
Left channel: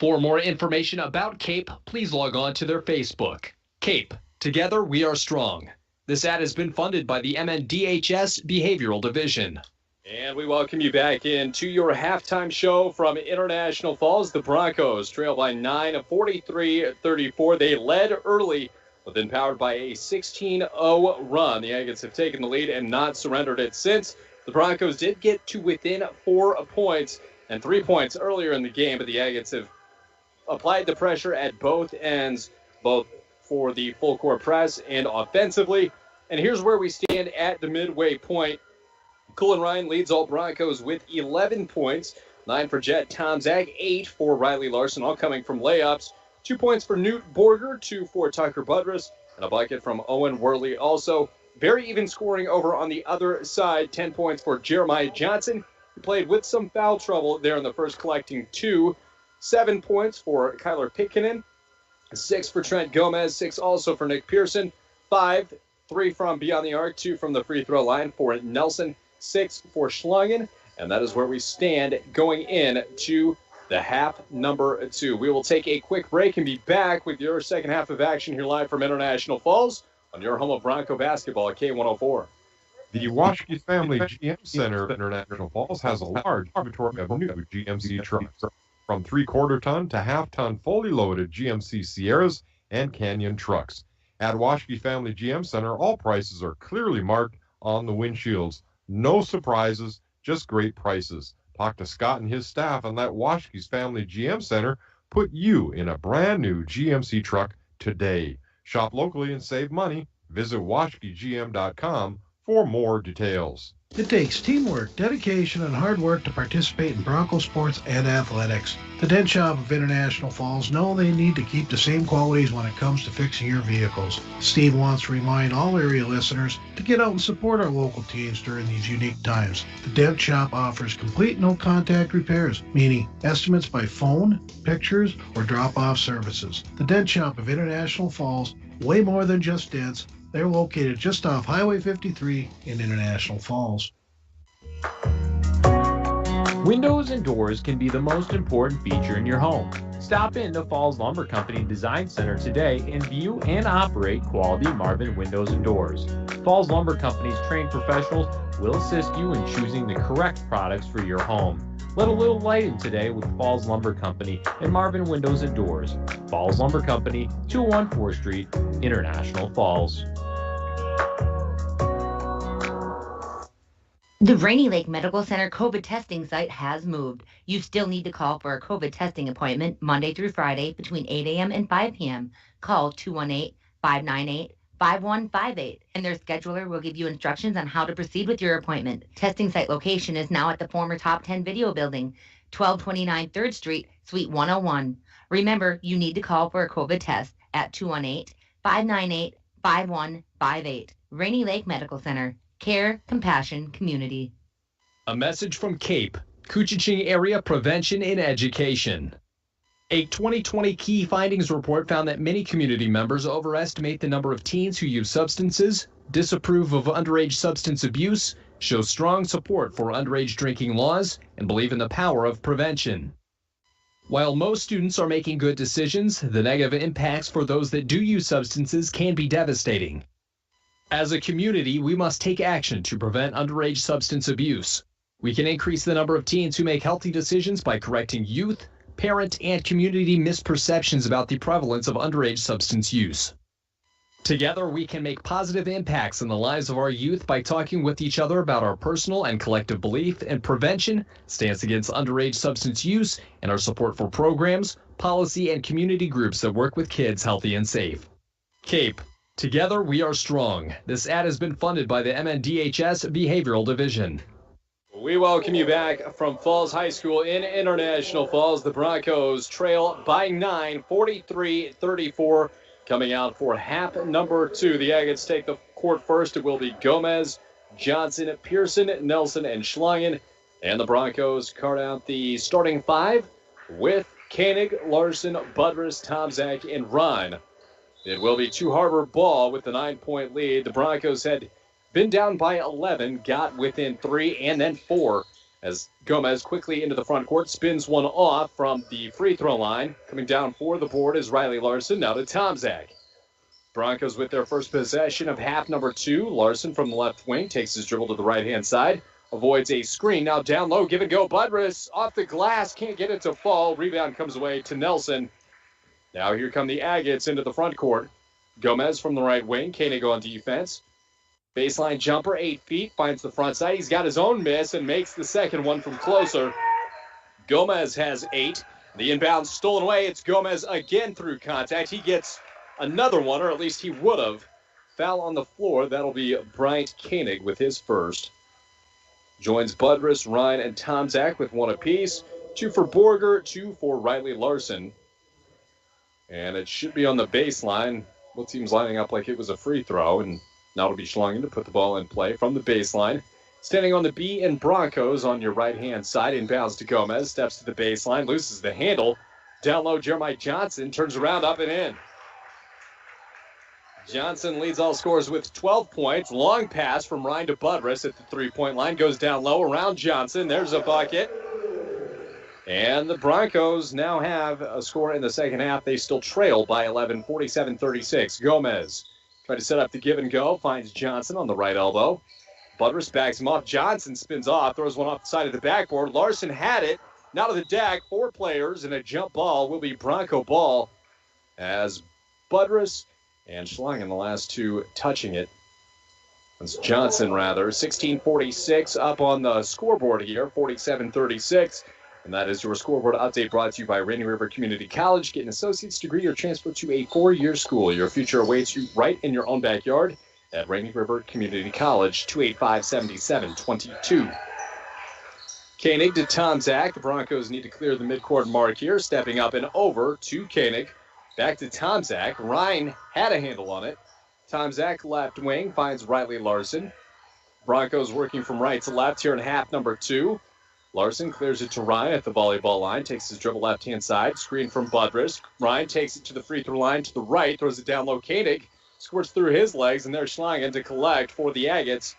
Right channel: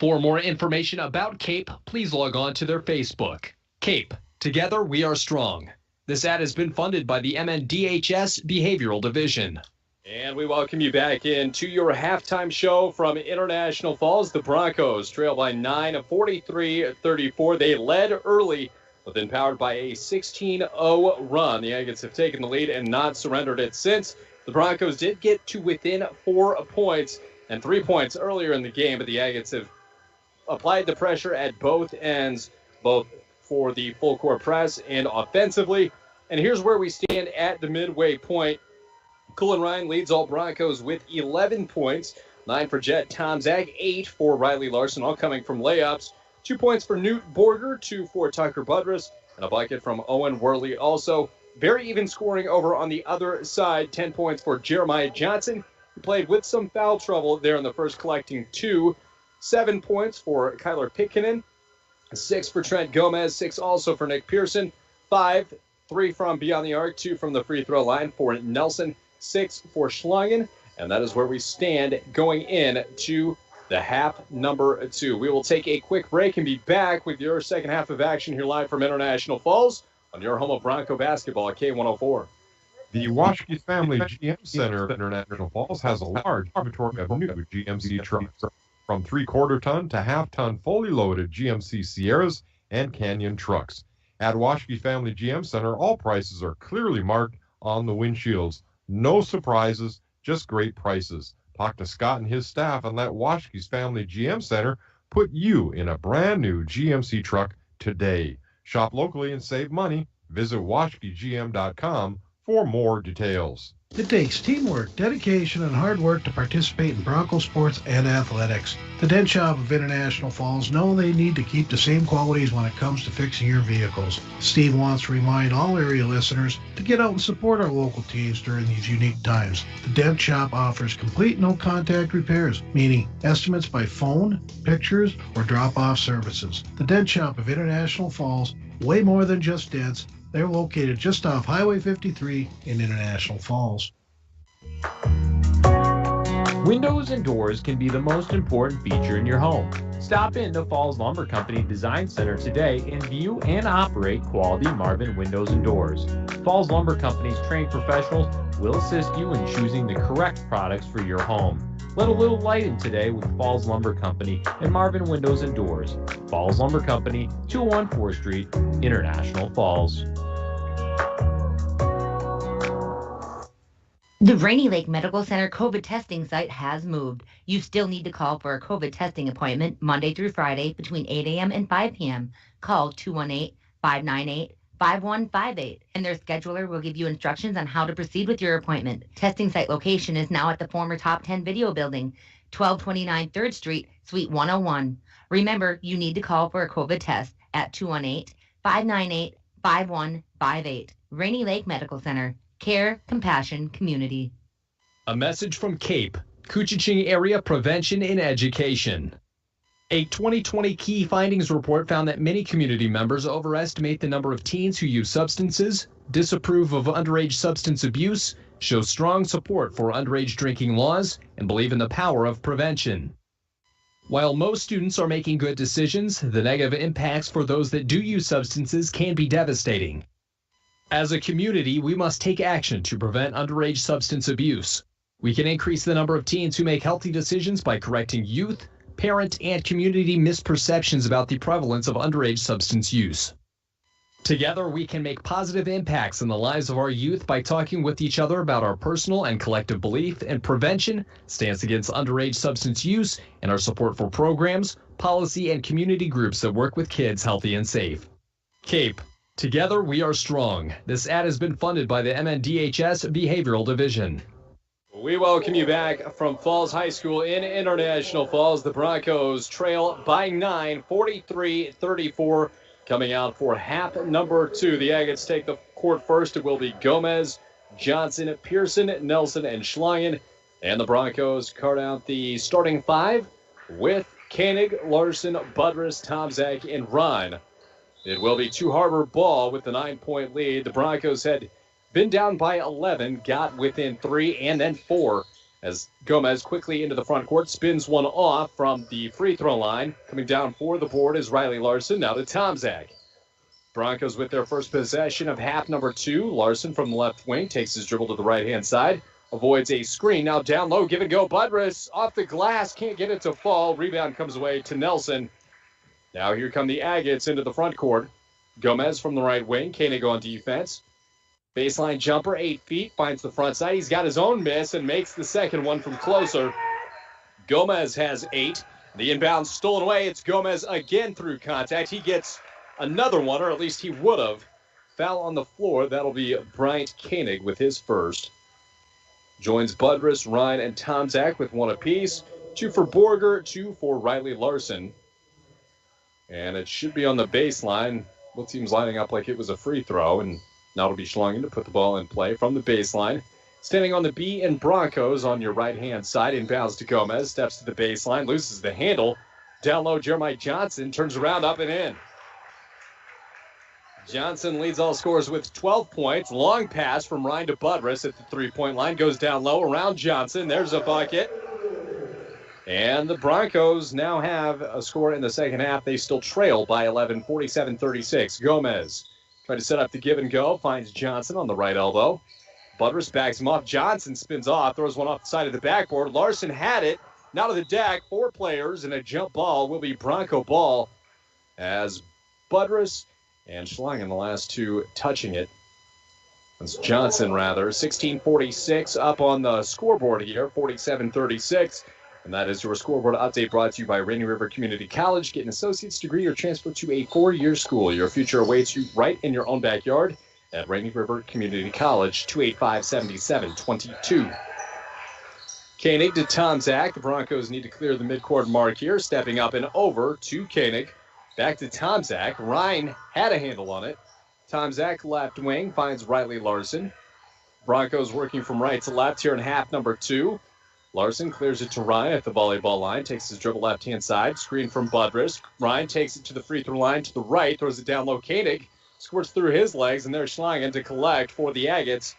For more information about CAPE, please log on to their Facebook. CAPE, together we are strong. This ad has been funded by the MNDHS Behavioral Division. And we welcome you back into your halftime show from International Falls. The Broncos trail by 9, 43-34. They led early, but then powered by a 16-0 run. The Agates have taken the lead and not surrendered it since. The Broncos did get to within 4 points and 3 points earlier in the game, but the Agates have applied the pressure at both ends, both for the full court press and offensively. And here's where we stand at the midway point. Cullen Ryan leads all Broncos with 11 points, 9 for Jet Tomzak, 8 for Riley Larson, all coming from layups. 2 points for Newt Borger, 2 for Tucker Budrus, and a bucket from Owen Worley also. Very even scoring over on the other side. 10 points for Jeremiah Johnson, who played with some foul trouble there in the first, collecting 2. 7 points for Kyler Pitkinen. 6 for Trent Gomez. 6 also for Nick Pearson. 5, 3 from beyond the arc. 2 from the free throw line for Nelson. 6 for Schlangen. And that is where we stand going in to the half number 2. We will take a quick break and be back with your second half of action here live from International Falls on your home of Bronco basketball at K104. The Washke Family GM Center of International Falls has a large inventory of new GMC trucks, from 3/4 ton to half-ton fully loaded GMC Sierras and Canyon trucks. At Washke Family GM Center, all prices are clearly marked on the windshields. No surprises, just great prices. Talk to Scott and his staff and let Washke's Family GM Center put you in a brand new GMC truck today. Shop locally and save money. Visit WashkeGM.com for more details. It takes teamwork, dedication, and hard work to participate in Bronco sports and athletics. The Dent Shop of International Falls know they need to keep the same qualities when it comes to fixing your vehicles. Steve wants to remind all area listeners to get out and support our local teams during these unique times. The Dent Shop offers complete no-contact repairs, meaning estimates by phone, pictures, or drop-off services. The Dent Shop of International Falls, way more than just dents. They're located just off Highway 53 in International Falls. Windows and doors can be the most important feature in your home. Stop in to Falls Lumber Company Design Center today and view and operate quality Marvin windows and doors. Falls Lumber Company's trained professionals will assist you in choosing the correct products for your home. Let a little light in today with Falls Lumber Company and Marvin Windows and Doors. Falls Lumber Company, 201 4th Street, International Falls. The Rainy Lake Medical Center COVID testing site has moved. You still need to call for a COVID testing appointment Monday through Friday between 8 a.m. and 5 p.m. Call 218-598-5158, and their scheduler will give you instructions on how to proceed with your appointment. Testing site location is now at the former Top 10 Video Building, 1229 3rd Street, Suite 101. Remember, you need to call for a COVID test at 218-598-5158. Rainy Lake Medical Center. Care, compassion, community. A message from CAPE, Koochiching Area Prevention and Education. A 2020 key findings report found that many community members overestimate the number of teens who use substances, disapprove of underage substance abuse, show strong support for underage drinking laws, and believe in the power of prevention. While most students are making good decisions, the negative impacts for those that do use substances can be devastating. As a community, we must take action to prevent underage substance abuse. We can increase the number of teens who make healthy decisions by correcting youth, parent, and community misperceptions about the prevalence of underage substance use. Together, we can make positive impacts in the lives of our youth by talking with each other about our personal and collective belief in prevention, stance against underage substance use, and our support for programs, policy, and community groups that work with kids healthy and safe. CAPE. Together, we are strong. This ad has been funded by the MNDHS Behavioral Division. We welcome you back from Falls High School in International Falls. The Broncos trail by 9, 43-34. Coming out for half number 2. The Agates take the court first. It will be Gomez, Johnson, Pearson, Nelson, and Schlangen. And the Broncos card out the starting 5 with Koenig, Larson, Budrus, Tomczak, and Ryan. It will be Two Harbor ball with the 9-point lead. The Broncos had been down by 11, got within 3 and then 4 as Gomez quickly into the front court, spins one off from the free throw line. Coming down for the board is Riley Larson, now to Tomczak. Broncos with their first possession of half number 2. Larson from the left wing takes his dribble to the right-hand side, avoids a screen. Now down low, give and go. Budrus off the glass, can't get it to fall. Rebound comes away to Nelson. Now here come the Agates into the front court. Gomez from the right wing, Koenig on defense. Baseline jumper, 8 feet, finds the front side. He's got his own miss and makes the second one from closer. Gomez has 8. The inbound stolen away. It's Gomez again through contact. He gets another one, or at least he would have. Foul on the floor. That'll be Bryant Koenig with his first. Joins Budrus, Ryan, and Tomczak with 1 apiece. 2 for Borger, 2 for Riley Larson. And it should be on the baseline. Both teams lining up like it was a free throw, and now it'll be Schlangen to put the ball in play from the baseline. Standing on the B in Broncos on your right-hand side. Inbounds to Gomez. Steps to the baseline. Loses the handle. Down low, Jeremiah Johnson turns around, up and in. Johnson leads all scorers with 12 points. Long pass from Ryan to Budrus at the three-point line. Goes down low around Johnson. There's a bucket. And the Broncos now have a score in the second half. They still trail by 11, 47-36. Gomez trying to set up the give and go. Finds Johnson on the right elbow. Budrus backs him off. Johnson spins off. Throws one off the side of the backboard. Larson had it. Now to the deck. 4 players and a jump ball will be Bronco ball as Budrus and Schlangen, the last 2 touching it. That's Johnson, rather. 16:46 up on the scoreboard here. 47-36. And that is your scoreboard update brought to you by Rainy River Community College. Get an associate's degree or transfer to a 4-year school. Your future awaits you right in your own backyard at Rainy River Community College, 285-7722. Koenig to Tomczak. The Broncos need to clear the midcourt mark here. Stepping up and over to Koenig. Back to Tomczak. Ryan had a handle on it. Tomczak, left wing, finds Riley Larson. Broncos working from right to left here in half number 2. Larson clears it to Ryan at the volleyball line, takes his dribble left-hand side, screen from Budrus. Ryan takes it to the free throw line to the right, throws it down low. Koenig squirts through his legs, and there's Schlangen to collect for the Agates.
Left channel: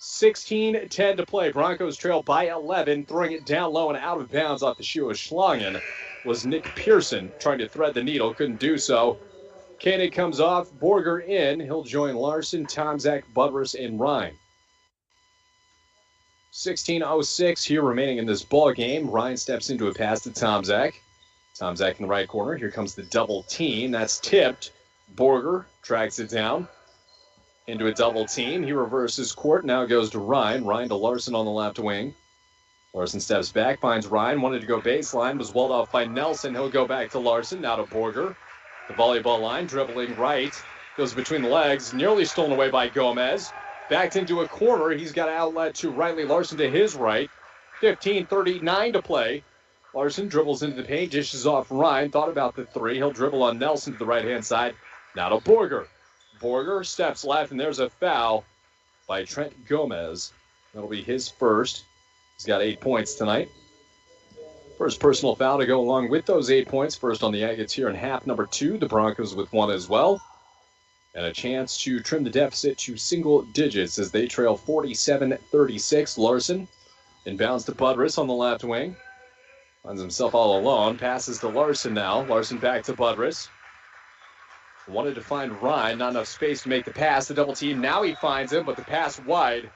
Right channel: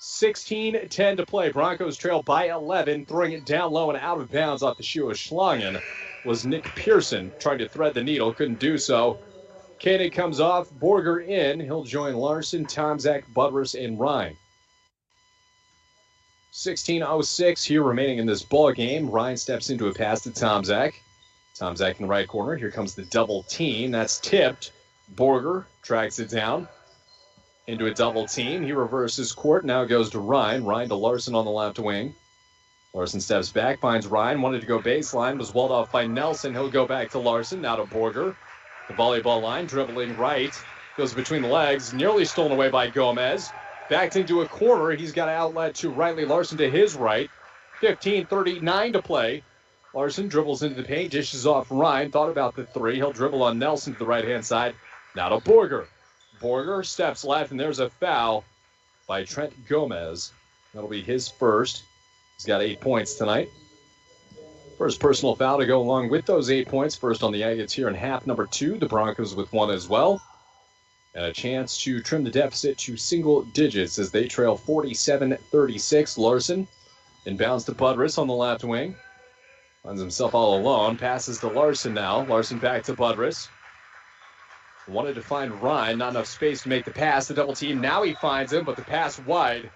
16-10 to play. Broncos trail by 11, throwing it down low and out of bounds off the shoe of Schlangen was Nick Pearson, trying to thread the needle, couldn't do so. Koenig comes off, Borger in. He'll join Larson, Tomczak, Budrus, and Ryan. 16:06 here remaining in this ball game. Ryan steps into a pass to Tomczak. Tomczak in the right corner. Here comes the double team. That's tipped. Borger tracks it down into a double team. He reverses court. Now goes to Ryan. Ryan to Larson on the left wing. Larson steps back, finds Ryan. Wanted to go baseline. Was walled off by Nelson. He'll go back to Larson. Now to Borger. The volleyball line. Dribbling right. Goes between the legs. Nearly stolen away by Gomez. Backed into a corner. He's got an outlet to Riley Larson to his right. 15:39 to play. Larson dribbles into the paint, dishes off Ryan. Thought about the 3. He'll dribble on Nelson to the right-hand side. Now to Borger. Borger steps left, and there's a foul by Trent Gomez. That'll be his first. He's got 8 points tonight. First personal foul to go along with those 8 points. First on the Agates here in half number 2. The Broncos with 1 as well. And a chance to trim the deficit to single digits as they trail 47-36. Larson inbounds to Budrus on the left wing. Finds himself all alone. Passes to Larson now. Larson back to Budrus. Wanted to find Ryan, not enough space to make the pass. The double team, now he finds him, but the pass wide.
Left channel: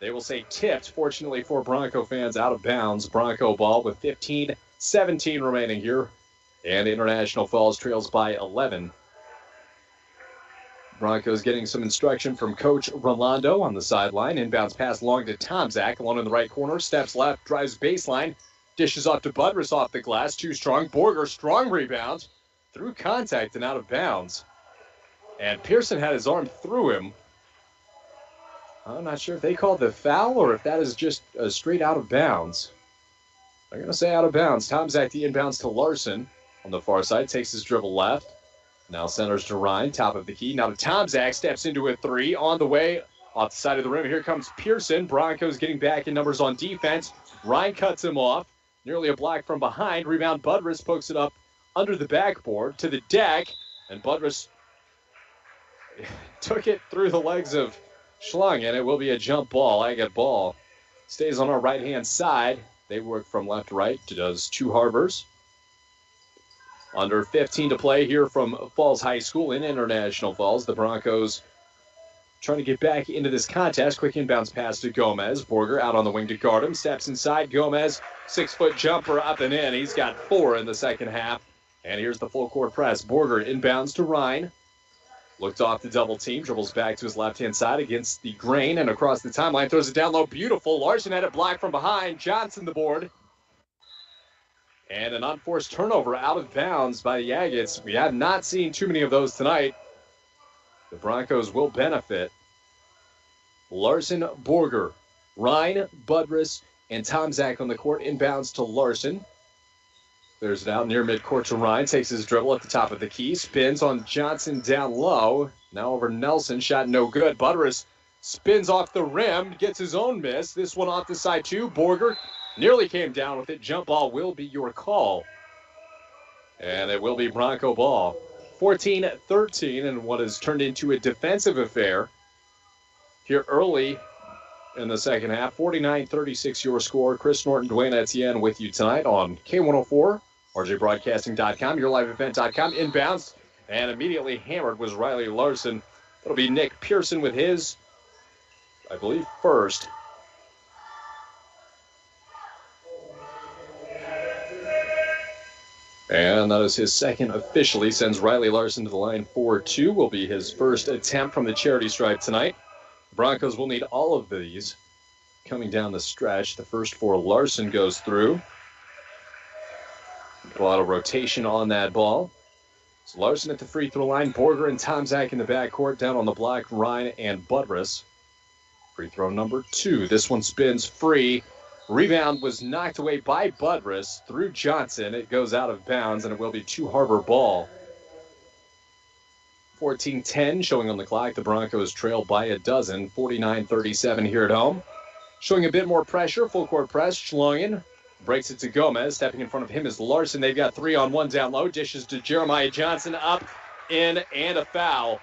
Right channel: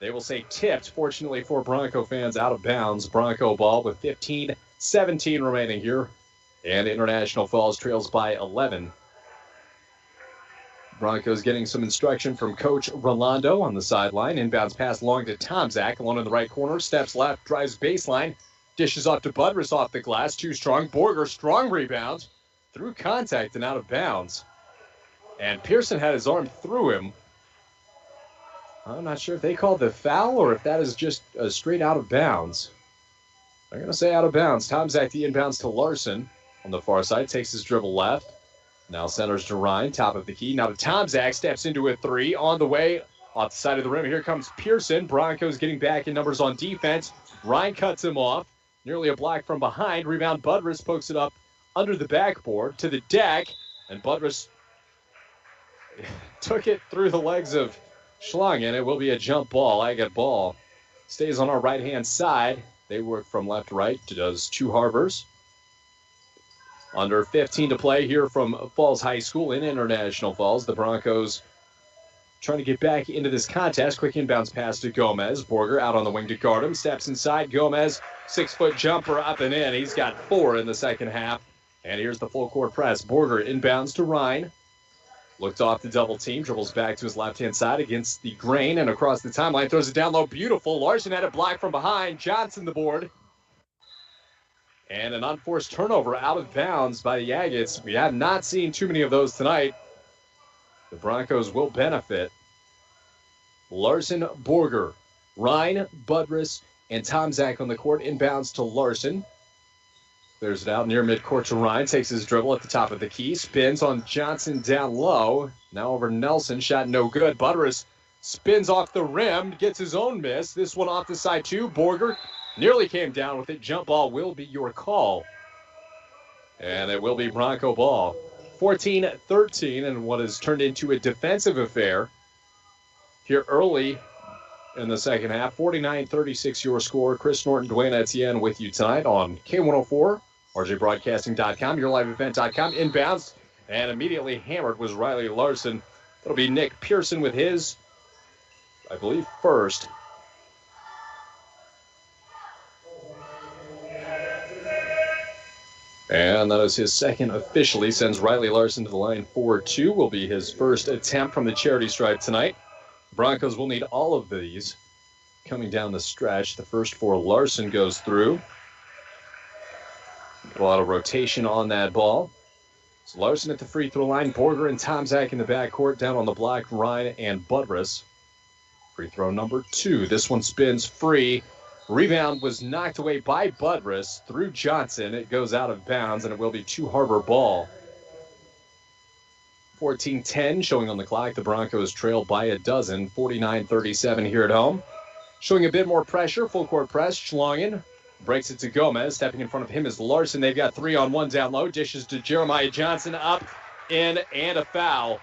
They will say tipped, fortunately for Bronco fans, out of bounds. Bronco ball with 15-17 remaining here. And International Falls trails by 11. Broncos getting some instruction from Coach Rolando on the sideline. Inbounds pass long to Tomczak, alone in the right corner. Steps left, drives baseline. Dishes off to Budrus off the glass. Too strong. Borger, strong rebound. Through contact and out of bounds. And Pearson had his arm through him. I'm not sure if they called the foul or if that is just a straight out of bounds. I'm going to say out of bounds. Tomczak the inbounds to Larson on the far side. Takes his dribble left. Now centers to Ryan, top of the key. Now to Tomczak, steps into a three. On the way, off the side of the rim. Here comes Pearson. Broncos getting back in numbers on defense. Ryan cuts him off. Nearly a block from behind. Rebound, Budrus pokes it up under the backboard to the deck. And Budrus took it through the legs of Schlung, and it will be a jump ball. Agate ball stays on our right-hand side. They work from left to right. Does two Harbors. Under 15 to play here from Falls High School in International Falls. The Broncos trying to get back into this contest. Quick inbounds pass to Gomez. Borger out on the wing to guard him. Steps inside. Gomez, 6-foot jumper up and in. He's got 4 in the second half. And here's the full court press. Borger inbounds to Ryan. Looked off the double team. Dribbles back to his left-hand side against the grain and across the timeline. Throws it down low. Beautiful. Larson had it blocked from behind. Johnson the board. And an unforced turnover out of bounds by the Agates. We have not seen too many of those tonight. The Broncos will benefit. Larson, Borger, Ryan, Budrus, and Tomczak on the court. Inbounds to Larson. Clears it out near midcourt to Ryan. Takes his dribble at the top of the key. Spins on Johnson down low. Now over Nelson. Shot no good. Budrus spins off the rim. Gets his own miss. This one off the side too. Borger nearly came down with it. Jump ball will be your call. And it will be Bronco ball. 14-13 and what has turned into a defensive affair here early in the second half. 49-36 your score. Chris Norton, Dwayne Etienne with you tonight on K104, RJBroadcasting.com, YourLiveEvent.com. Inbounds and immediately hammered was Riley Larson. It'll be Nick Pearson with his, I believe, first. And that is his second officially. Sends Riley Larson to the line. 4-2 will be his first attempt from the charity stripe tonight. Broncos will need all of these coming down the stretch. The first for Larson goes through. A lot of rotation on that ball. So Larson at the free throw line. Borger and Tomczak in the backcourt. Down on the block, Ryan and Budrus. Free throw number 2. This one spins free. Rebound was knocked away by Budrus through Johnson. It goes out of bounds, and it will be two Harbor ball. 14-10 showing on the clock. The Broncos trail by a dozen. 49-37 here at home. Showing a bit more pressure. Full court press. Schlungen breaks it to Gomez. Stepping in front of him is Larson. They've got 3-on-1 down low. Dishes to Jeremiah Johnson. Up, in, and a foul.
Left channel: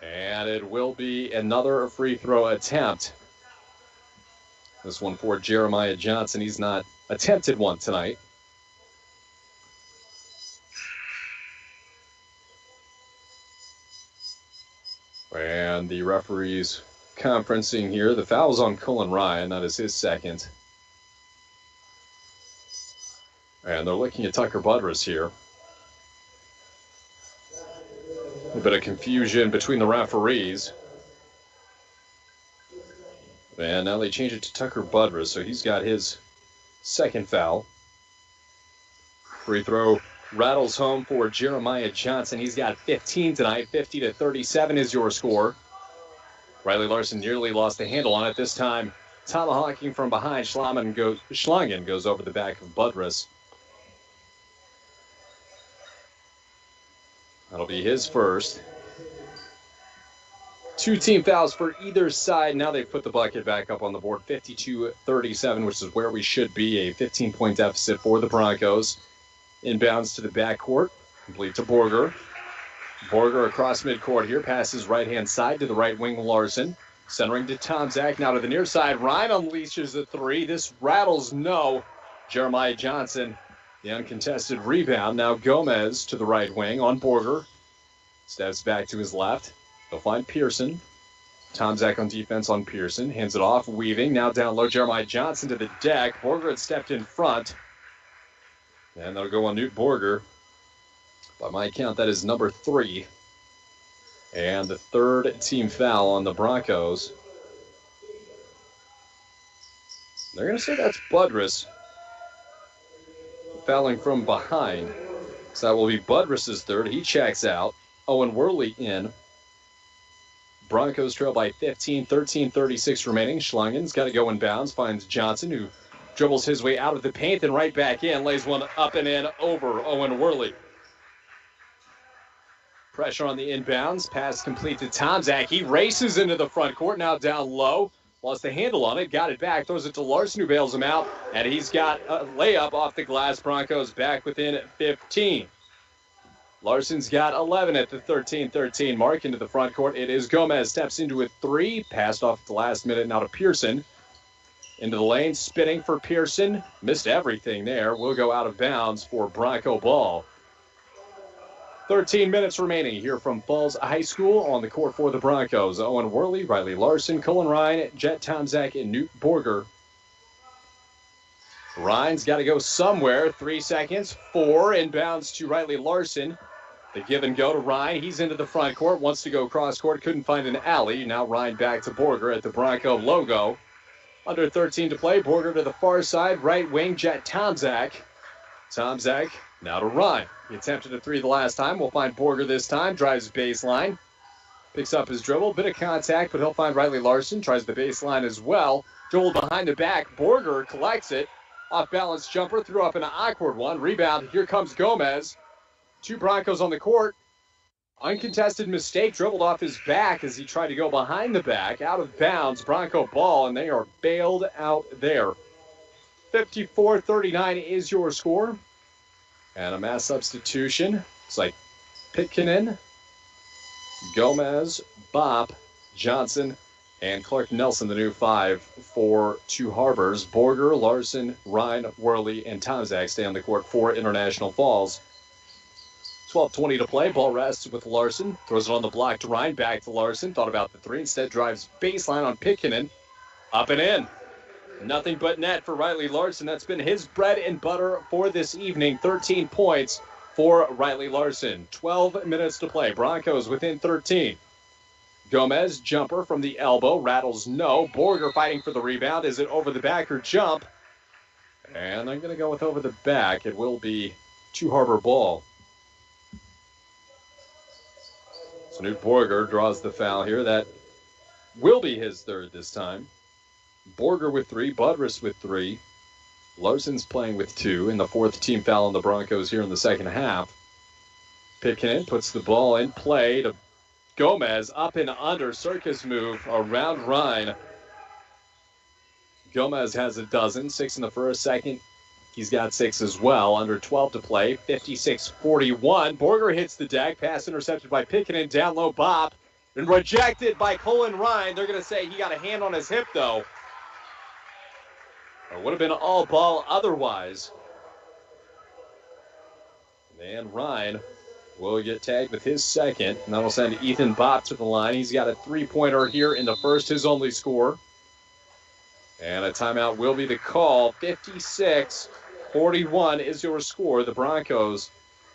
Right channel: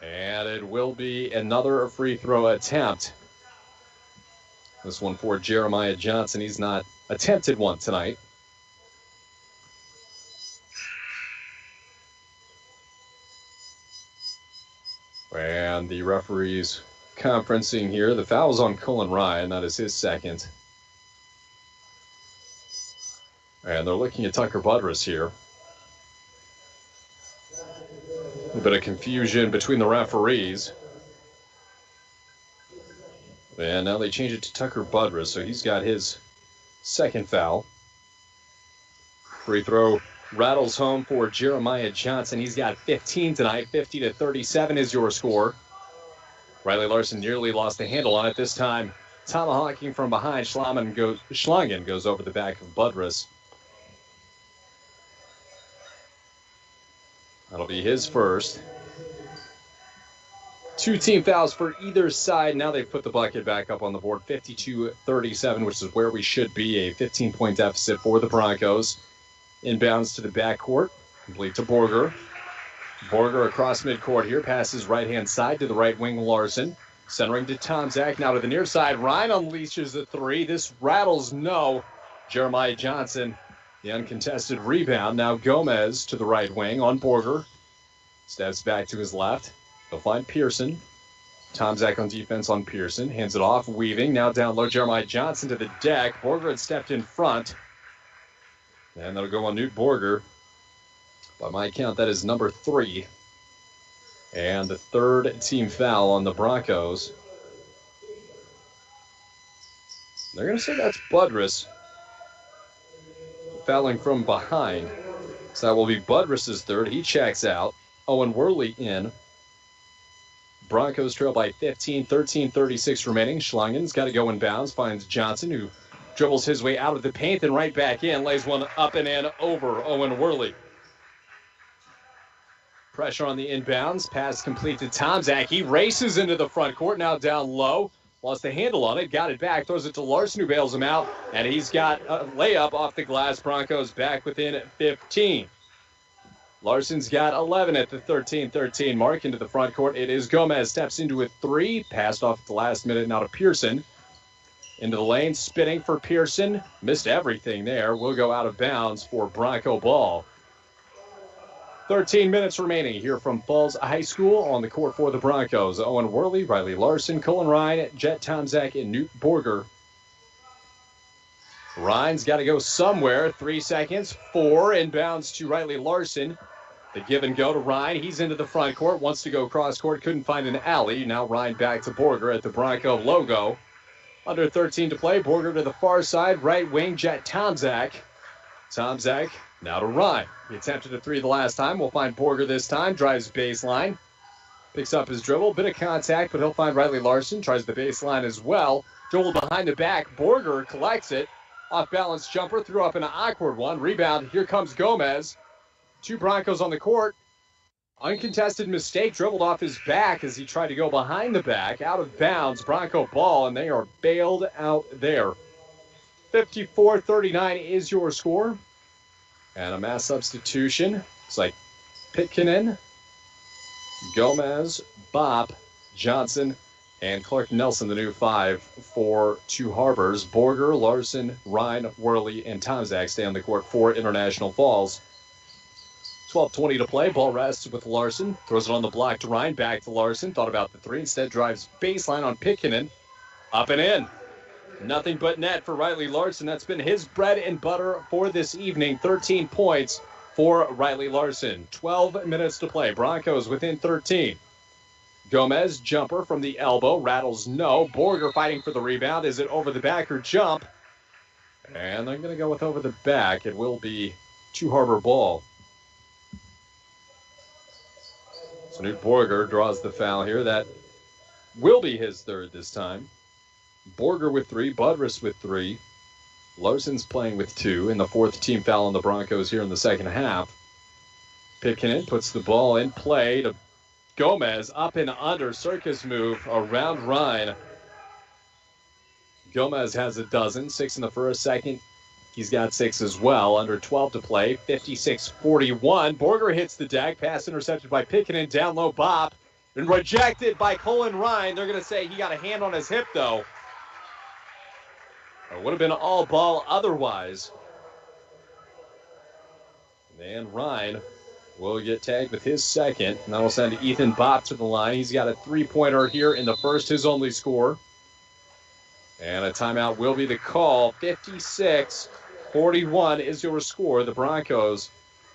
And it will be another free throw attempt. This one for Jeremiah Johnson. He's not attempted one tonight. And the referees conferencing here. The foul's on Cullen Ryan. That is his second. And they're looking at Tucker Budrus here. A little bit of confusion between the referees. And now they change it to Tucker Budrus, so he's got his second foul. Free throw rattles home for Jeremiah Johnson. He's got 15 tonight. 50-37 is your score. Riley Larson nearly lost the handle on it this time. Tomahawking from behind. Schlungen goes over the back of Budrus. That'll be his first. 2 team fouls for either side. Now they've put the bucket back up on the board. 52-37, which is where we should be. A 15-point deficit for the Broncos. Inbounds to the backcourt. Complete to Borger. Borger across midcourt here. Passes right-hand side to the right wing, Larson. Centering to Tomczak. Now to the near side. Ryan unleashes a three. This rattles no. Jeremiah Johnson The uncontested rebound. Now Gomez to the right wing on Borger. Steps back to his left. He'll find Pearson. Tomczak on defense on Pearson. Hands it off. Weaving. Now down low. Jeremiah Johnson to the deck. Borger had stepped in front. And that'll go on Newt Borger. By my count, that is number 3. And the third team foul on the Broncos. They're going to say that's Budrus. Fouling from behind. So that will be Budrus's third. He checks out. Owen Worley in. Broncos trail by 15, 13:36 remaining. Schlangen's got to go in bounds. Finds Johnson, who dribbles his way out of the paint and right back in. Lays one up and in over Owen Worley. Pressure on the inbounds. Pass complete to Tomczak. He races into the front court. Now down low. Lost the handle on it. Got it back. Throws it to Larson, who bails him out. And he's got a layup off the glass. Broncos back within 15. Larson's got 11 at the 13-13 mark into the front court. It is Gomez. Steps into a 3. Passed off at the last minute. Now to Pearson. Into the lane. Spinning for Pearson. Missed everything there. Will go out of bounds for Bronco ball. 13 minutes remaining here from Falls High School on the court for the Broncos. Owen Worley, Riley Larson, Cullen Ryan, Jet Tomczak, and Newt Borger. Ryan's got to go somewhere. 3 seconds. 4 inbounds to Riley Larson. The give and go to Ryan. He's into the front court. Wants to go cross court. Couldn't find an alley. Now Ryan back to Borger at the Bronco logo. Under 13 to play. Borger to the far side. Right wing. Jet Tomczak. Tomczak now to Ryan. He attempted a 3 the last time. We'll find Borger this time. Drives baseline. Picks up his dribble. Bit of contact, but he'll find Riley Larson. Tries the baseline as well. Dribbled behind the back. Borger collects it. Off balance jumper. Threw up an awkward one. Rebound. Here comes Gomez. 2 Broncos on the court. Uncontested mistake. Dribbled off his back as he tried to go behind the back. Out of bounds. Bronco ball, and they are bailed out there. 54-39 is your score. And a mass substitution. It's like Pitkinen, Gomez, Bopp, Johnson, and Clark Nelson, the new 5 for Two Harbors. Borger, Larson, Ryan, Worley, and Tomczak stay on the court for International Falls. 12:20 to play. Ball rests with Larson. Throws it on the block to Ryan. Back to Larson. Thought about the 3. Instead drives baseline on Pitkinen. Up and in. Nothing but net for Riley Larson. That's been his bread and butter for this evening. 13 points for Riley Larson. 12 minutes to play. Broncos within 13. Gomez, jumper from the elbow. Rattles no. Borger fighting for the rebound. Is it over the back or jump? And I'm going to go with over the back. It will be Two Harbor ball. So Newt Borger draws the foul here. That will be his 3rd this time. Borger with 3, Budrus with 3. Larson's playing with 2, and the 4th team foul on the Broncos here in the second half. Pitkinen puts the ball in play to Gomez. Up and under, circus move around Ryan. Gomez has a dozen, 6 in the first, second. He's got 6 as well. Under 12 to play, 56-41. Borger hits the deck, pass intercepted by Pitkinen, down low Bopp, and rejected by Cullen Ryan. They're going to say he got a hand on his hip, though. It would have been all ball otherwise. And Ryan will get tagged with his 2nd. And that will send Ethan Bopp to the line. He's got a 3-pointer here in the first, his only score. And a timeout will be the call. 56-41 is your score. The Broncos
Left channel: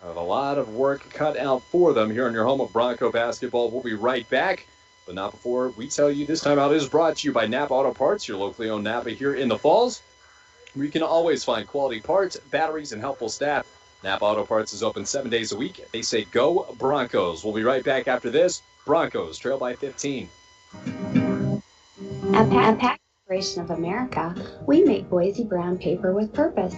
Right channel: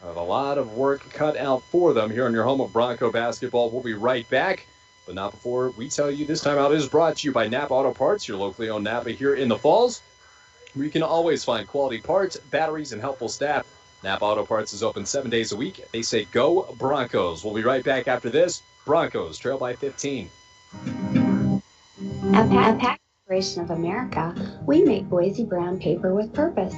have a lot of work cut out for them here in your home of Bronco basketball. We'll be right back. But not before we tell you this timeout is brought to you by Napa Auto Parts, your locally owned Napa here in the Falls, where you can always find quality parts, batteries, and helpful staff. Napa Auto Parts is open 7 days a week. They say go Broncos. We'll be right back after this. Broncos trail by 15. At Packaging Corporation of America, we make Boise brown paper with purpose.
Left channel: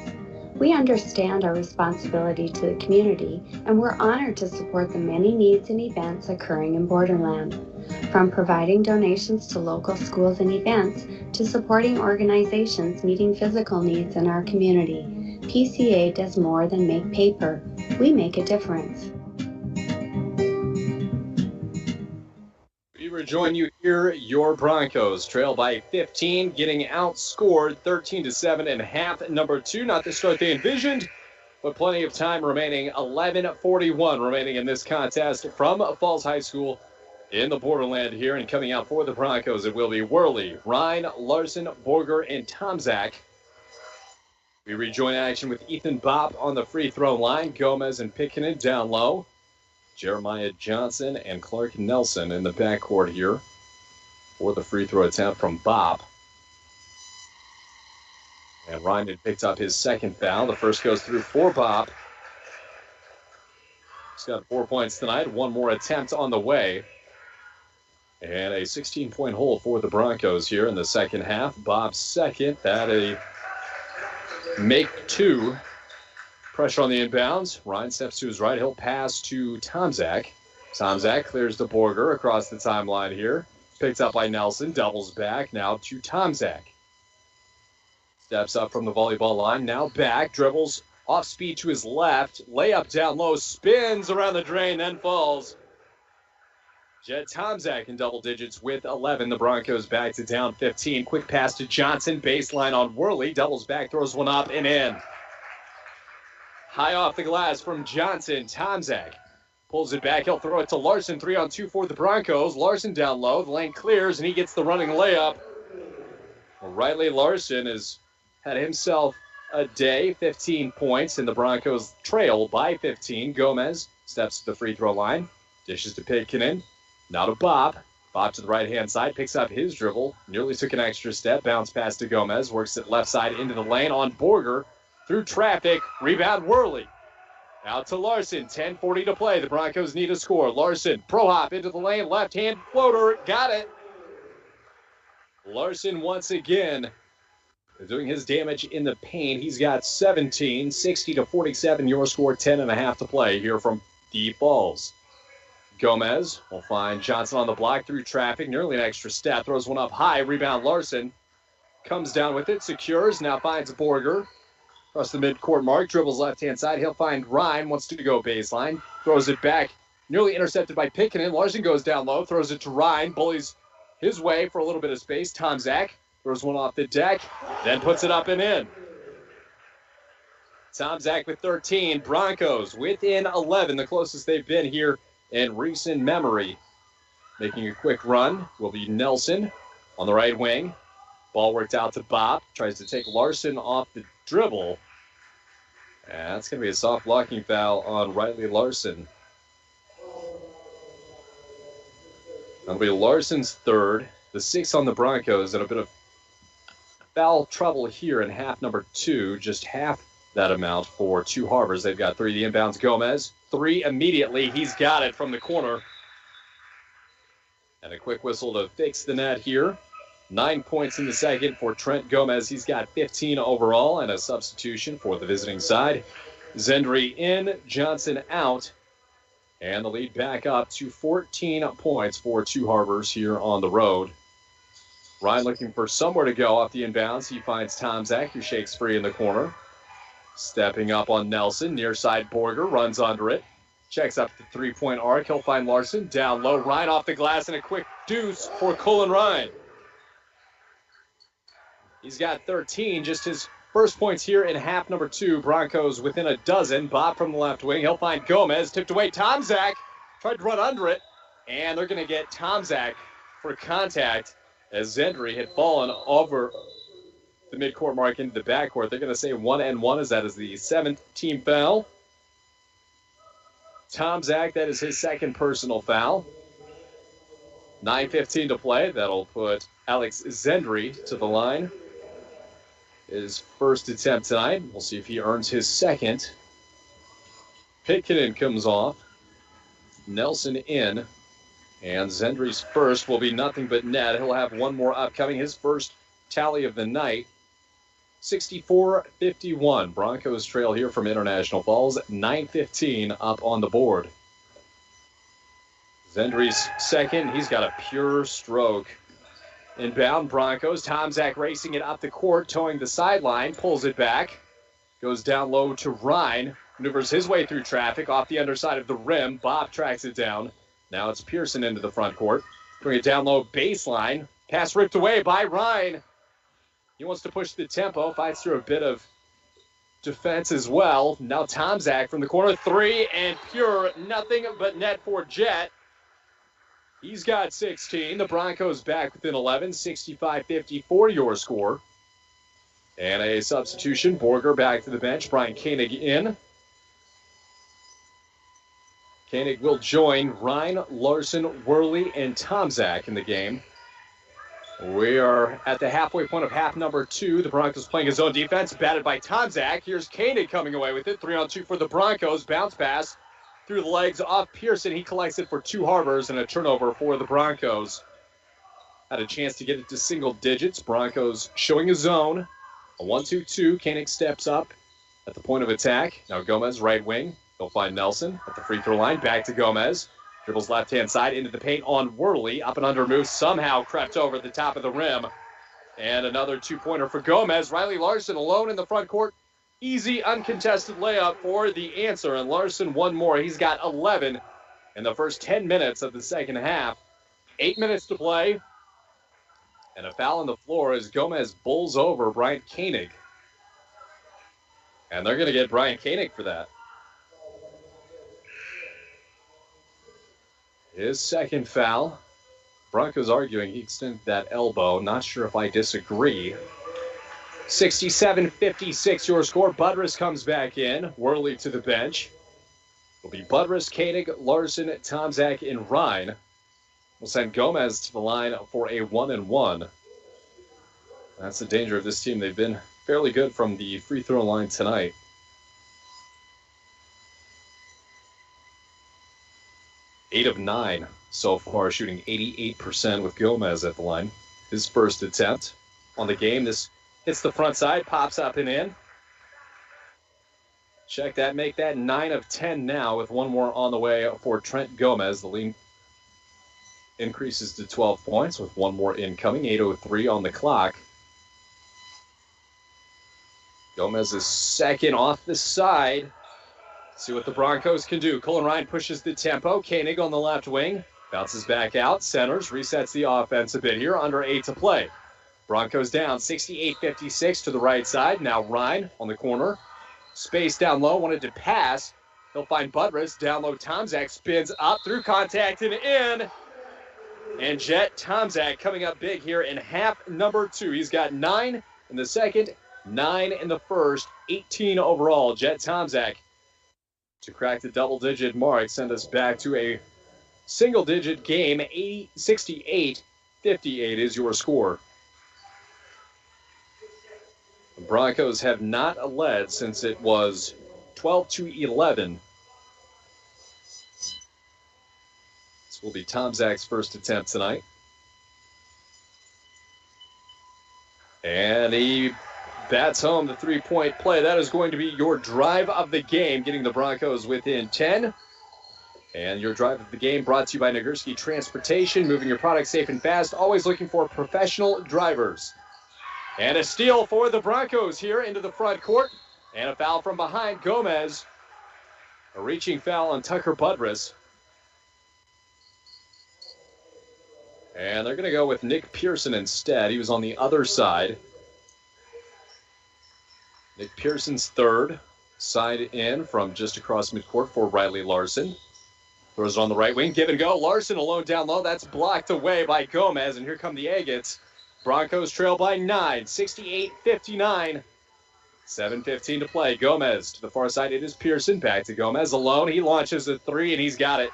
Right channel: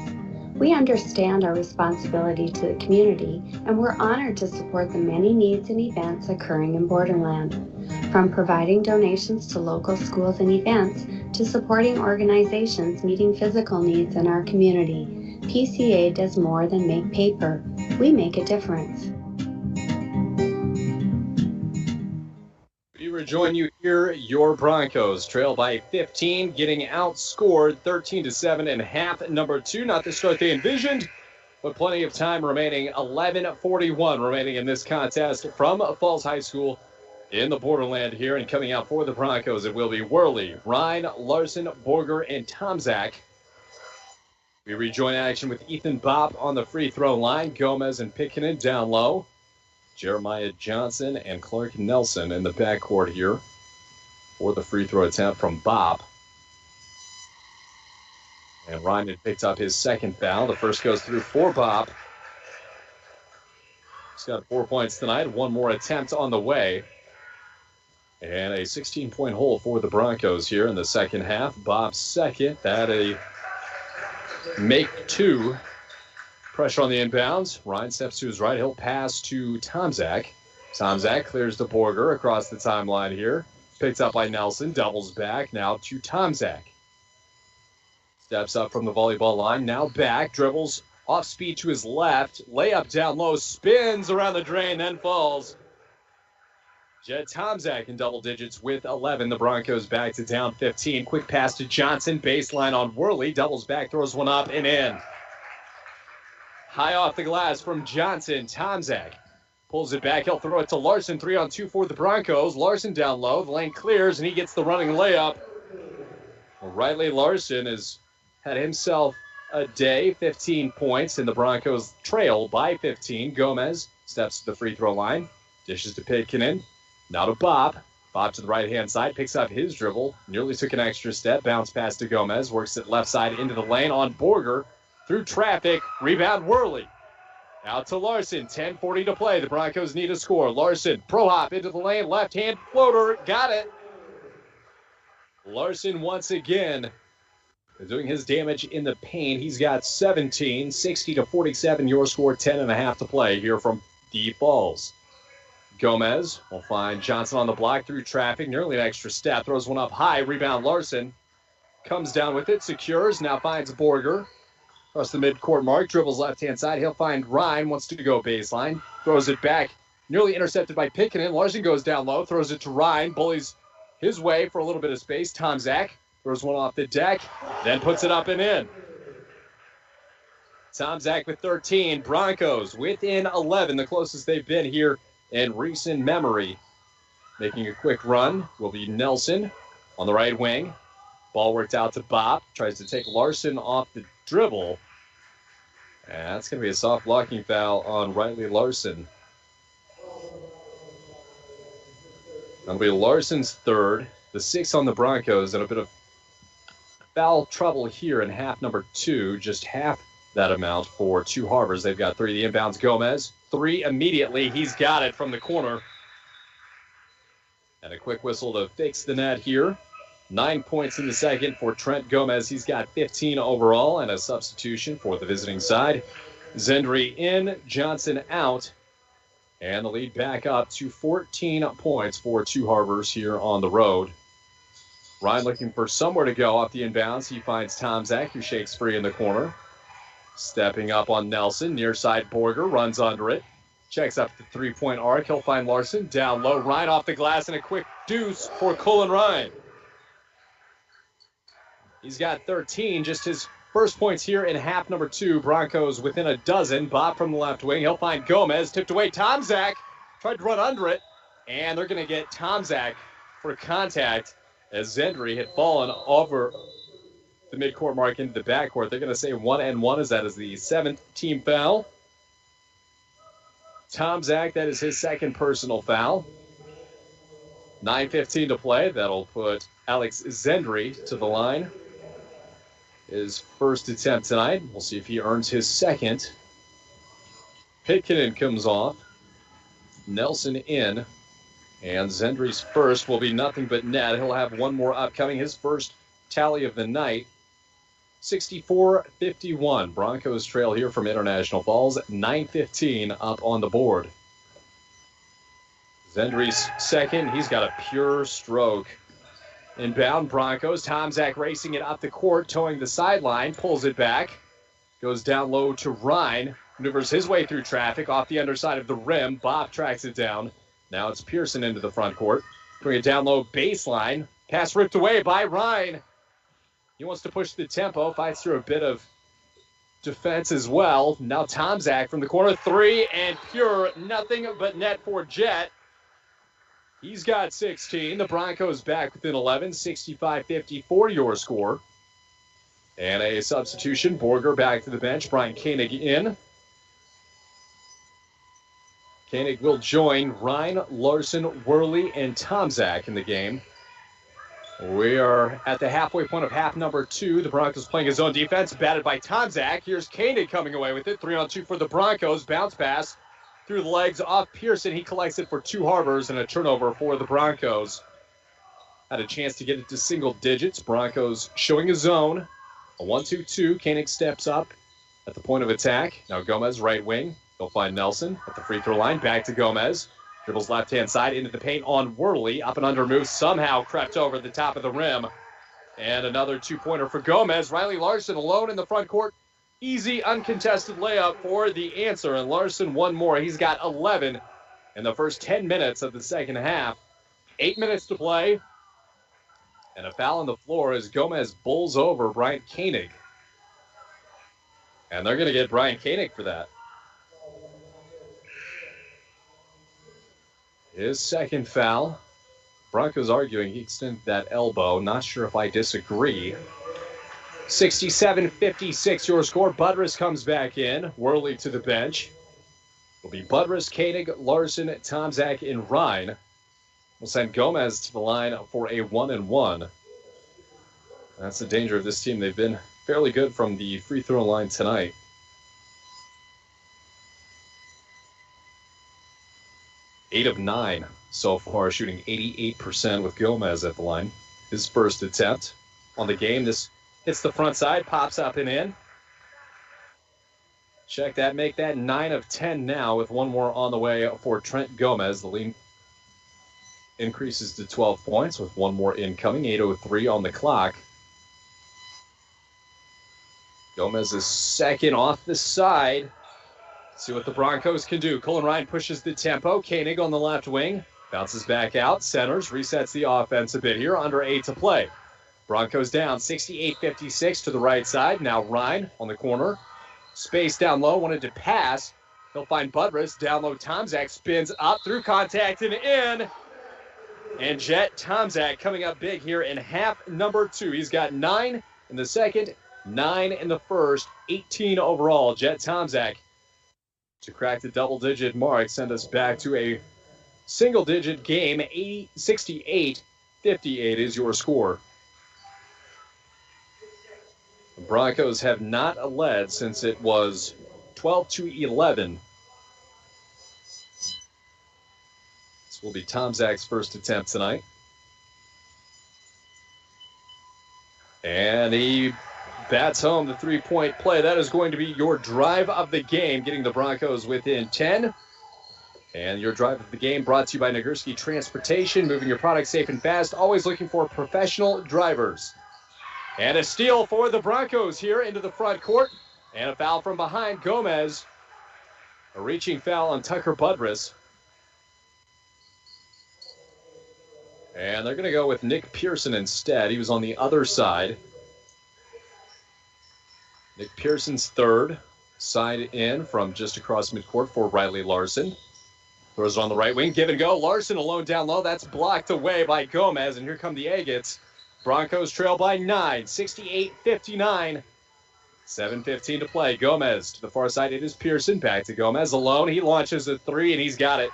We understand our responsibility to the community, and we're honored to support the many needs and events occurring in Borderland. From providing donations to local schools and events, to supporting organizations meeting physical needs in our community, PCA does more than make paper. We make a difference. We rejoin you here. Your Broncos trail by 15, getting outscored 13-7 in half number 2. Not the start they envisioned, But plenty of time remaining. 11:41 remaining in this contest from Falls High School in the Borderland here. And coming out for the Broncos, it will be Worley, Ryan, Larson, Borger, and Tomczak. We rejoin action with Ethan Bopp on the free throw line. Gomez and Pickenen down low. Jeremiah Johnson and Clark Nelson in the backcourt here for the free throw attempt from Bopp. And Ryan had picked up his second foul. The first goes through for Bopp. He's got 4 points tonight. One more attempt on the way. And a 16-point hole for the Broncos here in the second half. Bopp's second. That a make two. Pressure on the inbounds. Ryan steps to his right. He'll pass to Tomczak. Tomczak clears to Borger across the timeline here. Picked up by Nelson. Doubles back. Now to Tomczak. Steps up from the volleyball line. Now back. Dribbles off speed to his left. Layup down low. Spins around the drain. Then falls. Jed Tomczak in double digits with 11. The Broncos back to down 15. Quick pass to Johnson. Baseline on Worley. Doubles back. Throws one up and in. High off the glass from Johnson. Tomczak pulls it back. He'll throw it to Larson. 3-on-2 for the Broncos. Larson down low. The lane clears, and he gets the running layup. Well, Riley Larson has had himself a day. 15 points, and the Broncos trail by 15. Gomez steps to the free throw line. Dishes to Pickenen. Now to Bopp. Bopp to the right-hand side. Picks up his dribble. Nearly took an extra step. Bounce pass to Gomez. Works it left side into the lane on Borger. Through traffic, rebound Worley. Out to Larson, 10:40 to play. The Broncos need a score. Larson, pro hop into the lane, left-hand floater, got it. Larson once again doing his damage in the paint. He's got 17, 60-47, your score, 10.5 to play here from the Falls. Gomez will find Johnson on the block through traffic, nearly an extra step, throws one up high, rebound Larson. Comes down with it, secures, now finds Borger. Across the midcourt mark, dribbles left-hand side. He'll find Ryan, wants to go baseline. Throws it back, nearly intercepted by Pickenen. Larson goes down low, throws it to Ryan. Bullies his way for a little bit of space. Tomczak throws one off the deck, then puts it up and in. Tomczak with 13. Broncos within 11, the closest they've been here in recent memory. Making a quick run will be Nelson on the right wing. Ball worked out to Bopp. Tries to take Larson off the dribble. And that's going to be a soft blocking foul on Riley Larson. That'll be Larson's third. The 6 on the Broncos, and a bit of foul trouble here in half number 2. Just half that amount for Two Harbors. They've got 3. The inbounds Gomez. 3 immediately. He's got it from the corner. And a quick whistle to fix the net here. 9 points in the second for Trent Gomez. He's got 15 overall, and a substitution for the visiting side. Zendry in, Johnson out, and the lead back up to 14 points for Two Harbors here on the road. Ryan looking for somewhere to go off the inbounds. He finds Tomczak, who shakes free in the corner. Stepping up on Nelson, near side Borger, runs under it. Checks up the three-point arc. He'll find Larson down low. Ryan off the glass, and a quick deuce for Cullen Ryan. He's got 13, just his first points here in half number 2. Broncos within a dozen. Bopp from the left wing. He'll find Gomez. Tipped away. Tomczak tried to run under it. And they're going to get Tomczak for contact as Zendry had fallen over the midcourt mark into the backcourt. They're going to say 1-1 as that is the 7th team foul. Tomczak, that is his second personal foul. 9:15 to play. That'll put Alex Zendry to the line. His first attempt tonight. We'll see if he earns his second. Pickenen comes off. Nelson in. And Zendry's first will be nothing but net. He'll have one more upcoming. His first tally of the night. 64-51. Broncos trail here from International Falls. 9:15 up on the board. Zendry's second. He's got a pure stroke. Inbound Broncos. Tomczak racing it up the court, towing the sideline, pulls it back, goes down low to Ryan, maneuvers his way through traffic off the underside of the rim. Bopp tracks it down. Now it's Pearson into the front court. Bring it down low baseline. Pass ripped away by Ryan. He wants to push the tempo, fights through a bit of defense as well. Now Tomczak from the corner, three, and pure, nothing but net for Jet. He's got 16. The Broncos back within 11, 65-54 your score. And a substitution, Borger back to the bench, Brian Koenig in. Koenig will join Ryan, Larson, Worley, and Tomczak in the game. We are at the halfway point of half number 2. The Broncos playing his own defense, batted by Tomczak. Here's Koenig coming away with it. 3-on-2 for the Broncos. Bounce pass through the legs off Pearson. He collects it for 2 Harbors and a turnover for the Broncos. Had a chance to get it to single digits. Broncos showing a zone. A 1-2-2. Koenig steps up at the point of attack. Now Gomez, right wing. He'll find Nelson at the free throw line. Back to Gomez. Dribbles left-hand side into the paint on Worley. Up and under move. Somehow crept over the top of the rim. And another 2-pointer for Gomez. Riley Larson alone in the front court. Easy, uncontested layup for the answer. And Larson one more. He's got 11 in the first 10 minutes of the second half. 8 minutes to play. And a foul on the floor as Gomez bowls over Brian Koenig. And they're going to get Brian Koenig for that. His second foul. Broncos arguing he extended that elbow. Not sure if I disagree. 67-56 your score. Budrus comes back in. Worley to the bench. It'll be Budrus, Koenig, Larson, Tomczak, and Ryan. We'll send Gomez to the line for a 1-and-1. That's the danger of this team. They've been fairly good from the free throw line tonight. Eight of 9 so far, shooting 88% with Gomez at the line. His first attempt on the game. This hits the front side, pops up and in. Check that, make that 9 of 10 now with one more on the way for Trent Gomez. The lead increases to 12 points with one more incoming. 8:03 on the clock. Gomez is second off the side. See what the Broncos can do. Colin Ryan pushes the tempo. Koenig on the left wing. Bounces back out. Centers. Resets the offense a bit here. Under 8 to play. Broncos down 68-56 to the right side. Now Ryan on the corner. Space down low. Wanted to pass. He'll find Budrus. Down low. Tomczak spins up through contact and in. And Jet Tomczak coming up big here in half number 2. He's got 9 in the second, 9 in the first, 18 overall. Jet Tomczak to crack the double-digit mark, send us back to a single-digit game. 68-58 is your score. The Broncos have not led since it was 12-11. This will be Tomczak's first attempt tonight. And he bats home the three-point play. That is going to be your drive of the game, getting the Broncos within 10. And your drive of the game brought to you by Nagurski Transportation, moving your product safe and fast, always looking for professional drivers. And a steal for the Broncos here into the front court. And a foul from behind Gomez. A reaching foul on Tucker Budrus. And they're going to go with Nick Pearson instead. He was on the other side. Nick Pearson's third. Side in from just across midcourt for Riley Larson. Throws it on the right wing. Give and go. Larson alone down low. That's blocked away by Gomez. And here come the Agates. Broncos trail by 9. 68-59. 7:15 to play. Gomez to the far side. It is Pearson. Back to Gomez alone. He launches a three and he's got it.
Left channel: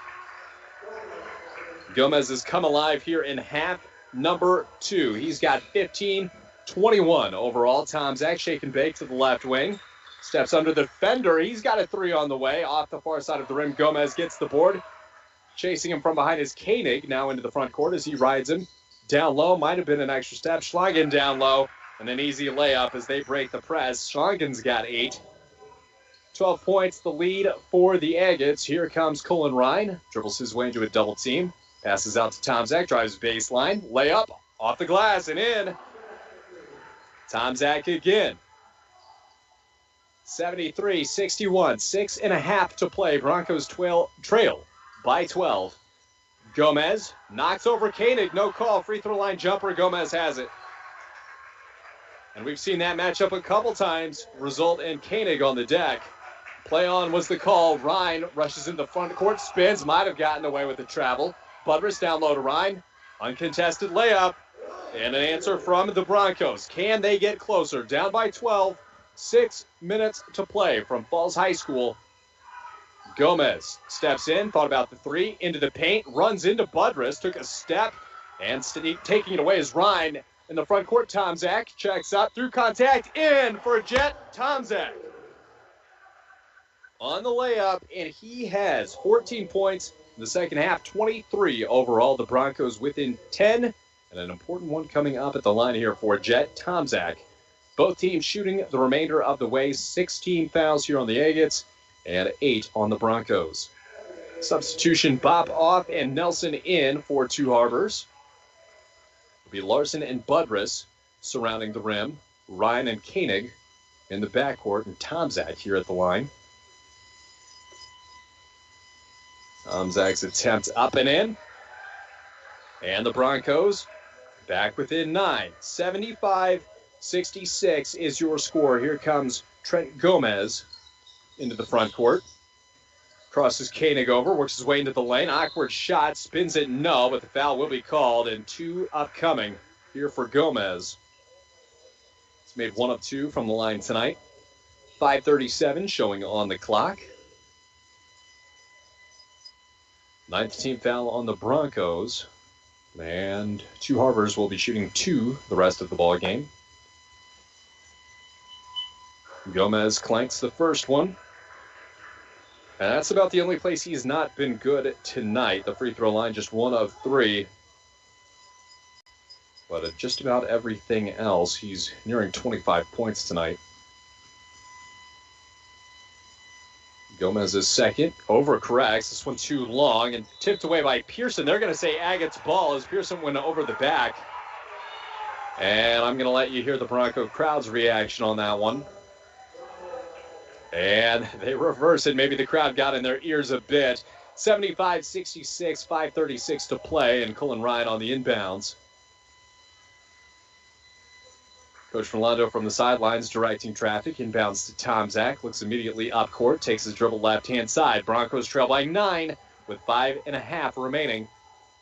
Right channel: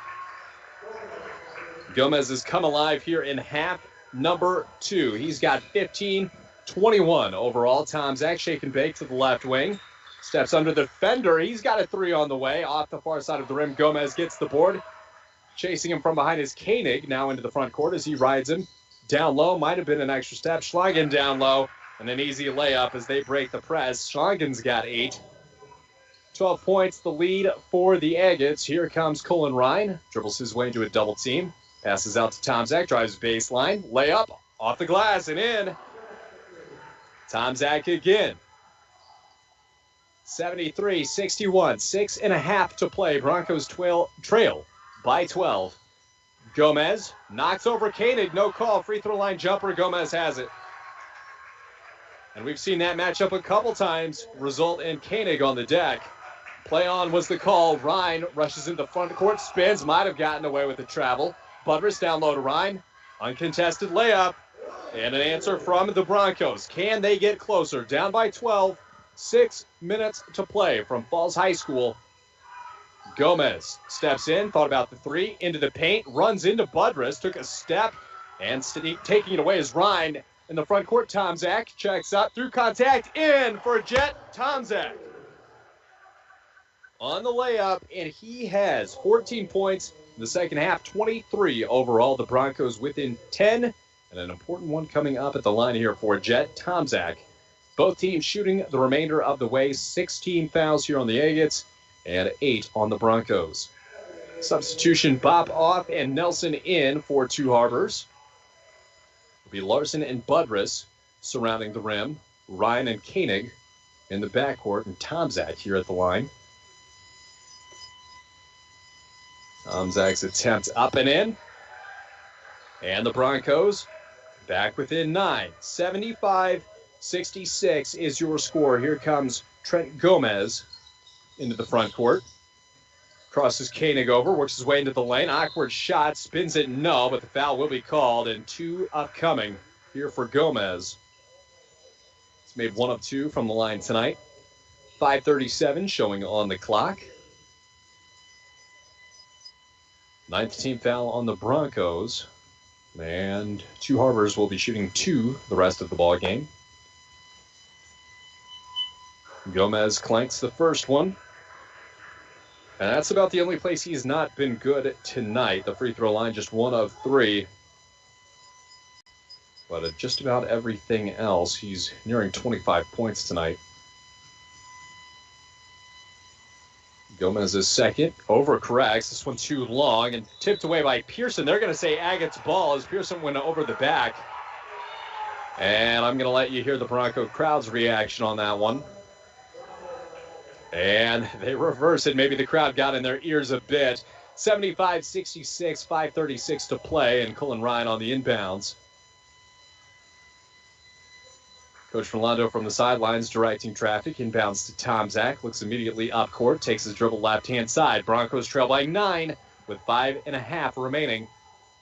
Gomez has come alive here in half number 2. He's got 15-21 overall. Tomczak shake and bake to the left wing. Steps under the defender. He's got a three on the way. Off the far side of the rim. Gomez gets the board. Chasing him from behind is Koenig. Now into the front court as he rides him. Down low. Might have been an extra step. Schlangen down low. And an easy layup as they break the press. Schlangen's got 8. 12 points the lead for the Agates. Here comes Colin Ryan. Dribbles his way into a double team. Passes out to Tomczak, drives baseline, layup, off the glass and in. Tomczak again. 73-61, 6.5 to play. Broncos trail by 12. Gomez knocks over Koenig, no call. Free throw line jumper, Gomez has it. And we've seen that matchup a couple times result in Koenig on the deck. Play on was the call. Ryan rushes into the front court, spins, might have gotten away with the travel. Budrus down low to Ryan. Uncontested layup. And an answer from the Broncos. Can they get closer? Down by 12. 6 minutes to play from Falls High School. Gomez steps in, thought about the three, into the paint, runs into Budrus, took a step, and taking it away is Ryan. In the front court, Tomczak checks out through contact, in for Jet Tomczak. On the layup, and he has 14 points in the second half, 23 overall. The Broncos within 10, and an important one coming up at the line here for Jet Tomczak. Both teams shooting the remainder of the way. 16 fouls here on the Agates and 8 on the Broncos. Substitution, Bob off and Nelson in for Two Harbors. It'll be Larson and Budrus surrounding the rim. Ryan and Koenig in the backcourt, and Tomczak here at the line. Tomczak's attempt up and in. And the Broncos back within 9. 75-66 is your score. Here comes Trent Gomez into the front court. Crosses Koenig over, works his way into the lane. Awkward shot, spins it, no, but the foul will be called, and 2 upcoming here for Gomez. He's made 1 of 2 from the line tonight. 5:37 showing on the clock. 9th team foul on the Broncos. And Two Harbors will be shooting 2 the rest of the ball game. Gomez clanks the first one. And that's about the only place he's not been good tonight. The free throw line just 1 of 3. But at just about everything else, he's nearing 25 points tonight. Gomez's second, overcorrects. This one too long and tipped away by Pearson. They're going to say Agate's ball as Pearson went over the back. And I'm going to let you hear the Bronco crowd's reaction on that one. And they reverse it. Maybe the crowd got in their ears a bit. 75-66, 5:36 to play, and Cullen Ryan on the inbounds. Coach Rolando from the sidelines directing traffic. Inbounds to Tomczak. Looks immediately up court. Takes his dribble left-hand side. Broncos trail by 9 with 5.5 remaining.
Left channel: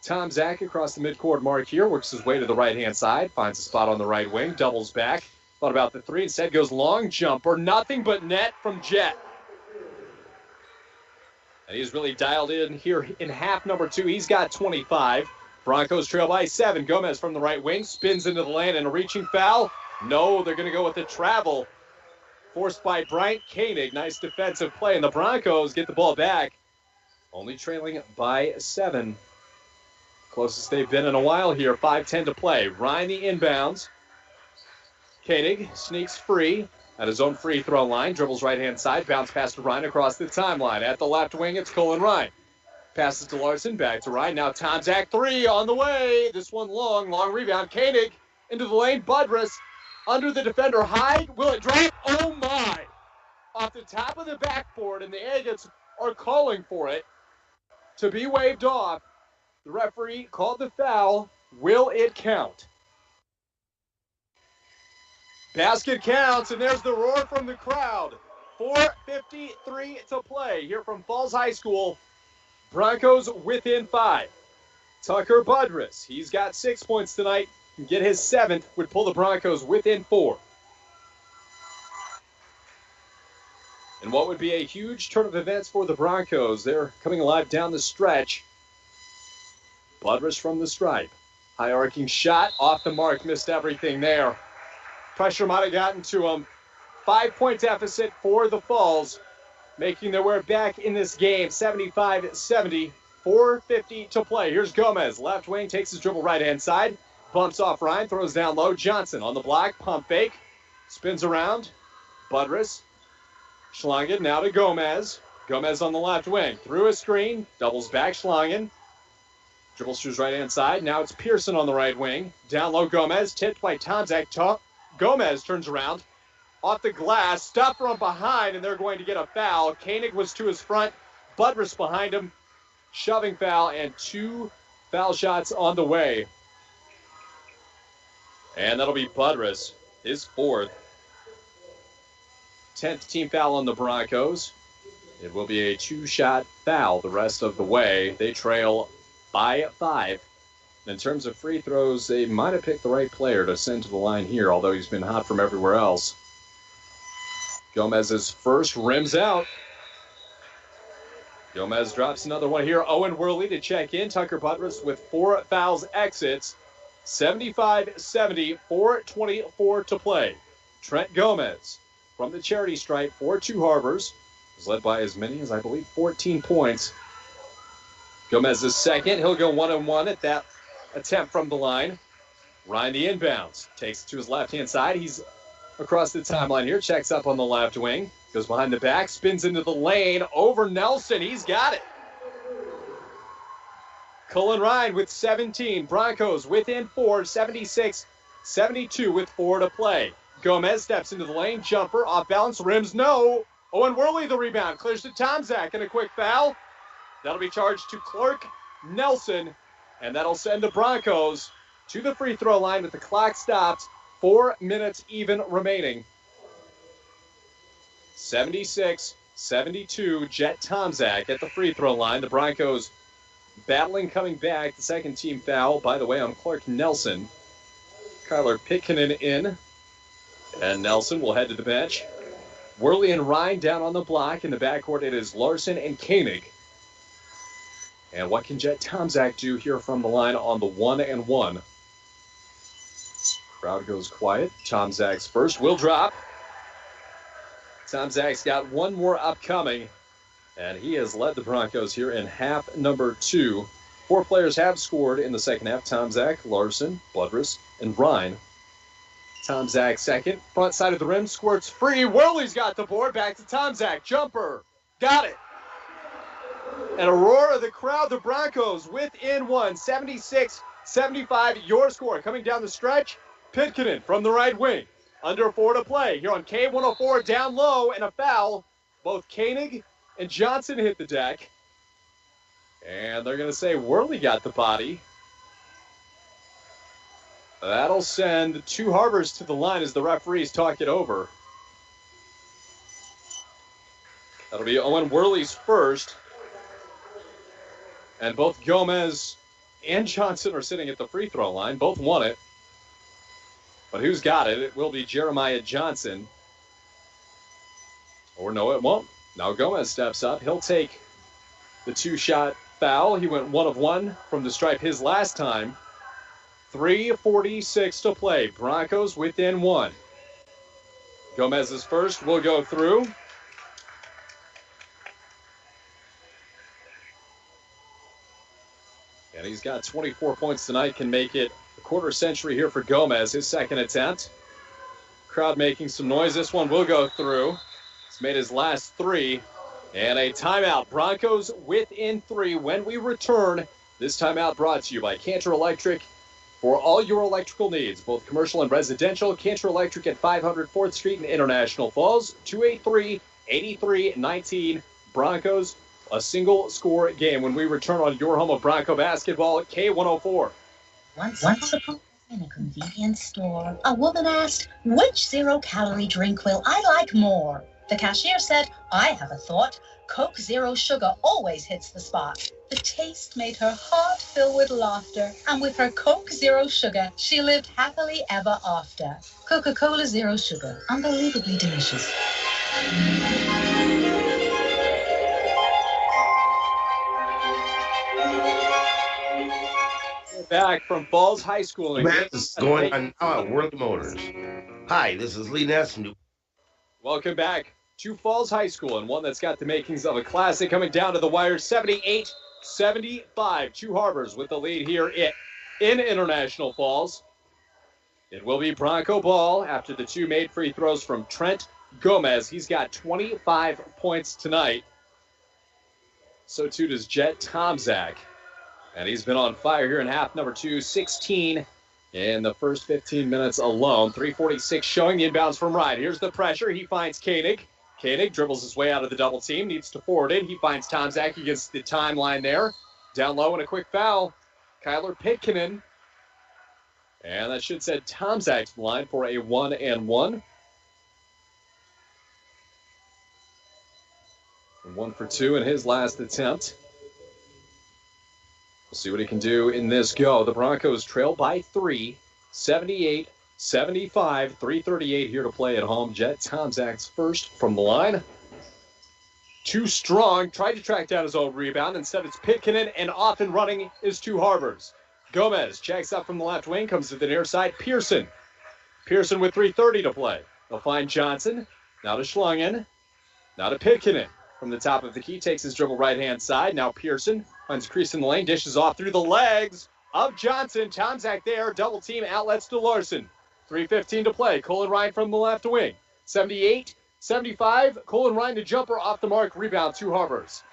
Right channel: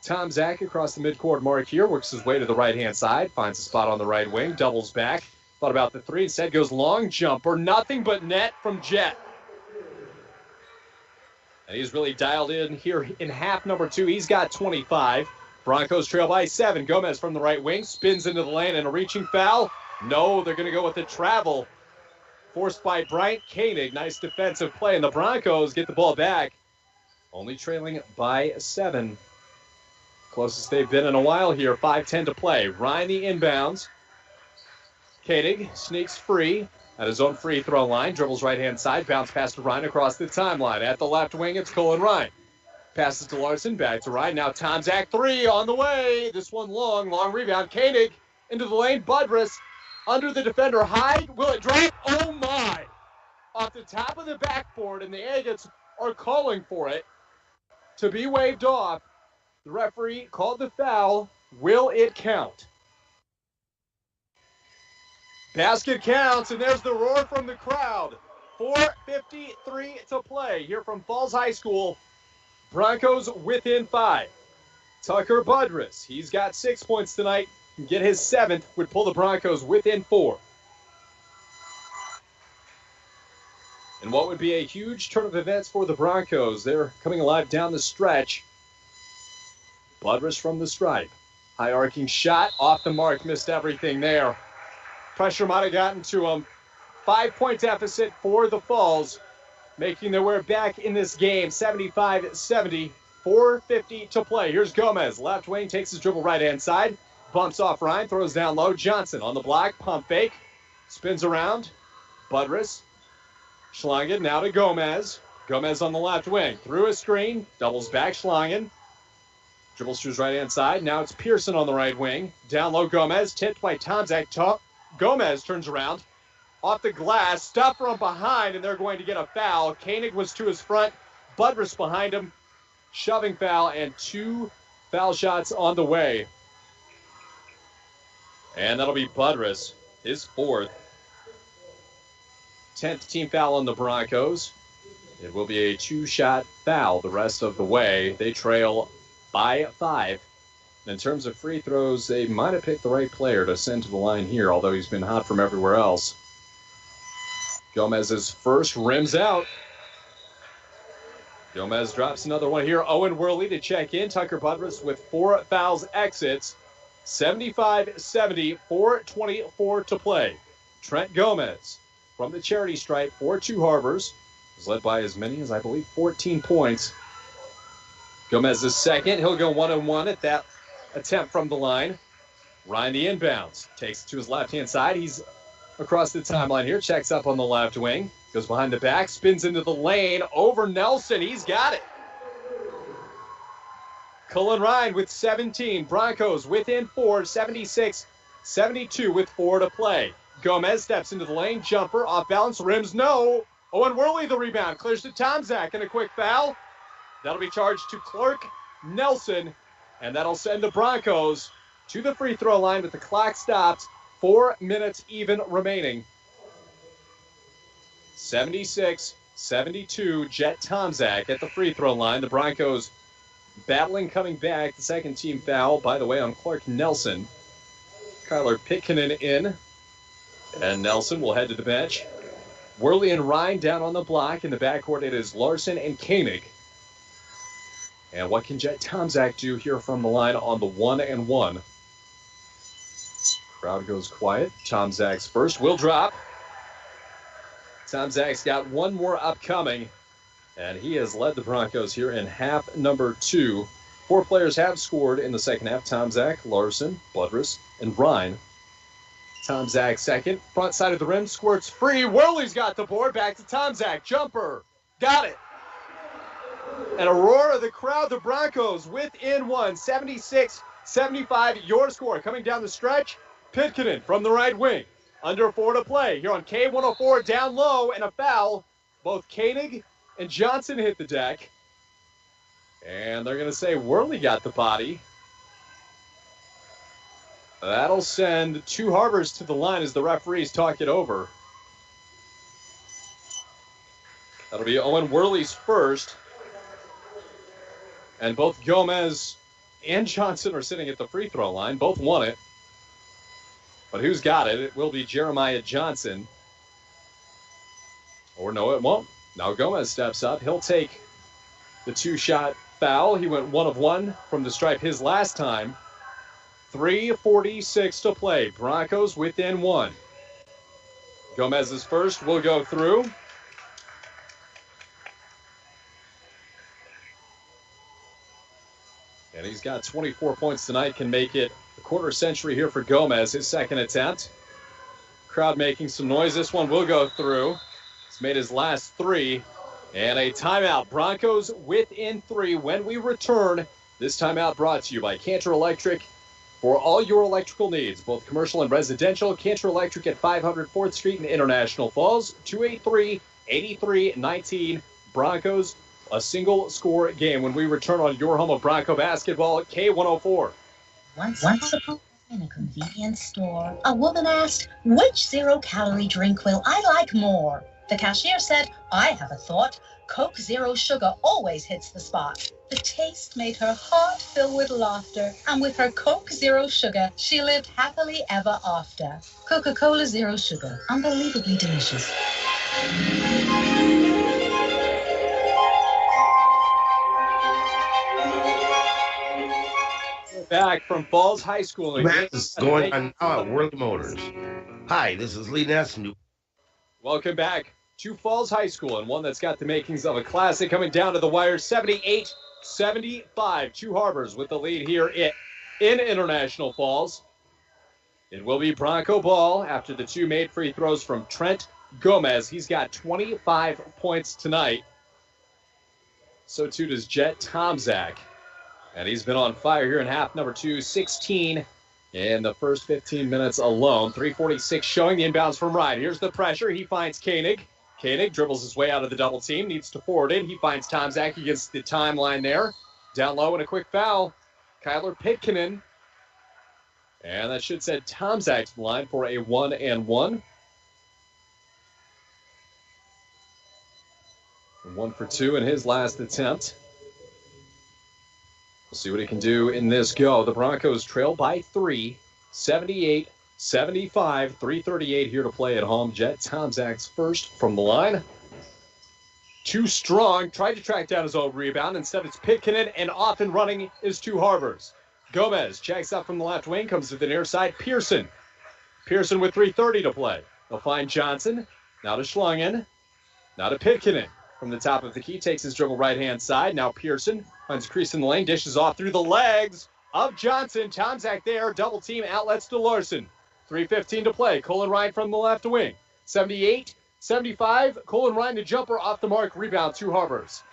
Tomczak across the midcourt mark here. Works his way to the right-hand side. Finds a spot on the right wing. Doubles back. Thought about the three. Instead goes long jumper. Nothing but net from Jet. And he's really dialed in here in half number 2. He's got 25. Broncos trail by 7. Gomez from the right wing. Spins into the lane and a reaching foul. No, they're going to go with the travel. Forced by Bryant Koenig. Nice defensive play. And the Broncos get the ball back. Only trailing by 7. Closest they've been in a while here. 5:10 to play. Ryan the inbounds. Koenig sneaks free at his own free throw line. Dribbles right-hand side. Bounce pass to Ryan across the timeline. At the left wing, it's Cullen Ryan. Passes to Larson. Back to Ryan. Now Tomczak 3 on the way. This one long rebound. Koenig into the lane. Budrus under the defender. Hyde. Will it drop? Oh, my. Off the top of the backboard, and the Agates are calling for it to be waved off. The referee called the foul. Will it count? Basket counts, and there's the roar from the crowd. 4:53 to play here from Falls High School. Broncos within 5. Tucker Budrus, he's got 6 points tonight. Get his 7th, would pull the Broncos within 4. And what would be a huge turn of events for the Broncos. They're coming alive down the stretch. Budrus from the stripe. High arcing shot, off the mark, missed everything there. Pressure might have gotten to him. 5-point deficit for the Falls, making their way back in this game. 75-70, 4:50 to play. Here's Gomez, left wing, takes his dribble right-hand side. Bumps off Ryan, throws down low. Johnson on the block, pump fake. Spins around. Budrus. Schlangen now to Gomez. Gomez on the left wing. Through a screen. Doubles back Schlangen. Dribbles to his right-hand side. Now it's Pearson on the right wing. Down low Gomez. Tipped by Tomczak. Gomez turns around. Off the glass. Stuff from behind, and they're going to get a foul. Koenig was to his front. Budrus behind him. Shoving foul, and 2 foul shots on the way. And that'll be Budrus, his fourth. 10th team foul on the Broncos. It will be a 2-shot foul the rest of the way. They trail by 5. In terms of free throws, they might have picked the right player to send to the line here, although he's been hot from everywhere else. Gomez's first rims out. Gomez drops another one here. Owen Worley to check in. Tucker Budrus with 4 fouls exits. 75-70, 4:24 to play. Trent Gomez from the charity stripe for Two Harbors is led by as many as, I believe, 14 points. Gomez is second. He'll go 1-1 at that attempt from the line. Ryan the inbounds. Takes it to his left-hand side. He's across the timeline here. Checks up on the left wing. Goes behind the back. Spins into the lane. Over Nelson. He's got it. Cullen Ryan with 17. Broncos within 4. 76-72 with 4 to play. Gomez steps into the lane. Jumper. Off balance. Rims. No. Owen Worley the rebound. Clears to Tomczak and a quick foul. That'll be charged to Clark Nelson. And that'll send the Broncos to the free throw line with the clock stopped. 4 minutes even remaining. 76-72. Jet Tomczak at the free throw line. The Broncos battling coming back. The second team foul, by the way, on Clark Nelson. Kyler Pitkinen in. And Nelson will head to the bench. Worley and Ryan down on the block. In the backcourt, it is Larson and Koenig. And what can Jet Tomczak do here from the line on the 1-1? Crowd goes quiet. Tomczak's first will drop. Tomczak's got one more upcoming. And he has led the Broncos here in half number 2. 4 players have scored in the second half. Tomczak, Larson, Budrus, and Ryan. Tomczak second. Front side of the rim. Squirts free. Worley's got the board. Back to Tomczak. Jumper. Got it. And a roar of the crowd. The Broncos within 1. 76-75. Your score. Coming down the stretch. Pitkinen from the right wing. Under 4 to play. Here on K104. Down low. And a foul. Both Koenig and Johnson hit the deck. And they're going to say Worley got the body. That'll send Two Harbors to the line as the referees talk it over. That'll be Owen Worley's first. And both Gomez and Johnson are sitting at the free throw line. Both won it. But who's got it? It will be Jeremiah Johnson. Or no, it won't. Now Gomez steps up. He'll take the 2-shot foul. He went 1 of 1 from the stripe his last time. 3:46 to play. Broncos within 1. Gomez's first will go through. And he's got 24 points tonight. Can make it a quarter century here for Gomez. His second attempt. Crowd making some noise. This one will go through. He's made his last 3. And a timeout. Broncos within 3 when we return. This timeout brought to you by Cantor Electric. For all your electrical needs, both commercial and residential, Cantor Electric at 500 4th Street in International Falls, 283-8319. Broncos, a single score game when we return on your home of Bronco basketball at K104. Once upon in a convenience store, a woman asked, which zero-calorie drink will I like more? The cashier said, I have a thought. Coke Zero Sugar always hits the spot. The taste made her heart fill with laughter, and with her Coke Zero Sugar, she lived happily ever after. Coca-Cola Zero Sugar, unbelievably delicious. Back from Falls High School. This is going on now at Worley Motors. Hi, this is Lee Ness. Welcome back to Falls High School, and one that's got the makings of a classic coming down to the wire. 78-75. Two Harbors with the lead here in International Falls. It will be Bronco ball after the 2 made free throws from Trent Gomez. He's got 25 points tonight. So too does Jet Tomczak. And he's been on fire here in half number 2, 16 in the first 15 minutes alone. 3:46 showing the inbounds from Ryan. Here's the pressure. He finds Koenig. Koenig dribbles his way out of the double team, needs to forward it. He finds Tomczak against the timeline there. Down low and a quick foul. Kyler Pitkinen. And that should send Tomczak to the line for a 1-and-1. 1 for 2 in his last attempt. We'll see what he can do in this go. The Broncos trail by 3, 78-75, 3:38 here to play at home. Jet Tomczak's first from the line. Too strong, tried to track down his own rebound. Instead, it's Pitkanen, and off and running is Two Harbors. Gomez checks up from the left wing, comes to the near side. Pearson with 3:30 to play. They'll find Johnson. Now to Schlungen. Now to Pitkanen. From the top of the key, takes his dribble right-hand side. Now Pearson finds a crease in the lane, dishes off through the legs of Johnson. Tomczak there, double team, outlets to Larson. 3:15 to play. Colin Ryan from the left wing. 78-75. Colin Ryan, the jumper off the mark. Rebound, Two Harbors.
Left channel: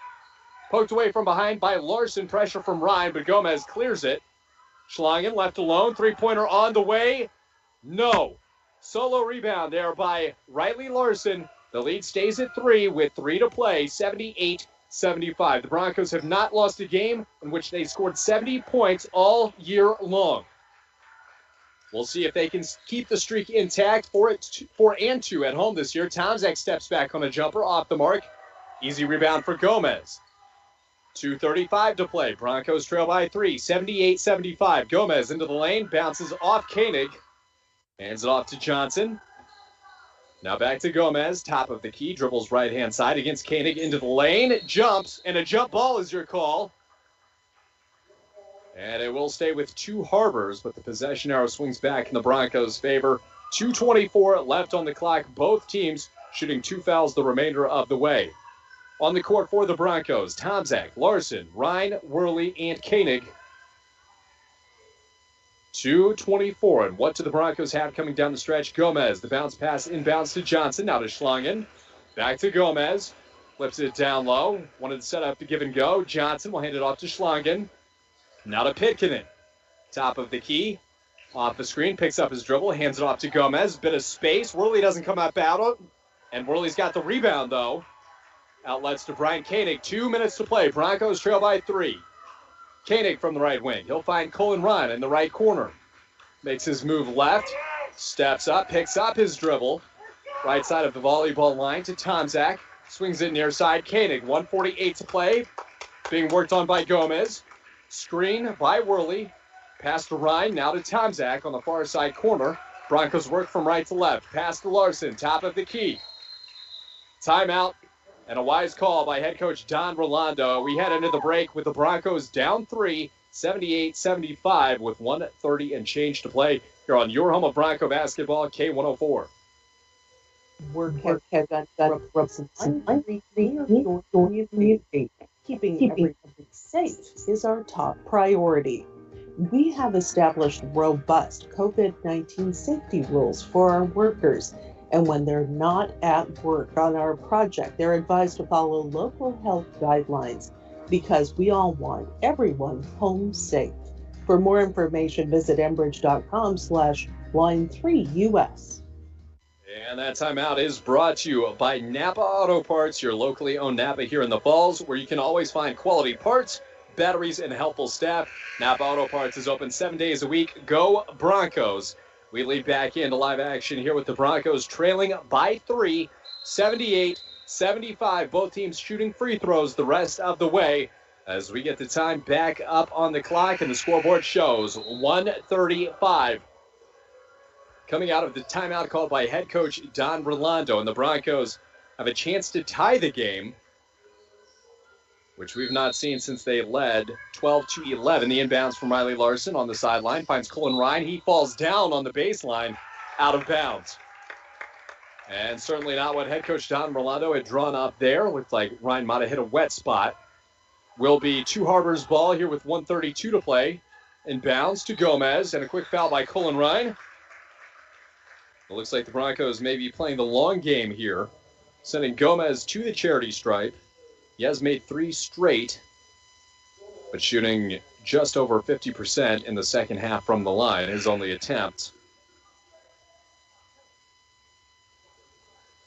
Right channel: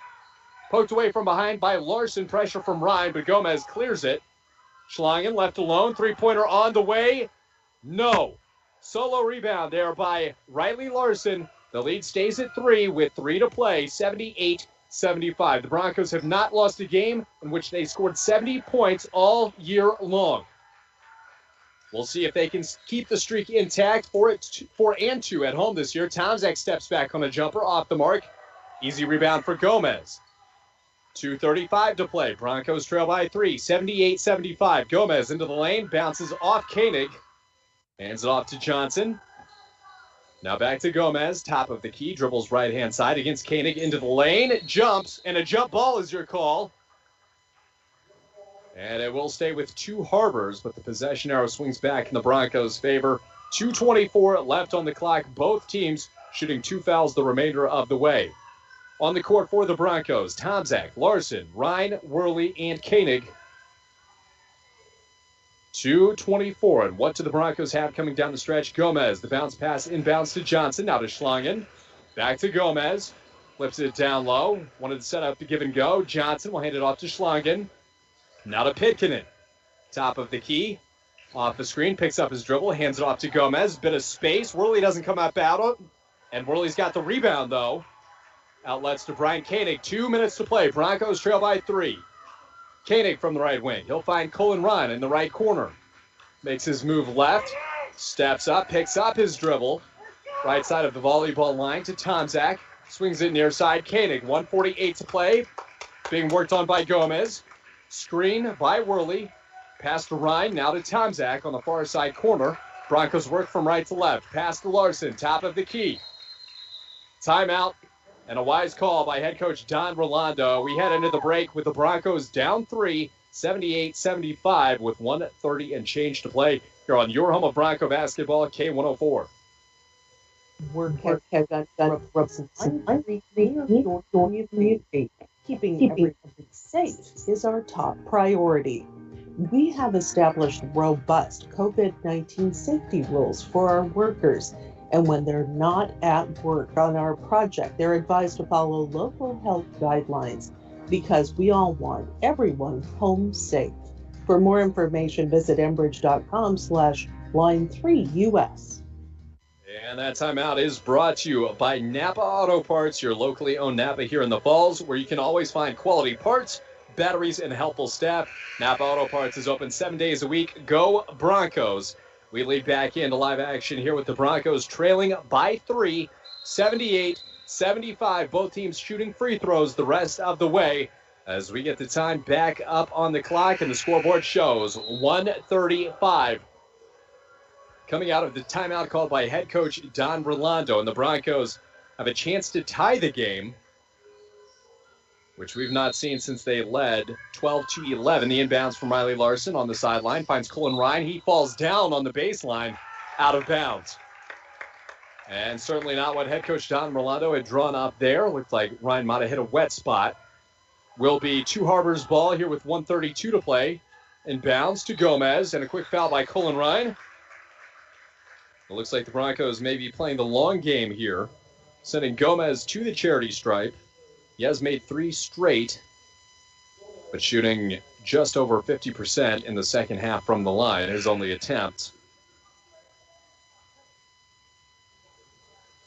Poked away from behind by Larson. Pressure from Ryan, but Gomez clears it. Schlungen left alone. Three-pointer on the way. No. Solo rebound there by Riley Larson. The lead stays at 3 with 3 to play, 78-75. The Broncos have not lost a game in which they scored 70 points all year long. We'll see if they can keep the streak intact. 4-2 at home this year. Tomczak steps back on a jumper off the mark. Easy rebound for Gomez. 2:35 to play. Broncos trail by 3, 78-75. Gomez into the lane, bounces off Koenig. Hands it off to Johnson. Now back to Gomez, top of the key, dribbles right-hand side against Koenig into the lane, jumps, and a jump ball is your call. And it will stay with Two Harbors, but the possession arrow swings back in the Broncos' favor. 2:24 left on the clock, both teams shooting 2 fouls the remainder of the way. On the court for the Broncos, Tomczak, Larson, Ryan, Worley, and Koenig. 2:24, and what do the Broncos have coming down the stretch? Gomez, the bounce pass inbounds to Johnson, now to Schlungen. Back to Gomez, flips it down low, wanted to set up the give and go. Johnson will hand it off to Schlungen. Now to Pitkanen, top of the key, off the screen, picks up his dribble, hands it off to Gomez, bit of space. Worley doesn't come up out, and Worley's got the rebound though. Outlets to Brian Koenig, 2 minutes to play. Broncos trail by 3. Koenig from the right wing. He'll find Colin Ryan in the right corner. Makes his move left. Steps up, picks up his dribble. Right side of the volleyball line to Tomczak. Swings it near side. Koenig, 1:48 to play. Being worked on by Gomez. Screen by Worley. Pass to Ryan, now to Tomczak on the far side corner. Broncos work from right to left. Pass to Larson, top of the key. Timeout. And a wise call by head coach Don Rolando. We head into the break with the Broncos down 3, 78-75 with 1:30 and change to play here on your home of Bronco basketball, K104. Work has done Keeping everyone safe is our top priority. We have established robust COVID-19 safety rules for our workers. And when they're not at work on our project, they're advised to follow local health guidelines because we all want everyone home safe. For more information, visit enbridge.com/line3US. And that timeout is brought to you by Napa Auto Parts, your locally owned Napa here in the Falls, where you can always find quality parts, batteries, and helpful staff. Napa Auto Parts is open 7 days a week. Go Broncos! We lead back into live action here with the Broncos trailing by 3, 78-75. Both teams shooting free throws the rest of the way as we get the time back up on the clock, and the scoreboard shows 1:35. Coming out of the timeout called by head coach Don Rolando, and the Broncos have a chance to tie the game, which we've not seen since they led 12-11. The inbounds from Riley Larson on the sideline finds Colin Ryan. He falls down on the baseline, out of bounds. And certainly not what head coach Don Rolando had drawn up there. Looked like Ryan might have hit a wet spot. Will be Two Harbors ball here with 1:32 to play. Inbounds to Gomez, and a quick foul by Colin Ryan. It looks like the Broncos may be playing the long game here, sending Gomez to the charity stripe. He has made 3 straight, but shooting just over 50% in the second half from the line, his only attempt.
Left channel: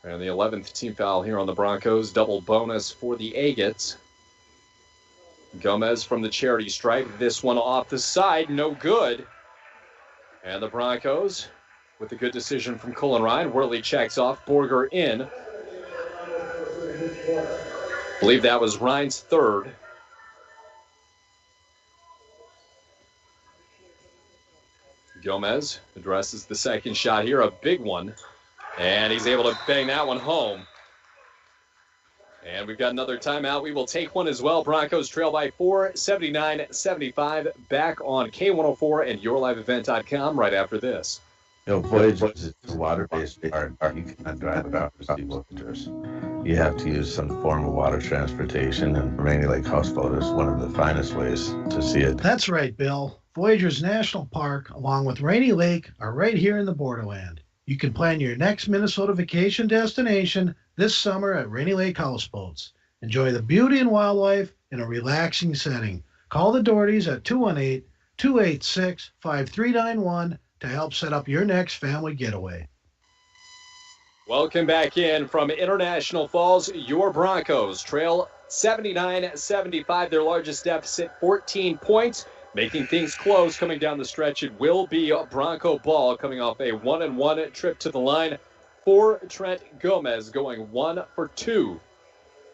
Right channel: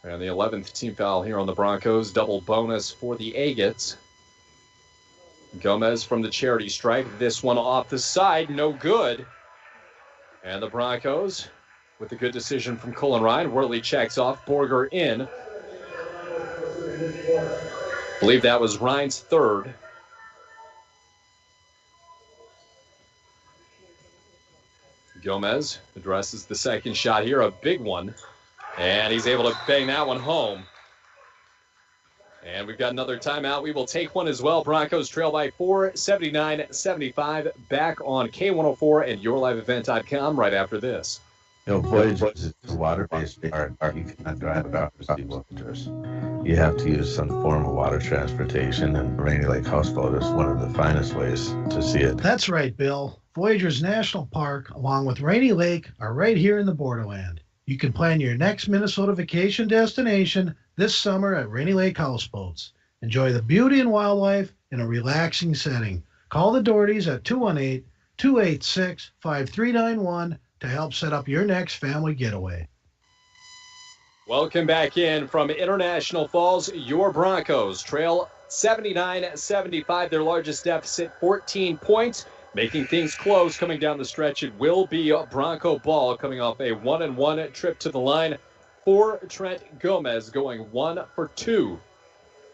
And the 11th team foul here on the Broncos, double bonus for the Agates. Gomez from the charity stripe, this one off the side, no good. And the Broncos with a good decision from Cullen Ryan. Worley checks off, Borger in. I believe that was Ryan's third. Gomez addresses the second shot here, a big one. And he's able to bang that one home. And we've got another timeout. We will take one as well. Broncos trail by 4, 79-75. Back on K104 and YourLiveEvent.com right after this. Voyagers is a water-based park. You cannot drive without Voyagers. You have to use some form of water transportation, and Rainy Lake Houseboat is one of the finest ways to see it. That's right, Bill. Voyagers National Park, along with Rainy Lake, are right here in the borderland. You can plan your next Minnesota vacation destination this summer at Rainy Lake Houseboats. Enjoy the beauty and wildlife in a relaxing setting. Call the Dohertys at 218-286-5391 to help set up your next family getaway. Welcome back in from International Falls. Your Broncos trail 79-75, their largest deficit, 14 points. Making things close coming down the stretch. It will be a Bronco ball coming off a 1-and-1 trip to the line for Trent Gomez, going 1 for 2.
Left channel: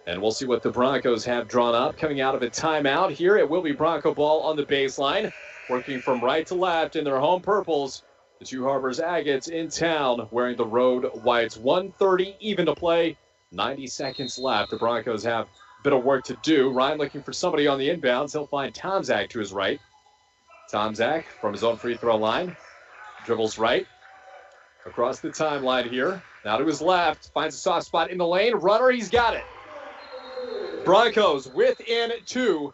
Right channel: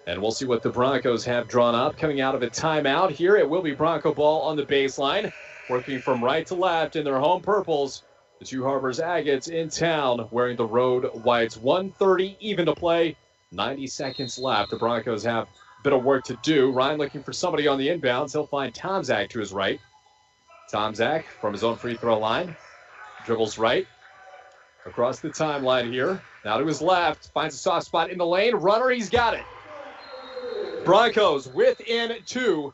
And we'll see what the Broncos have drawn up coming out of a timeout. Here it will be Bronco ball on the baseline, working from right to left in their home purples. The Two Harbors Agates in town wearing the road whites. 1:30 even to play, 90 seconds left. The Broncos have a bit of work to do. Ryan looking for somebody on the inbounds. He'll find Tomczak to his right. Tomczak from his own free throw line. Dribbles right. Across the timeline here. Now to his left. Finds a soft spot in the lane. Runner, he's got it. Broncos within 2.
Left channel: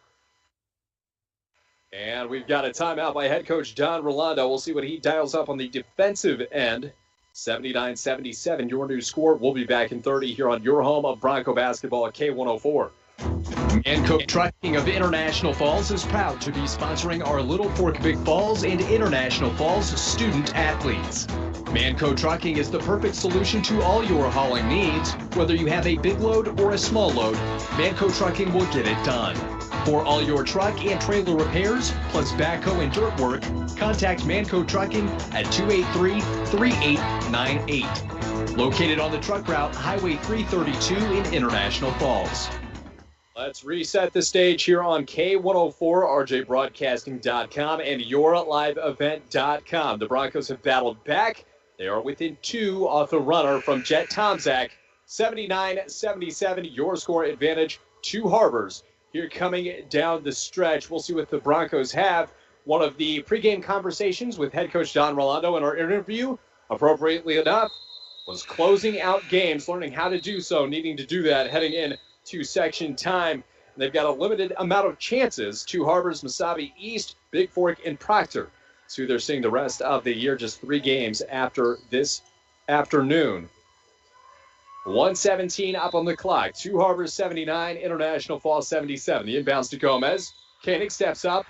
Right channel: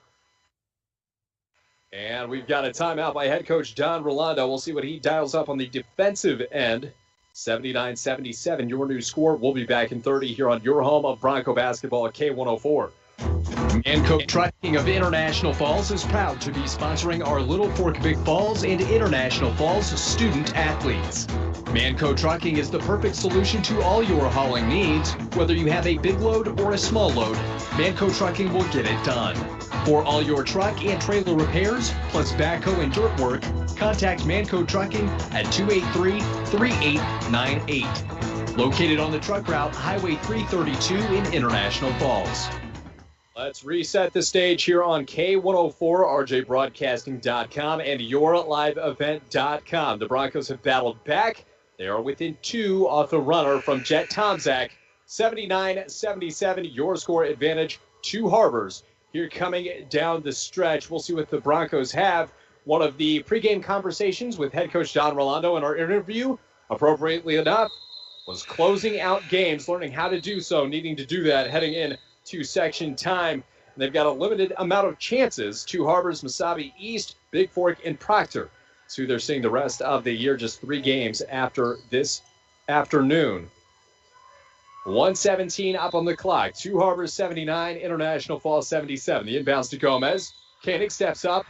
And we've got a timeout by head coach Don Rolando. We'll see what he dials up on the defensive end. 79-77, your new score. We'll be back in 30 here on your home of Bronco basketball at K104. Manco Trucking of International Falls is proud to be sponsoring our Little Fork Big Falls and International Falls student athletes. Manco Trucking is the perfect solution to all your hauling needs. Whether you have a big load or a small load, Manco Trucking will get it done. For all your truck and trailer repairs, plus backhoe and dirt work, contact Manco Trucking at 283-3898. Located on the truck route, Highway 332 in International Falls. Let's reset the stage here on K104, RJBroadcasting.com, and YourLiveEvent.com. The Broncos have battled back. They are within 2 off the runner from Jet Tomczak. 79-77, your score advantage. Two Harbors here coming down the stretch. We'll see what the Broncos have. One of the pregame conversations with head coach Don Rolando in our interview, appropriately enough, was closing out games, learning how to do so, needing to do that heading in to section time. And they've got a limited amount of chances. Two Harbors, Mesabi East, Big Fork, and Proctor. It's who they're seeing the rest of the year, just 3 games after this afternoon. 1:17 up on the clock. Two Harbors 79, International Falls 77. The inbounds to Gomez. Koenig steps up,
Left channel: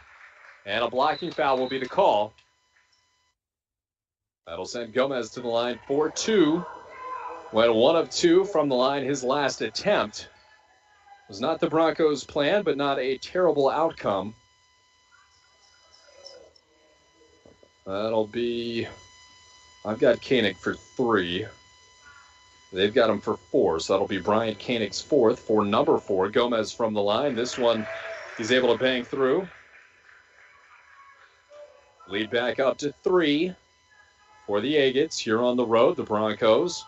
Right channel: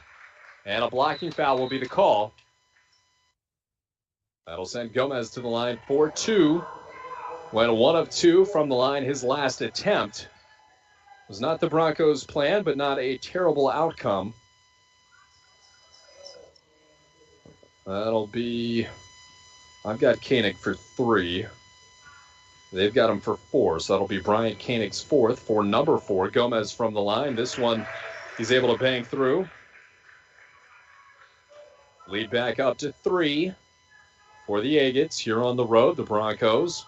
and a blocking foul will be the call. That'll send Gomez to the line for 2. Went 1 of 2 from the line his last attempt. Was not the Broncos' plan, but not a terrible outcome. That'll be, I've got Koenig for 3. They've got him for 4, so that'll be Bryant Koenig's 4th for number 4. Gomez from the line. This one he's able to bang through. Lead back up to 3 for the Agates here on the road, the Broncos.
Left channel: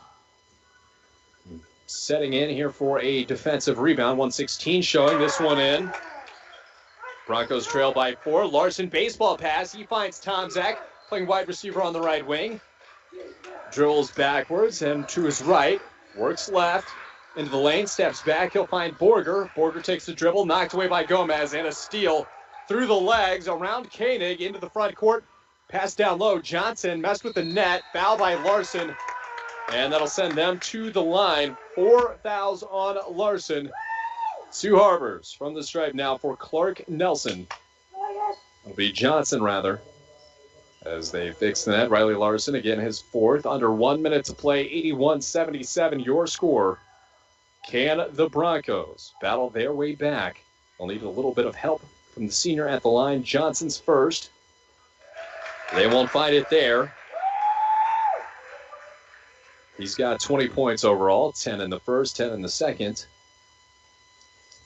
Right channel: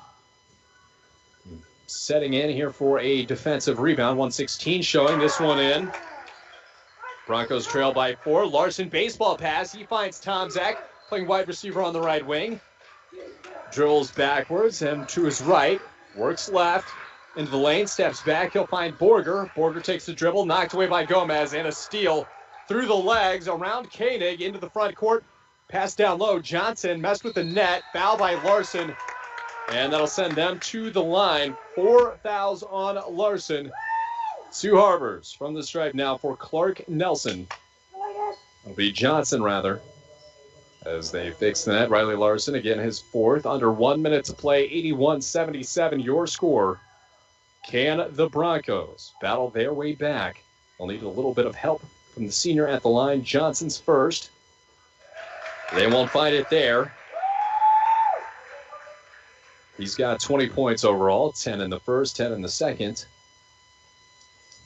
Setting in here for a defensive rebound. 1:16 showing this one in. Broncos trail by 4. Larson baseball pass. He finds Tomczak playing wide receiver on the right wing. Drills backwards and to his right. Works left into the lane. Steps back. He'll find Borger. Borger takes the dribble. Knocked away by Gomez. And a steal through the legs around Koenig into the front court. Pass down low. Johnson messed with the net. Foul by Larson. And that'll send them to the line. 4 fouls on Larson. Two Harbors from the stripe now for Clark Nelson. It'll be Johnson, rather, as they fix the net. Riley Larson, again, his 4th. Under 1 minute to play, 81-77, your score. Can the Broncos battle their way back? They'll need a little bit of help from the senior at the line. Johnson's first. They won't find it there. He's got 20 points overall, 10 in the first, 10 in the second.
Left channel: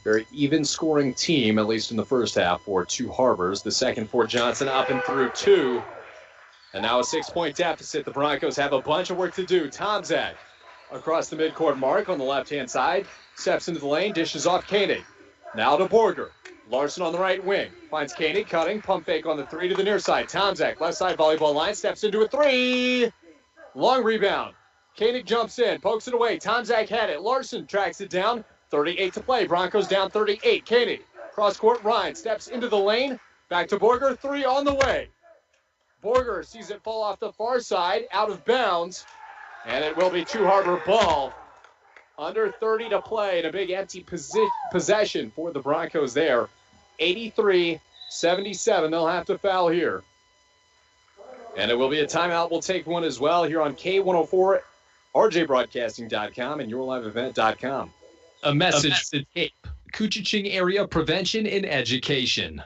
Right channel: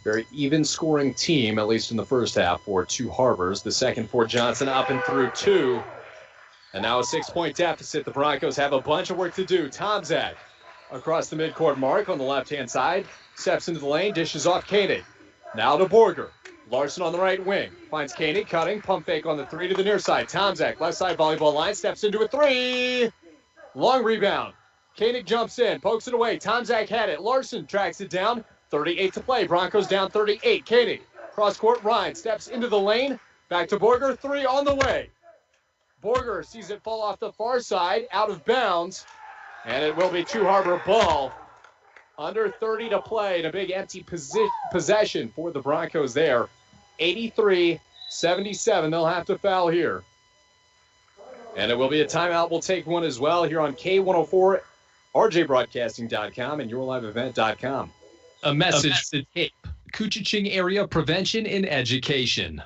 Very even scoring team, at least in the first half, for Two Harbors. The second for Johnson, up and through two. And now a 6-point deficit. The Broncos have a bunch of work to do. Tomczak across the midcourt mark on the left-hand side. Steps into the lane, dishes off Koenig. Now to Borger. Larson on the right wing. Finds Koenig, cutting, pump fake on the three to the near side. Tomczak, left side volleyball line, steps into a three. Long rebound. Koenig jumps in, pokes it away. Tomczak had it. Larson tracks it down. 38 to play. Broncos down 38. Koenig, cross-court, Ryan steps into the lane. Back to Borger, three on the way. Borger sees it fall off the far side, out of bounds, and it will be Two Harbor ball. Under 30 to play and a big empty possession for the Broncos there. 83-77, they'll have to foul here. And it will be a timeout. We'll take one as well here on K104, RJBroadcasting.com, and YourLiveEvent.com. A message to CAPE, Koochiching Area Prevention and Education.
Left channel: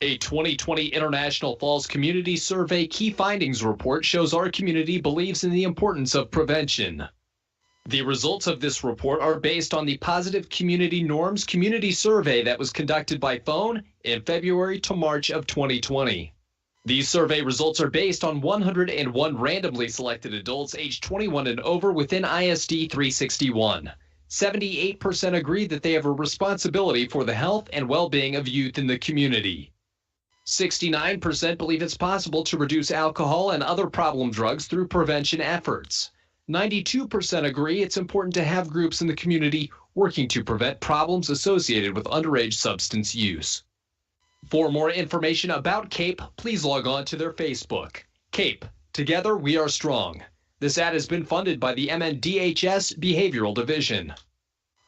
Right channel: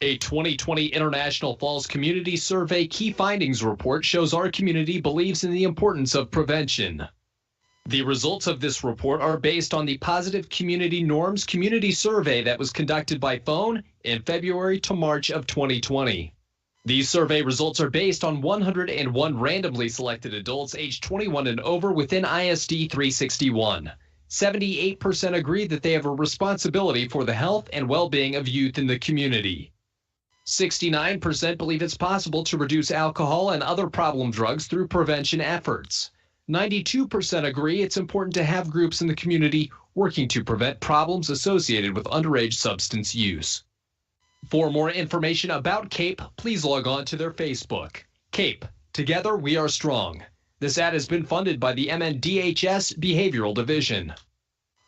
A 2020 International Falls Community Survey Key Findings Report shows our community believes in the importance of prevention. The results of this report are based on the Positive Community Norms Community Survey that was conducted by phone in February to March of 2020. These survey results are based on 101 randomly selected adults aged 21 and over within ISD 361. 78% agree that they have a responsibility for the health and well-being of youth in the community. 69% believe it's possible to reduce alcohol and other problem drugs through prevention efforts. 92% agree it's important to have groups in the community working to prevent problems associated with underage substance use. For more information about CAPE, please log on to their Facebook. CAPE, Together We Are Strong. This ad has been funded by the MNDHS Behavioral Division.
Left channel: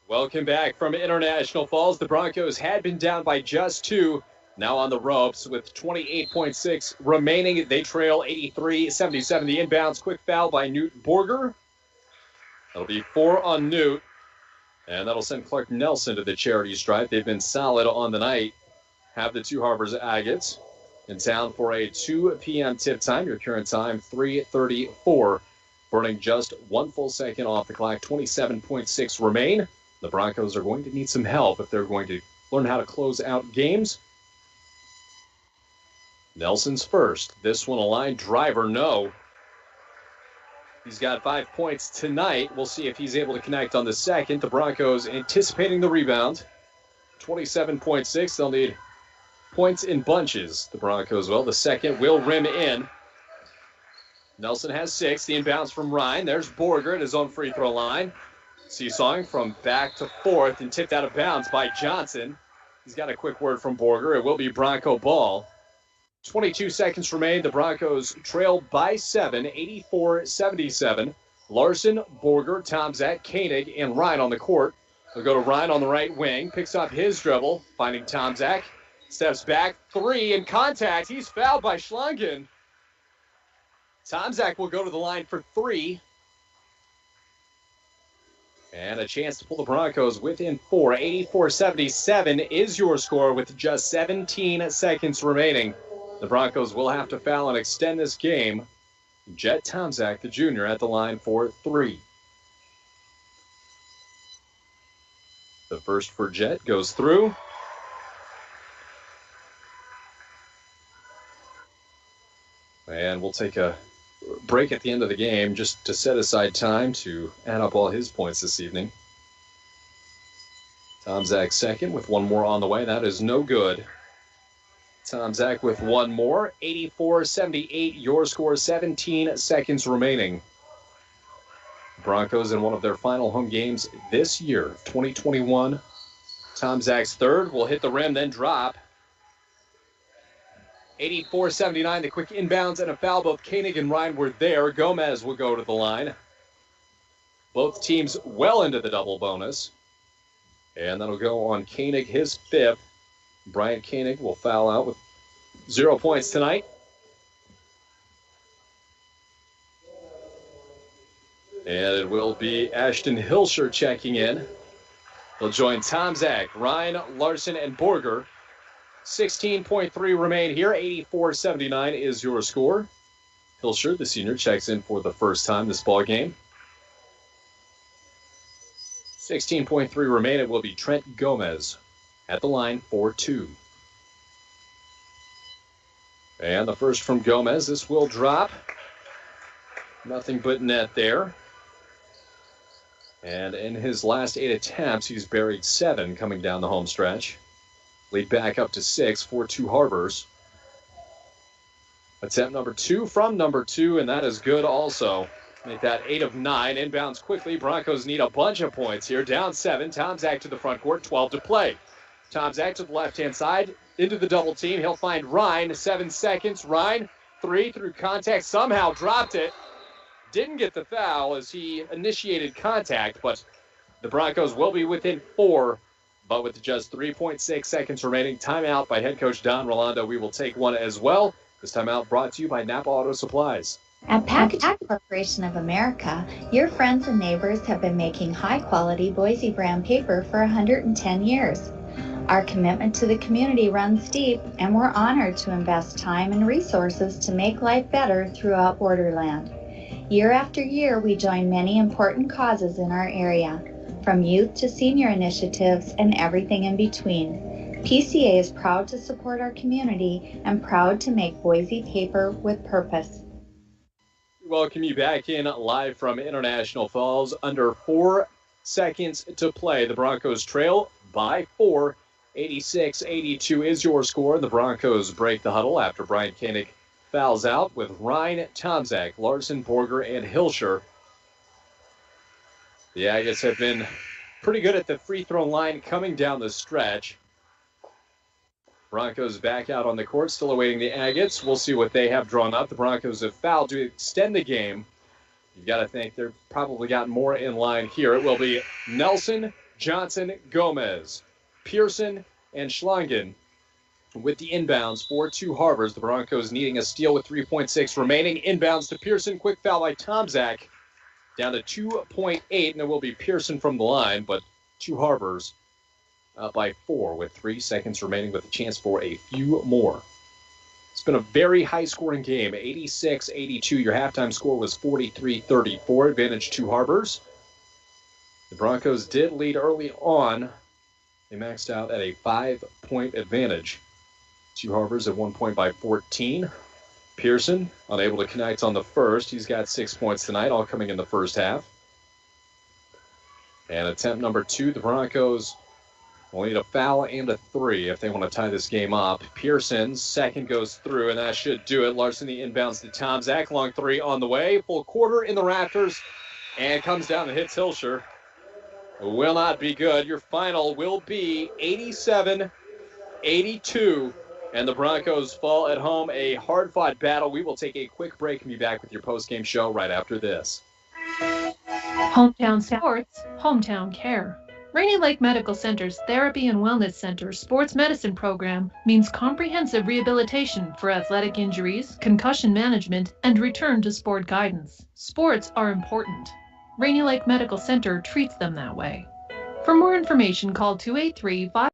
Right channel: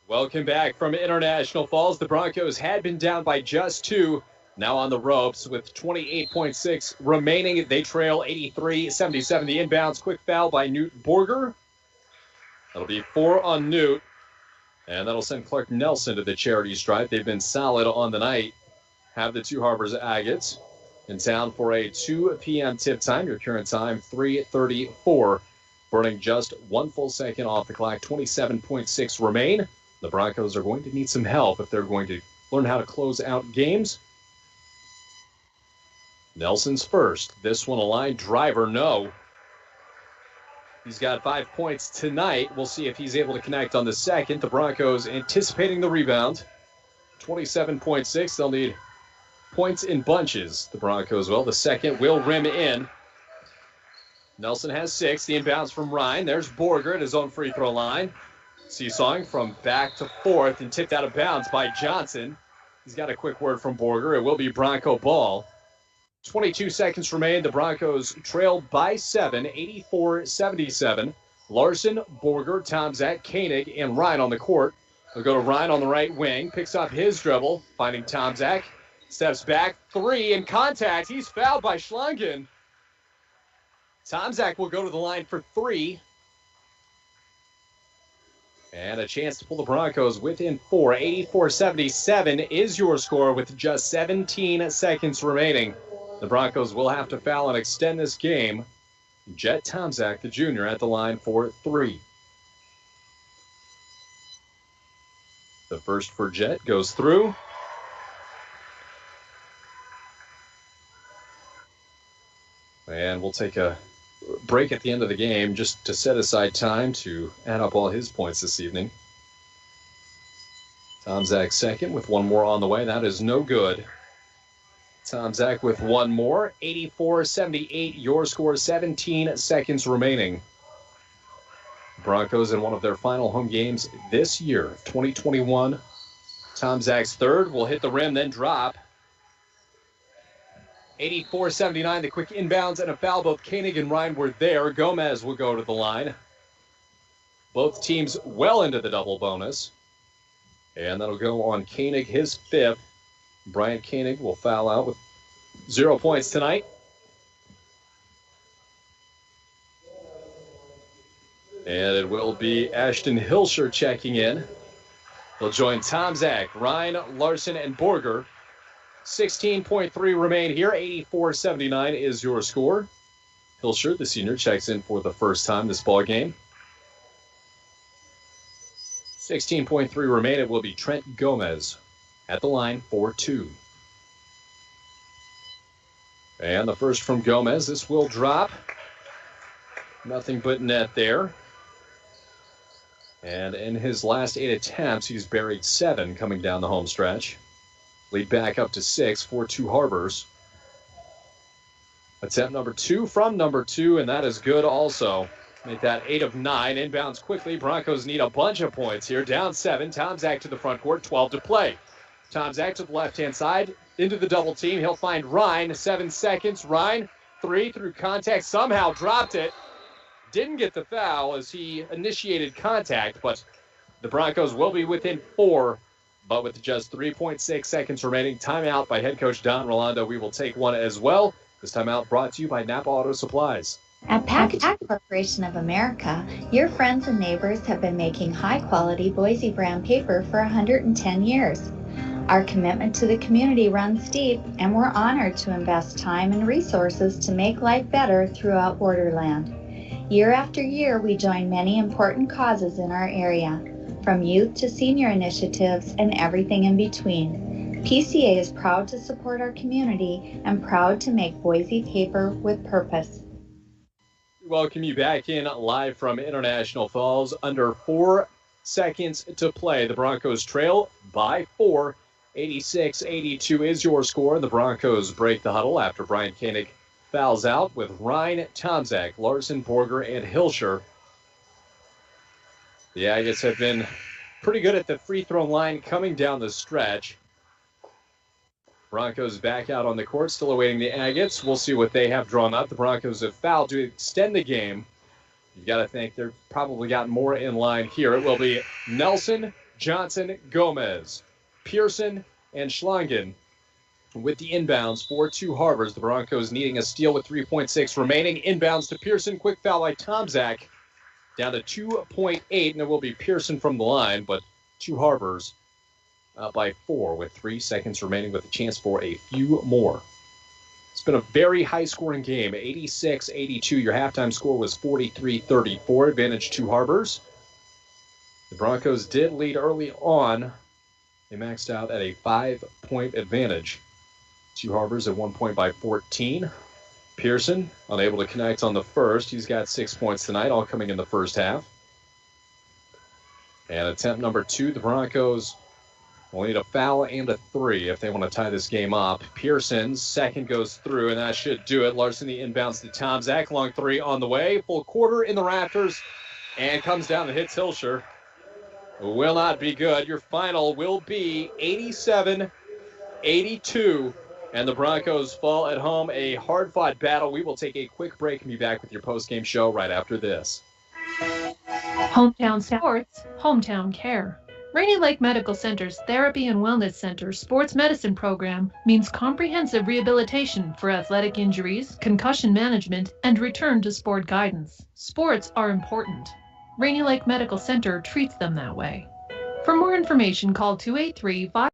Welcome back from International Falls. The Broncos had been down by just two. Now on the ropes with 28.6 remaining. They trail 83-77. The inbounds, quick foul by Newt Borger. That'll be 4 on Newt. And that'll send Clark Nelson to the charity stripe. They've been solid on the night. Have the Two Harbors Agates in town for a 2 p.m. tip time. Your current time, 3:34. Burning just 1 full second off the clock. 27.6 remain. The Broncos are going to need some help if they're going to learn how to close out games. Nelson's first. This one a line driver, no. He's got 5 points tonight. We'll see if he's able to connect on the second. The Broncos anticipating the rebound. 27.6. They'll need points in bunches. The Broncos will. The second will rim in. Nelson has 6. The inbounds from Ryan. There's Borger at his own free throw line. Seesawing from back to fourth and tipped out of bounds by Johnson. He's got a quick word from Borger. It will be Bronco ball. 22 seconds remain. The Broncos trail by 7, 84-77. Larson, Borger, Tomczak, Koenig, and Ryan on the court. They'll go to Ryan on the right wing. Picks up his dribble, finding Tomczak. Steps back, 3 in contact. He's fouled by Schlungen. Tomczak will go to the line for 3. And a chance to pull the Broncos within 4. 84-77 is your score with just 17 seconds remaining. The Broncos will have to foul and extend this game. Jet Tomczak, the junior, at the line for 3. The first for Jet goes through. And we'll take a break at the end of the game just to set aside time to add up all his points this evening. Tomczak second with 1 more on the way. That is no good. Tomczak with 1 more. 84-78, your score, 17 seconds remaining. Broncos in one of their final home games this year, 2021. Tomczak's third will hit the rim, then drop. 84-79, the quick inbounds and a foul. Both Koenig and Ryan were there. Gomez will go to the line. Both teams well into the double bonus. And that'll go on Koenig, his 5th. Bryant Koenig will foul out with 0 points tonight. And it will be Ashton Hilscher checking in. He'll join Tomczak, Ryan, Larson, and Borger. 16.3 remain here. 84-79 is your score. Hilscher, the senior, checks in for the first time this ball game. 16.3 remain. It will be Trent Gomez at the line for 2. And the first from Gomez. This will drop. Nothing but net there. And in his last 8 attempts, he's buried 7 coming down the home stretch. Lead back up to 6 for Two Harbors. Attempt number 2 from number 2, and that is good also. Make that 8 of 9. Inbounds quickly. Broncos need a bunch of points here. Down 7. Tomczak to the front court. 12 to play. Tomczak to the left-hand side. Into the double team. He'll find Ryan. 7 seconds. Ryan, 3 through contact. Somehow dropped it. Didn't get the foul as he initiated contact, but the Broncos will be within 4. But with just 3.6 seconds remaining, timeout by head coach Don Rolando. We will take one as well. This timeout brought to you by Napa Auto Supplies. At Packaging Corporation of America, your friends and neighbors have been making high-quality Boise brand paper for 110 years. Our commitment to the community runs deep, and we're honored to invest time and resources to make life better throughout Borderland. Year after year, we join many important causes in our area, from youth to senior initiatives and everything in between. PCA is proud to support our community and proud to make Boise paper with purpose. Welcome you back in live from International Falls. Under 4 seconds to play. The Broncos trail by 4. 86-82 is your score. The Broncos break the huddle after Brian Koenig fouls out with Ryan, Tomczak, Larson, Borger, and Hilscher. The Agates have been pretty good at the free throw line coming down the stretch. Broncos back out on the court, still awaiting the Agates. We'll see what they have drawn up. The Broncos have fouled to extend the game. You've got to think they've probably got more in line here. It will be Nelson, Johnson, Gomez, Pearson, and Schlangen with the inbounds for Two Harbors. The Broncos needing a steal with 3.6 remaining. Inbounds to Pearson. Quick foul by Tomczak. Down to 2.8, and it will be Pearson from the line, but Two Harbors by 4 with 3 seconds remaining with a chance for a few more. It's been a very high-scoring game, 86-82. Your halftime score was 43-34, advantage Two Harbors. The Broncos did lead early on. They maxed out at a 5-point advantage. Two Harbors at 1 point by 14. Pearson unable to connect on the first. He's got 6 points tonight, all coming in the first half. And attempt number 2, the Broncos will need a foul and a 3 if they want to tie this game up. Pearson's second goes through, and that should do it. Larson the inbounds to Tomczak. Long 3 on the way. Full quarter in the rafters, and comes down and hits Hilscher. Will not be good. Your final will be 87-82, and the Broncos fall at home. A hard-fought battle. We will take a quick break and be back with your post-game show right after this. Hometown Sports, Hometown Care. Rainy Lake Medical Center's Therapy and Wellness Center sports medicine program means comprehensive rehabilitation for athletic injuries, concussion management, and return to sport guidance. Sports are important. Rainy Lake Medical Center treats them that way. For more information, call 283-5